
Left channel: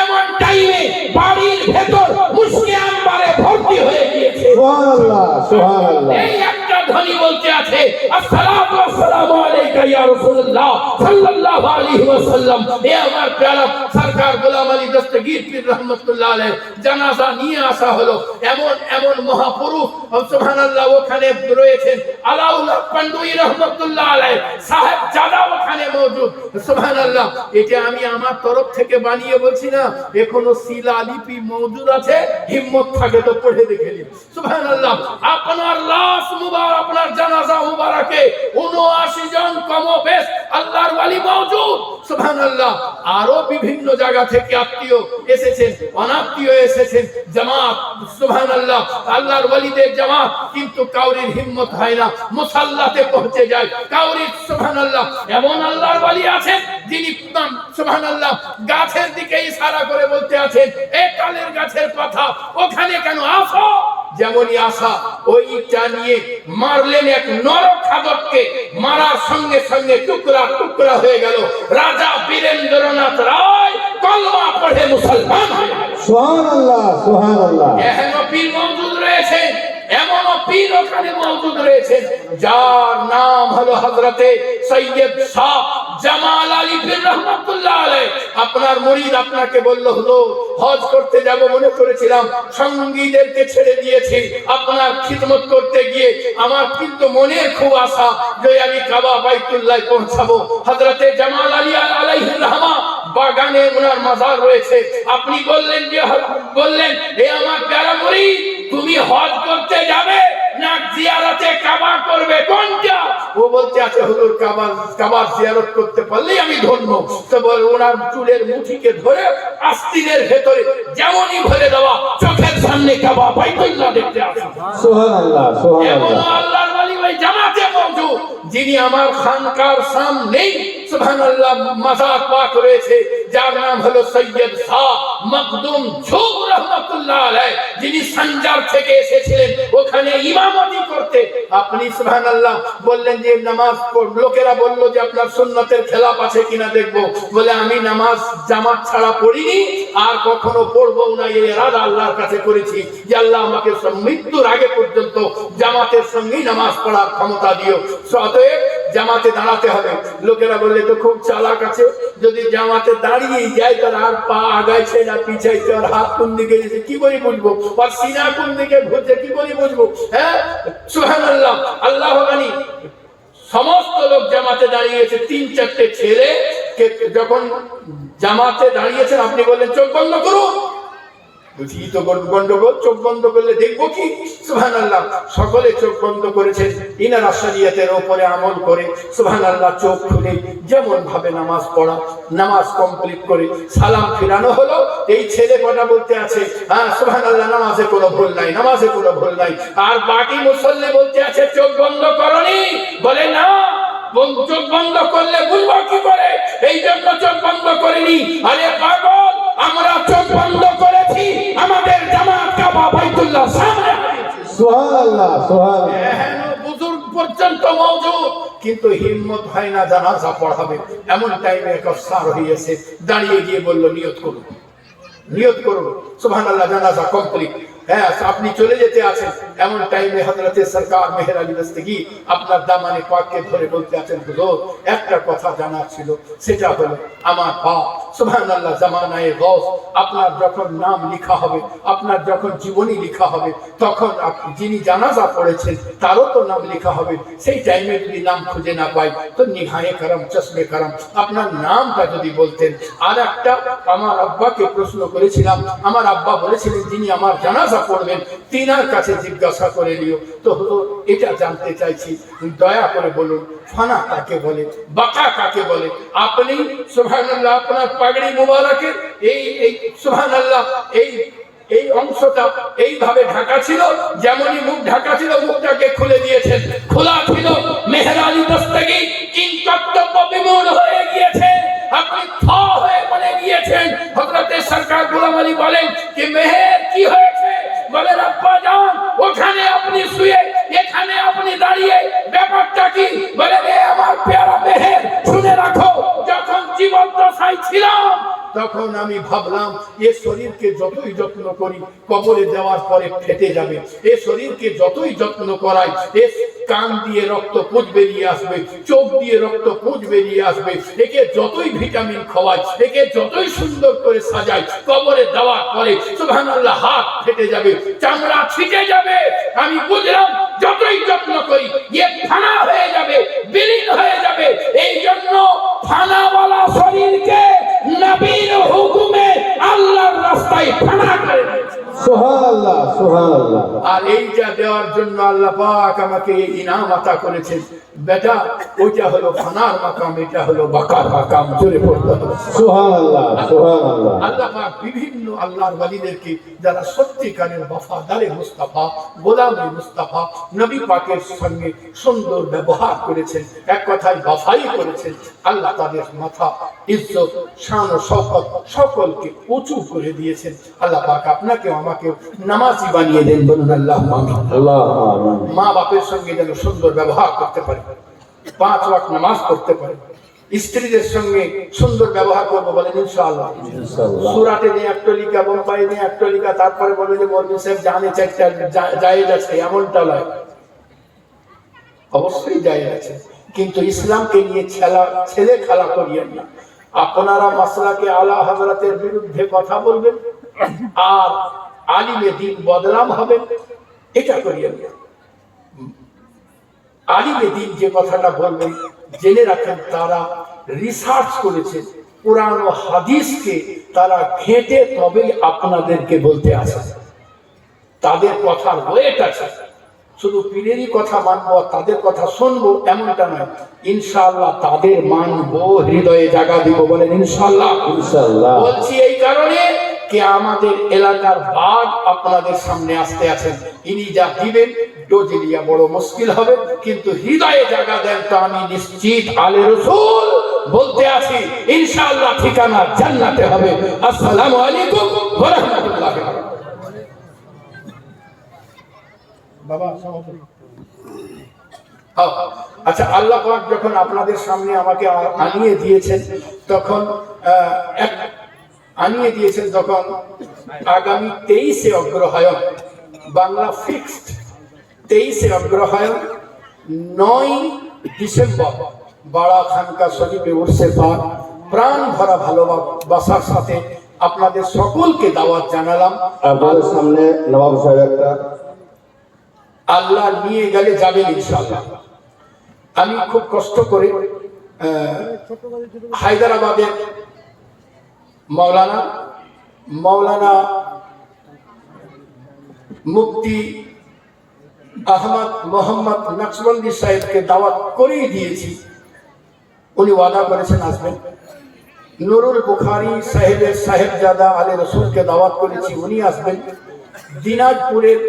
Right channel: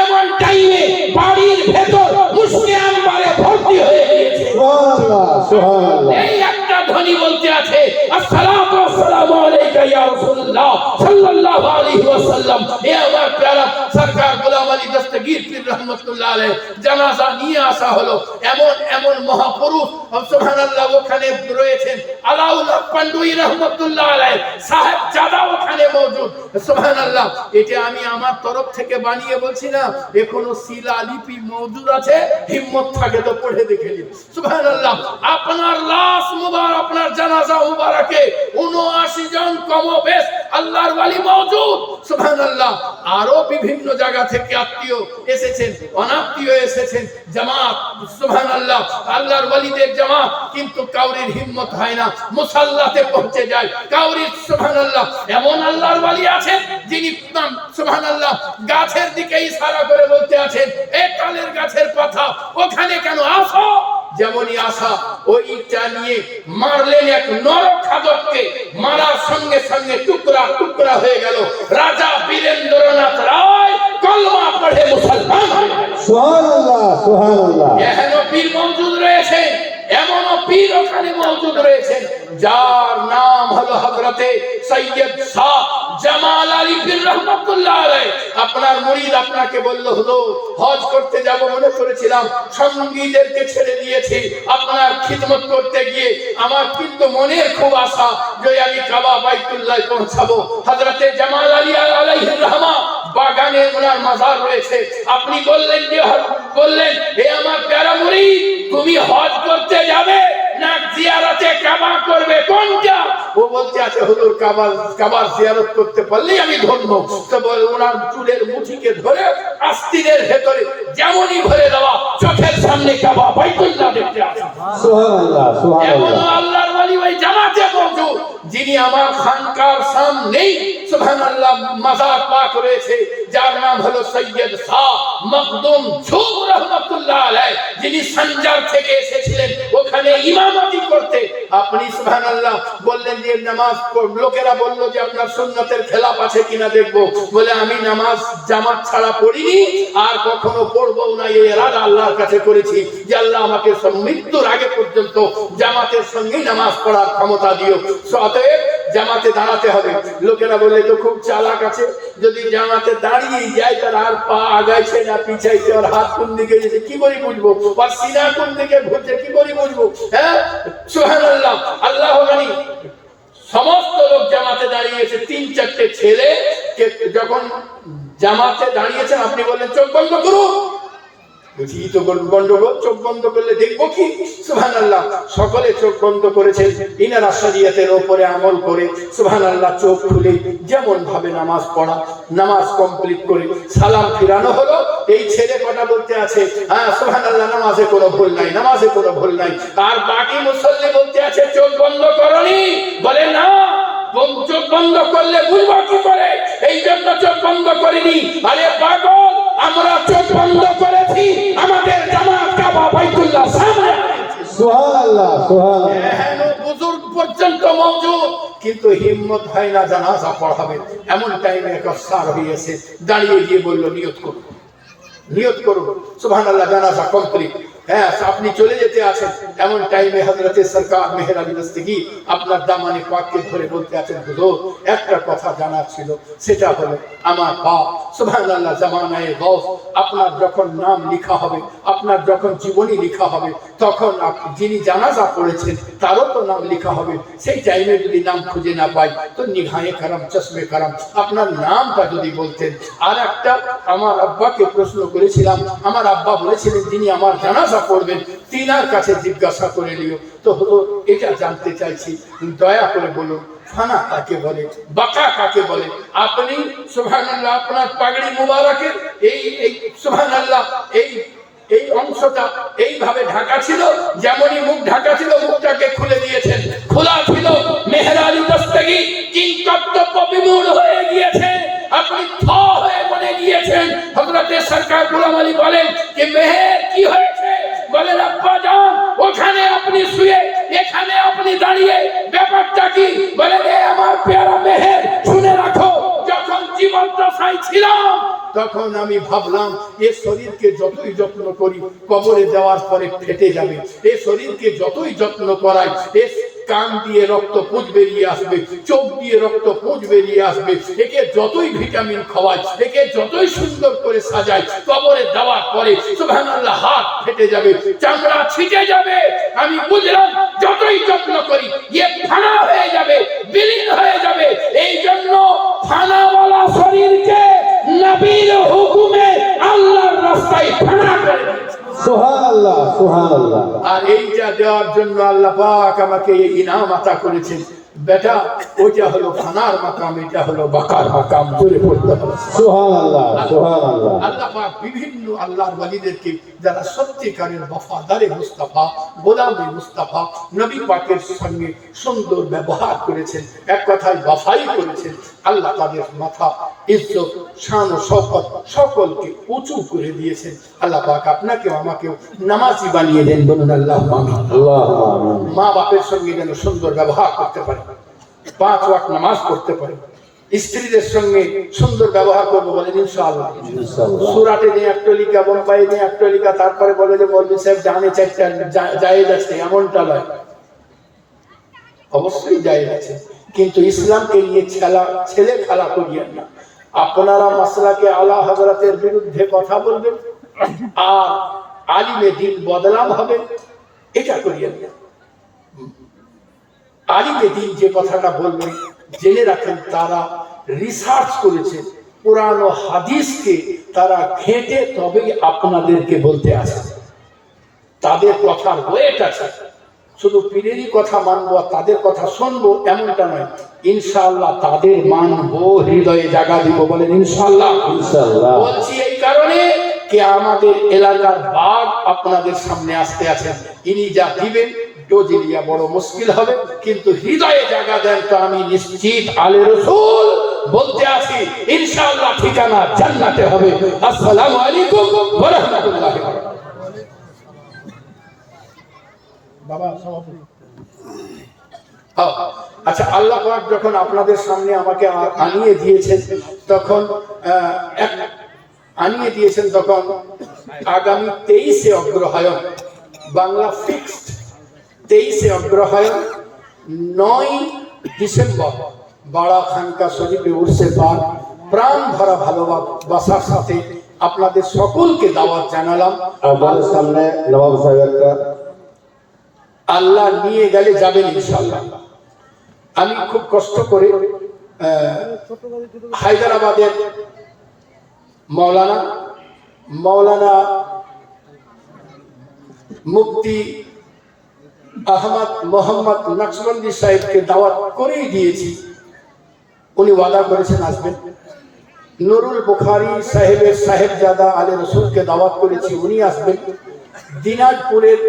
এমন টাইমে বাড়ির ভেতর মুশকি আম্বারে ভর্তি হয়ে গিয়েছে। সুবহানাল্লাহ, সুবহানাল্লাহ। এই একটা ধ্বনি বলতে আছে আসসালাতু ওয়াসসালামু আলাইকা ইয়া রাসূলুল্লাহ সাল্লাল্লাহু আলাইহি ওয়াসাল্লাম। এ আমার প্যারা সরকার গোলাম আলী দস্তগীর পীর রহমতুল্লাহ আলাইহি জানাজা নিয়ে আসা হলো। এমন এমন মহাপুরুষ সুবহানাল্লাহ ওখানে রয়েছেন। আলাউল্লাহ পান্ডুই রহমতুল্লাহ আলাইহি সাহেব জাদা ওখানে মওজুদ। সুবহানাল্লাহ, এটা আমি আমার তরফ থেকে বানিয়ে বলছি না, এখনো শিলালিপি মওজুদ আছে। হিম্মত থাকে তো পড়ে দেখে নিন। সুবহানাল্লাহ, আপনার লাশ মুবারক, আপনার জানাজা মুবারকে 79 জন কমবেশ আল্লাহর ওয়ালি মওজুদ। সুবহানাল্লাহ, আরো বিভিন্ন জায়গা থেকে আত্মীয় এসেছেন, অনাত্মীয় এসেছেন, জামাত সুবহানাল্লাহ আল্লাহর ওয়ালিদের জামাত। কিন্তু কাউরির হিম্মত হয় না, মুসাল্লাতে পৌঁছে যায় কাউরির। সুবহানাল্লাহ, এমন আল্লাহর ওয়ালি আছেন যিনি সুবহানাল্লাহ গাছের দিকে ইশারা করে বলতে আছেন এ তালের গাছের কথা, ওখানে কেন আসো? যেমনই আসা ওইটা নিয়ে মারলেন এক নরখাদককে, মারার সঙ্গে সঙ্গে টুকরা টুকরা হয়ে গেল। রাজা বীরেন্দ্রনাথ রায় কলমা পড়ে মুসলমান হয়ে গেল। সুবহানাল্লাহ, সুবহানাল্লাহ। এখনো পীর মওজুদ রয়েছে, এমনও পীর ওখানে মওজুদ রয়েছেন যার নাম হলো হযরতে সৈয়দ শাহ জামাল আলী পীর রহমাতুল্লাহ আলাইহি। আপনার মুরিদ আপনাকে বলল হলো হজ করতে যাব, মনে করেছিলাম সঙ্গীদেরকে ছেড়ে দিয়েছি আপনার খিদমত করতে গিয়ে। আমার কিন্তু মনে খুব আশা যে আমি কাবা বাইতুল্লাহ পৌঁছাবো। হযরতে জামাল আলী আলাইহির রহমা বাগানে ওনার মাজার রয়েছে। আপনি বললেন যে বললেন হে আমার প্যারা মুরিদ, তুমি হজ করতে যাবে না জিয়ারতে কাবা করবে, কোনটা? ও বলতে আছে হুজুর কাবার জিয়ারত করতে পারলেই আমি ধন্য। তো বল ওনার চুলের মুঠিকে ধরে আস্তিনের ভেতরে যেমনই ভরে দেওয়া, চোখের সামনে কাবা বাইতুল্লাহ দেখতে আসে। সুবহানাল্লাহ, সুবহানাল্লাহ। এমন আল্লাহর ওয়ালি ওই জামাতে মওজুদ যিনি আমার খানকার সামনেই সুবহানাল্লাহ মাজার পাক রয়েছে, যার নাম হলো সৈয়দ শাহ মখদুম ঝুব রহমাতুল্লাহ আলাইহি, যিনি সঞ্জার থেকে এসেছিলেন ওখানে ইমামতি করতে। আপনি সুবহানাল্লাহ বললেন যে নামাজ লোকেরা বলল যে আপনার সুন্নতের খেলাফ আছে কিনা দেখবো। বলে আমি নামাজ জামাত ছাড়া পড়িনি আর কখনো পড়বো না, এই ইরাদা আল্লাহর কাছে করেছি যে আল্লাহ আমাকে মৃত্যুর আগে পর্যন্ত জামাতের সঙ্গেই নামাজ পড়ার ক্ষমতা দিও। অতএব জামাতে দাঁড়াতে হবে। লোকেরা বললে তো খুব চালাক আছে, যদি জামাতে দাঁড়িয়ে যায় তার আর পা আগাইছে না পিছাইছে, আর হাত কোন দিকে গেছে কি করে বুঝবো, আর সিনা কোন দিকে ঘুরছে কি করে বুঝবো? হ্যাঁ, সুবহানাল্লাহ। আল্লাহ জানি সমস্ত লোক জামাতে দাঁড়িয়েছে। 3-4টে ছেলে যখন জামাতে দাঁড়িয়েছেন আপনি বললেন চোখ বন্ধ করুন। তো গন্ডগোল, চোখ বন্ধ করলে দেখবো কি? সুবহানাল্লাহ, সকলে চোখ বন্ধ করেছেন। ইনারা শরীয়তের উপরে আমল করে সুবহানাল্লাহ চোখ খুলে যেমন ভাবে নামাজ পড়া, নামাজ কমপ্লিট করে সালাম ফিরানো হলো। এই ছেলে কটা বলতে আছে হ্যাঁ সুবহানাল্লাহ নামাজে কোনো ভুল নাই, নামাজে কোনো ভুল নাই। আর বাকি মুসল্লি বলতে আছে চোখ বন্ধ করনি। বলে না, চোখ বন্ধ করলে বুঝবো কি করে, এই জন্য চোখ বন্ধ করিনি। আরে পাগল, আমরা চোখ বন্ধ করেছি, আমাদের জামাত কাবা বাইতুল্লাহ সামনে। সুবহানাল্লাহ, সুবহানাল্লাহ। এহেন বুজুর্গ পর্যন্ত মওজুদ, কিন্তু হিম্মত হয় না জানাজা পড়াবে। এমন টাইমে এক আফসার হয়েছে, দাঁড়িয়ে গিয়ে বলল নিয়ত করুন, নিয়ত করুন, সুবহানাল্লাহ, জানাজা কমপ্লিট। হ্যাঁ, আপনি চলে যেতে আছেন, এমন টাইমে হযরতে সরকার মেহের আলী দস্তগী আপনার দামানে পাককে ধরে বলতে আছেন, হুজুর একটা কথা জানার ছিল, সেটা হলো আমার বাপ সুবহানাল্লাহ জামানায়ে গৌস, আপনার যখন নাম লেখা হবে, আপনার যখন জীবনী লেখা হবে, তখন যিনি জানাজা পড়েছেন তারও তো নাম লেখা হবে। সেই টাইমে যদি নাম খুঁজে না পাই তো নিগাহে কারাম, চশমে কারাম, আপনার নামটা যদি বলতেন। আর একটা, আমার আব্বাকে প্রশ্ন করেছিলাম, আমার আব্বা বলেছিলেন যিনি আমার জানাজা পড়বেন তিনার কাছে জিজ্ঞাসা করে নিও। তো হুজুর এটা জানতে চাইছি, দয়া করে বলুন ফানা কাকে বলে, বাকা কাকে বলে? আপনি সুবহানাল্লাহ আপনার পাগড়ি মুবারকের এই সুবহানাল্লাহ এই অংশটা এইভাবে ঢাকা ছিল, যেমনই মুখ ঢাকা ছিল মুখটাকে খুলে দিয়েছেন, খোলা ছিল। মেহের আলী দস্তগী কিংকর্তব্য বিমূঢ় হয়ে গিয়েছে, আপনি থ হয়ে বনে গিয়েছেন। হযরতে সরকার গোলাম আলী বলেন যে মেহের কি হয়েছে? বলেন আব্বা জান ওখানে আপনি শুয়ে এখানে আপনি দাঁড়িয়ে, ব্যাপারটা কি? বলে রে আমার পেয়ারা মেহের, শুনে রাখো, যখন জীবদ্দশায় ছিলাম তখন আমি ভাবলাম এ শরীরকে যতই যত্ন করি কবরে দেওয়ার পরে ফেটে যাবে, এ শরীরকে যতই যত্ন করাই, এ কান দিয়ে রক্ত পুঁজ বেরিয়ে আসবে, চোখ দিয়ে রক্ত পুঁজ বেরিয়ে আসবে, একে যতই ভিটামিন খাওয়াই, একে যতই সুন্দর করে সাজাই, কবরে দেওয়ার পরে সুবহানাল্লাহ হাত ফেটে যাবে, চামড়া ছিটে যাবে। আমি বুঝলাম যতই যত্ন করি এ ফানা হয়ে যাবে, বিলীন হয়ে যাবে। এই জন্য ফানাওয়ালা শরীরকে নবীর হুকুমে আল্লাহর রাস্তায় ফানা করে দিয়েছে। সুবহানাল্লাহ, সুবহানাল্লাহ। আর এইটা দেওয়ার জন্য আল্লাহ পাক আমাকে এই ইনাম আতা করেছেন। বেটা ওইটা হলো ফানার মাকাম, এটা হলো বাকার মাকাম। জোরে পড়তে হবে সুবহানাল্লাহ, সুবহানাল্লাহ। আল্লাহ পাক বিভিন্ন আল্লাহর ওয়ালিদেরকে যারা সত্যিকারের ওয়াফাদারে মুস্তাফা, গোলামে মুস্তাফা, নবী পাকের সঙ্গে সুন্দর ব্যবহার করেছেন, এক কথায় ওয়াফাই করেছেন, আল্লাহ তাদের মাথা, ইজ্জত, শান ও শওকত সকলকে উঁচু করে দিয়েছেন। আল্লাহ পাক আপনাকেও আমাকেও নামাজি বানিয়ে দেন, বলুন আল্লাহ আমিন। আল্লাহুম্মা আমিন। মা বাপের সঙ্গে যেন সুন্দর ব্যবহার করতে পারে, 5 ওয়াক্ত নামাজ পড়তে পারে, স্ত্রীদের সঙ্গে সুন্দর ব্যবহার করবো, বলেন ইনশাআল্লাহ। ইনশাআল্লাহ। সুরাটে দিয়ে একটা লিখা, বোম্বাই দিয়ে একটা লিখা, তারপরে বলে যে মৌলভী সাহেব জানে চারটা জায়েজ আছে, এমনটা নয়, অবশ্যই জায়েজ আছে, কিন্তু ইসলামকে নিয়ে ছেলে খেলা করিয়েন না। আপনারা মাসলাকে আলা হযরতের বিরুদ্ধে কথা বলবেন আর আলিমে দ্বীন বদনাম হবে, এটা করিয়েন না। আলিমে দ্বীন যে কথাটা বলবেন জেনে রাখেন, তারা রিসার্চ করেছে, কোরআন ও হাদিসকে তারা ঘেঁটে তবেই আপনাদেরকে বলতে আসে। তাদের কথার ওয়েট আছে, শুধু পীরেরই কথা মানবো, তাদের কথা শুনবো এমনটা নয়। ইনশাআল্লাহ তাদের মানবো, হৃদয়ে জায়গা দিব, বলেন ইনশাআল্লাহ। ইনশাআল্লাহ। বলছি এই কারণে যে আমাদের এলাকার বাঘ আপনাদের সামনে আসতে আছেন, ইনি যা দিবেন ডোজিলিয়া বড় মুশকিল হবে, কিন্তু হৃদয়ে জায়গা দেন তো আমি নিশ্চিত আলে রাসূল বলতে আছি ইনশাআল্লাহ ঠিকানা জান্নাতে হবে। আসসালামু আলাইকুম ওয়া রাহমাতুল্লাহ। বাবা সভাপতি। আচ্ছা, আল্লাহ পাক যখন আপনাদের সামনে আমাকে আনিয়ে দিয়েছেন তখন আগামী 23শে অগ্রহায়ণ, বাংলা ফিক্সড 23শে অগ্রহায়ণ 9 ডিসেম্বর বাড়া খানকা শরীফে উর্সে পাক প্রাণ ভরা ভালোবাসার সাথে আপনাদের সকলকে দাওয়াত জানালাম। আপনাদের সামনে নবাব সাহেব একটা, আল্লাহ নিয়ে গেলে যাবেন ইনশাআল্লাহ। আমি খুব কষ্ট করে হায়দ্রাবাদের মাওলানা মুফতি আহমদ মোহাম্মদ নকশবন্দি সাহেবকে দাওয়াত করেই দিয়েছি, উনি ওয়াদা করেছেন আসবেন। নুরুল বুখারী সাহেবের সাহেবজাদা আলে রসুলকে দাওয়াত করেছি, উনি আসবেন। দিনাজপুরের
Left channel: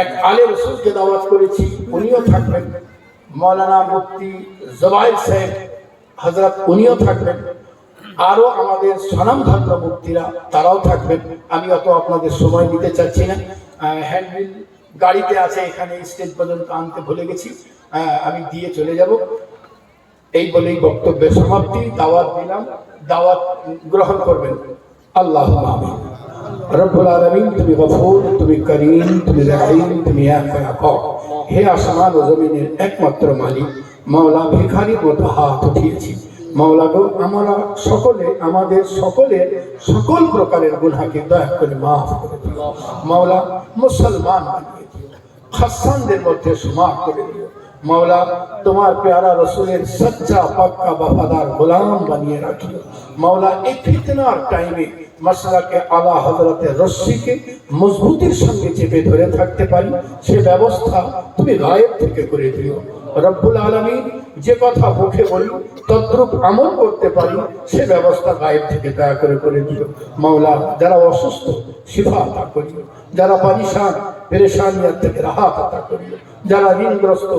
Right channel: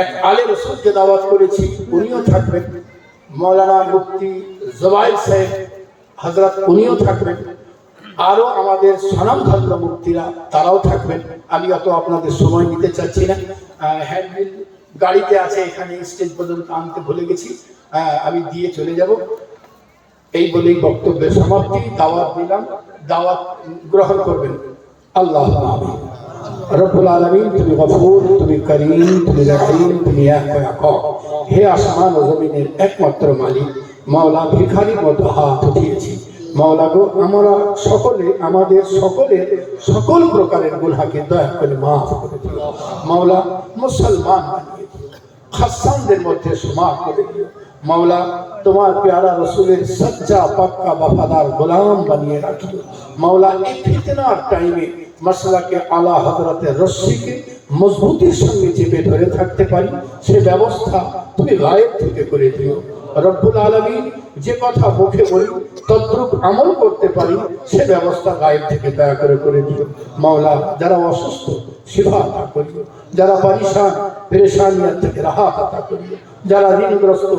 এক আলে রসুলকে দাওয়াত করেছি, উনিও থাকবেন। মাওলানা মুফতি জুবাইর সাহেব হযরত উনিও থাকবেন। আরো আমাদের স্বনামধন্য মুফতিরা তারাও থাকবেন। আমি অত আপনাদের সময় নিতে চাচ্ছি না। হ্যান্ডবিল গাড়িতে আছে, এখানে স্টেজ পর্যন্ত আনতে ভুলে গেছি, আমি দিয়ে চলে যাব। এই বলেই বক্তব্যের সমাপ্তি। দাওয়াত দিলাম, দাওয়াত গ্রহণ করবেন। আল্লাহ আমিন। রব্বুল আলামিন, তুমি গফুর, তুমি করিম, তুমি রহিম, তুমি আফা। হে আসমান ও জমিনের একমাত্র মালিক, মাওলা ভিখারির মতো হাত উঠিয়েছি। মাওলা গো, আমরা সকলে, আমাদের সকলের সকল প্রকারের গুনাহকে দয়া করে মাফ করে দিও। মাওলা মুসলমান বানিয়ে দিও, খাসানদের মধ্যে শুমার করে দিও। মাওলা তোমার প্যারা রসুলের সচ্চা পাক্কা वफादार গোলাম বানিয়ে রাখিও। মাওলা এই ফিতনার টাইমে মাসলাকে আলা হযরতের রশ্মিকে মজবুতির সঙ্গে চেপে ধরে থাকতে পারি, সে ব্যবস্থা তুমি গায়েব থেকে করে দিও। রব্বুল আলামিন, যে কথা মুখে বলি তদ্রূপ আমল করতে পারি, সে ব্যবস্থা গায়েব থেকে দয়া করে দিও। মাওলা যারা অসুস্থ শিফা আতা করিও, যারা পরিশান পেরেশানিয়াত থেকে রাহাত আতা করিও, যারা ঋণগ্রস্ত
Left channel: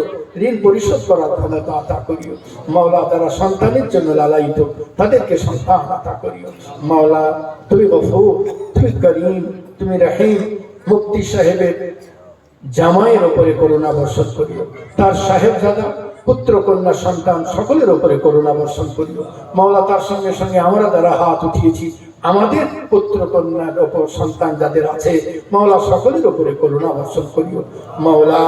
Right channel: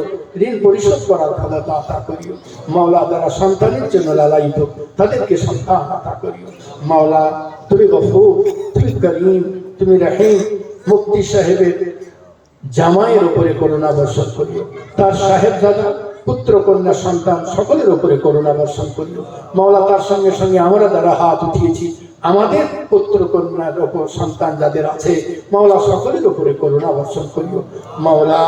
ঋণ পরিশোধ করার ক্ষমতা আতা করিও। মাওলা যারা সন্তানের জন্য লালায়িত তাদেরকে সন্তান আতা করিও। মাওলা তুমি গফুর, তুমি করিম, তুমি রহিম। মুফতি সাহেবের জামাইয়ের উপরে করুণা বর্ষণ করিও, তার সাহেবজাদা পুত্র কন্যা সন্তান সকলের উপরে করুণা বর্ষণ করিও। মাওলা তার সঙ্গে সঙ্গে আমরা যারা হাত উঠিয়েছি, আমাদের পুত্র কন্যার উপর সন্তান যাদের আছে, মাওলা সকলের উপরে করুণা বর্ষণ করিও। মাওলা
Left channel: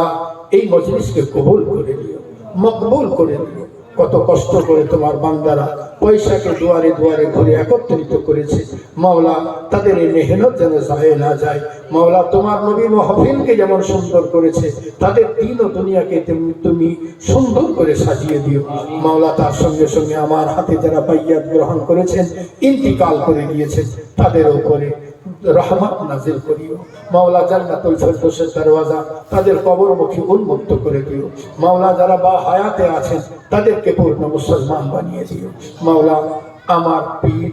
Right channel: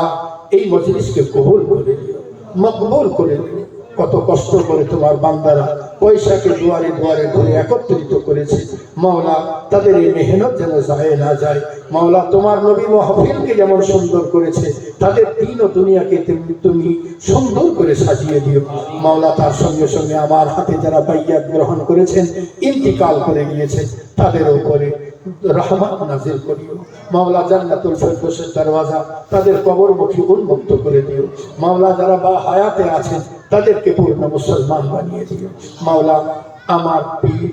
এই মজলিসকে কবুল করে দিও, মকবুল করে দিও। কত কষ্ট করে তোমার বান্দারা পয়সাকে দুয়ারে দুয়ারে ধরে একত্রিত করেছে, মাওলা তাদের এই মেহনত যেন যায় না যায়। মাওলা তোমার নবী মাহফিলকে যেমন সুন্দর করেছে, তাদের দিন ও দুনিয়াকে তুমি সুন্দর করে সাজিয়ে দিও। মাওলা তার সঙ্গে সঙ্গে আমার হাতে যারা বাইয়াত গ্রহণ করেছেন, ইন্তিকাল করে গিয়েছেন, তাদের উপরে রহমত নাজিল করিও। মাওলা জান্নাতুল ফেরদৌসের দরওয়াজা তাদের কবরমুখী উন্মুক্ত করে দিও। মাওলা যারা বা হায়াতে আছেন তাদেরকে পূর্ণ মুসলমান বানিয়ে দিও। মাওলা আমার পীর,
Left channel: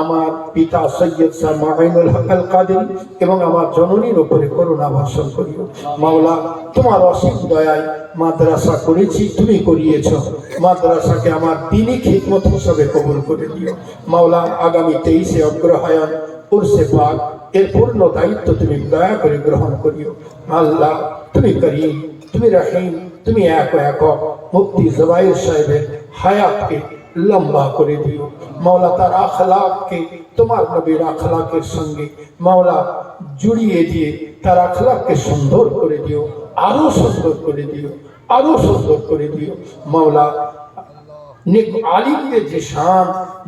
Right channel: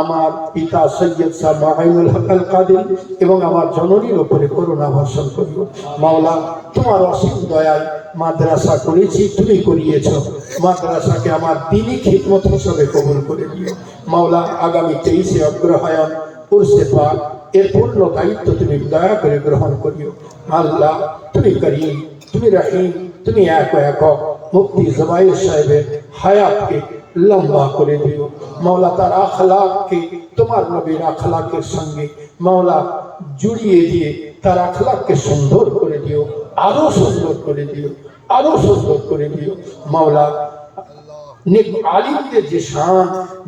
আমার পিতা সৈয়দ শাহ মুঈনুল হক আল কাদেরী এবং আমার জননীর উপরে করুণা বর্ষণ করিও। মাওলা তোমার অসীম দয়ায় মাদ্রাসা করেছি, তুমি করিয়েছো, মাদ্রাসাকে আমার দ্বীনি খিদমত হিসেবে কবুল করে দিও। মাওলা আগামী 23শে অগ্রহায়ণ উরসে পাক এর পূর্ণ দায়িত্ব তুমি দয়া করে গ্রহণ করিও। আল্লাহ তুমি করিম, তুমি রহিম, তুমি এক মুফতি জুবাইর সাহেবের হায়াতকে লম্বা করে দিও। মাওলা তার আখলাককে তোমার নবীর আখলাকের সঙ্গে মাওলা জুড়িয়ে দিয়ে তার আখলাককে সুন্দর করে দিও, আরো সুন্দর করে দিও, আরো সুন্দর করে দিও। মাওলা নেক আলিমদের যে শান,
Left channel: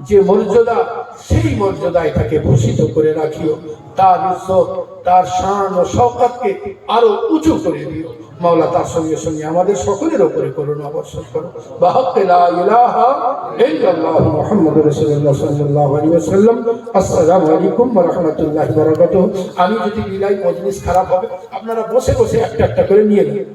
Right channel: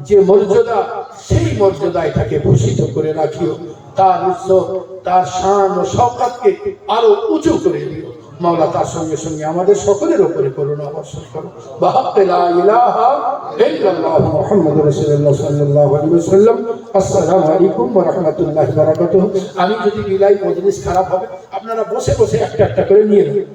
যে মর্যাদা, সেই মর্যাদায় তাকে ভূষিত করে রাখিও। তার ইজ্জত, তার শান ও শওকতকে আরো উঁচু করে দিও। মাওলা তার সঙ্গে সঙ্গে আমাদের সকলের উপরে করুণা বর্ষণ করো। বাহাক্কে লা ইলাহা ইল্লাল্লাহ মুহাম্মাদুর রাসূলুল্লাহ সাল্লাল্লাহু আলাইহি ওয়াসাল্লাম। আসসালামু আলাইকুম ওয়া রাহমাতুল্লাহি ওয়া বারাকাতুহু। আমি যদি বিলাই মজলিস খারাপ হবে, আপনারা বসে বসে একটা একটা করে নিয়ে নেবেন।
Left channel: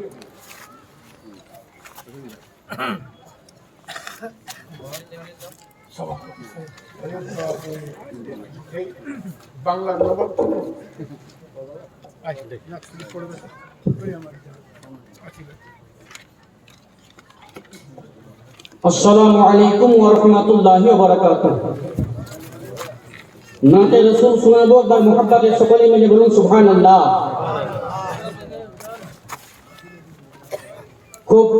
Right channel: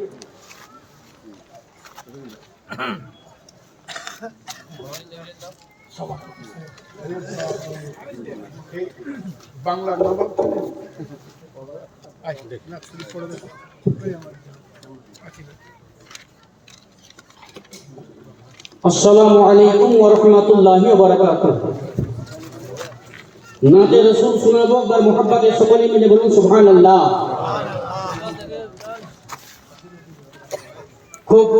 বাংলার নবাব अस्सलामु अलैकुम व रहमतुल्लाहि व बाराकातुहू। नाते रसूल सुनाबो बर मोहब्बत सकले मिले बोलूं सुभान अल्लाह। खूब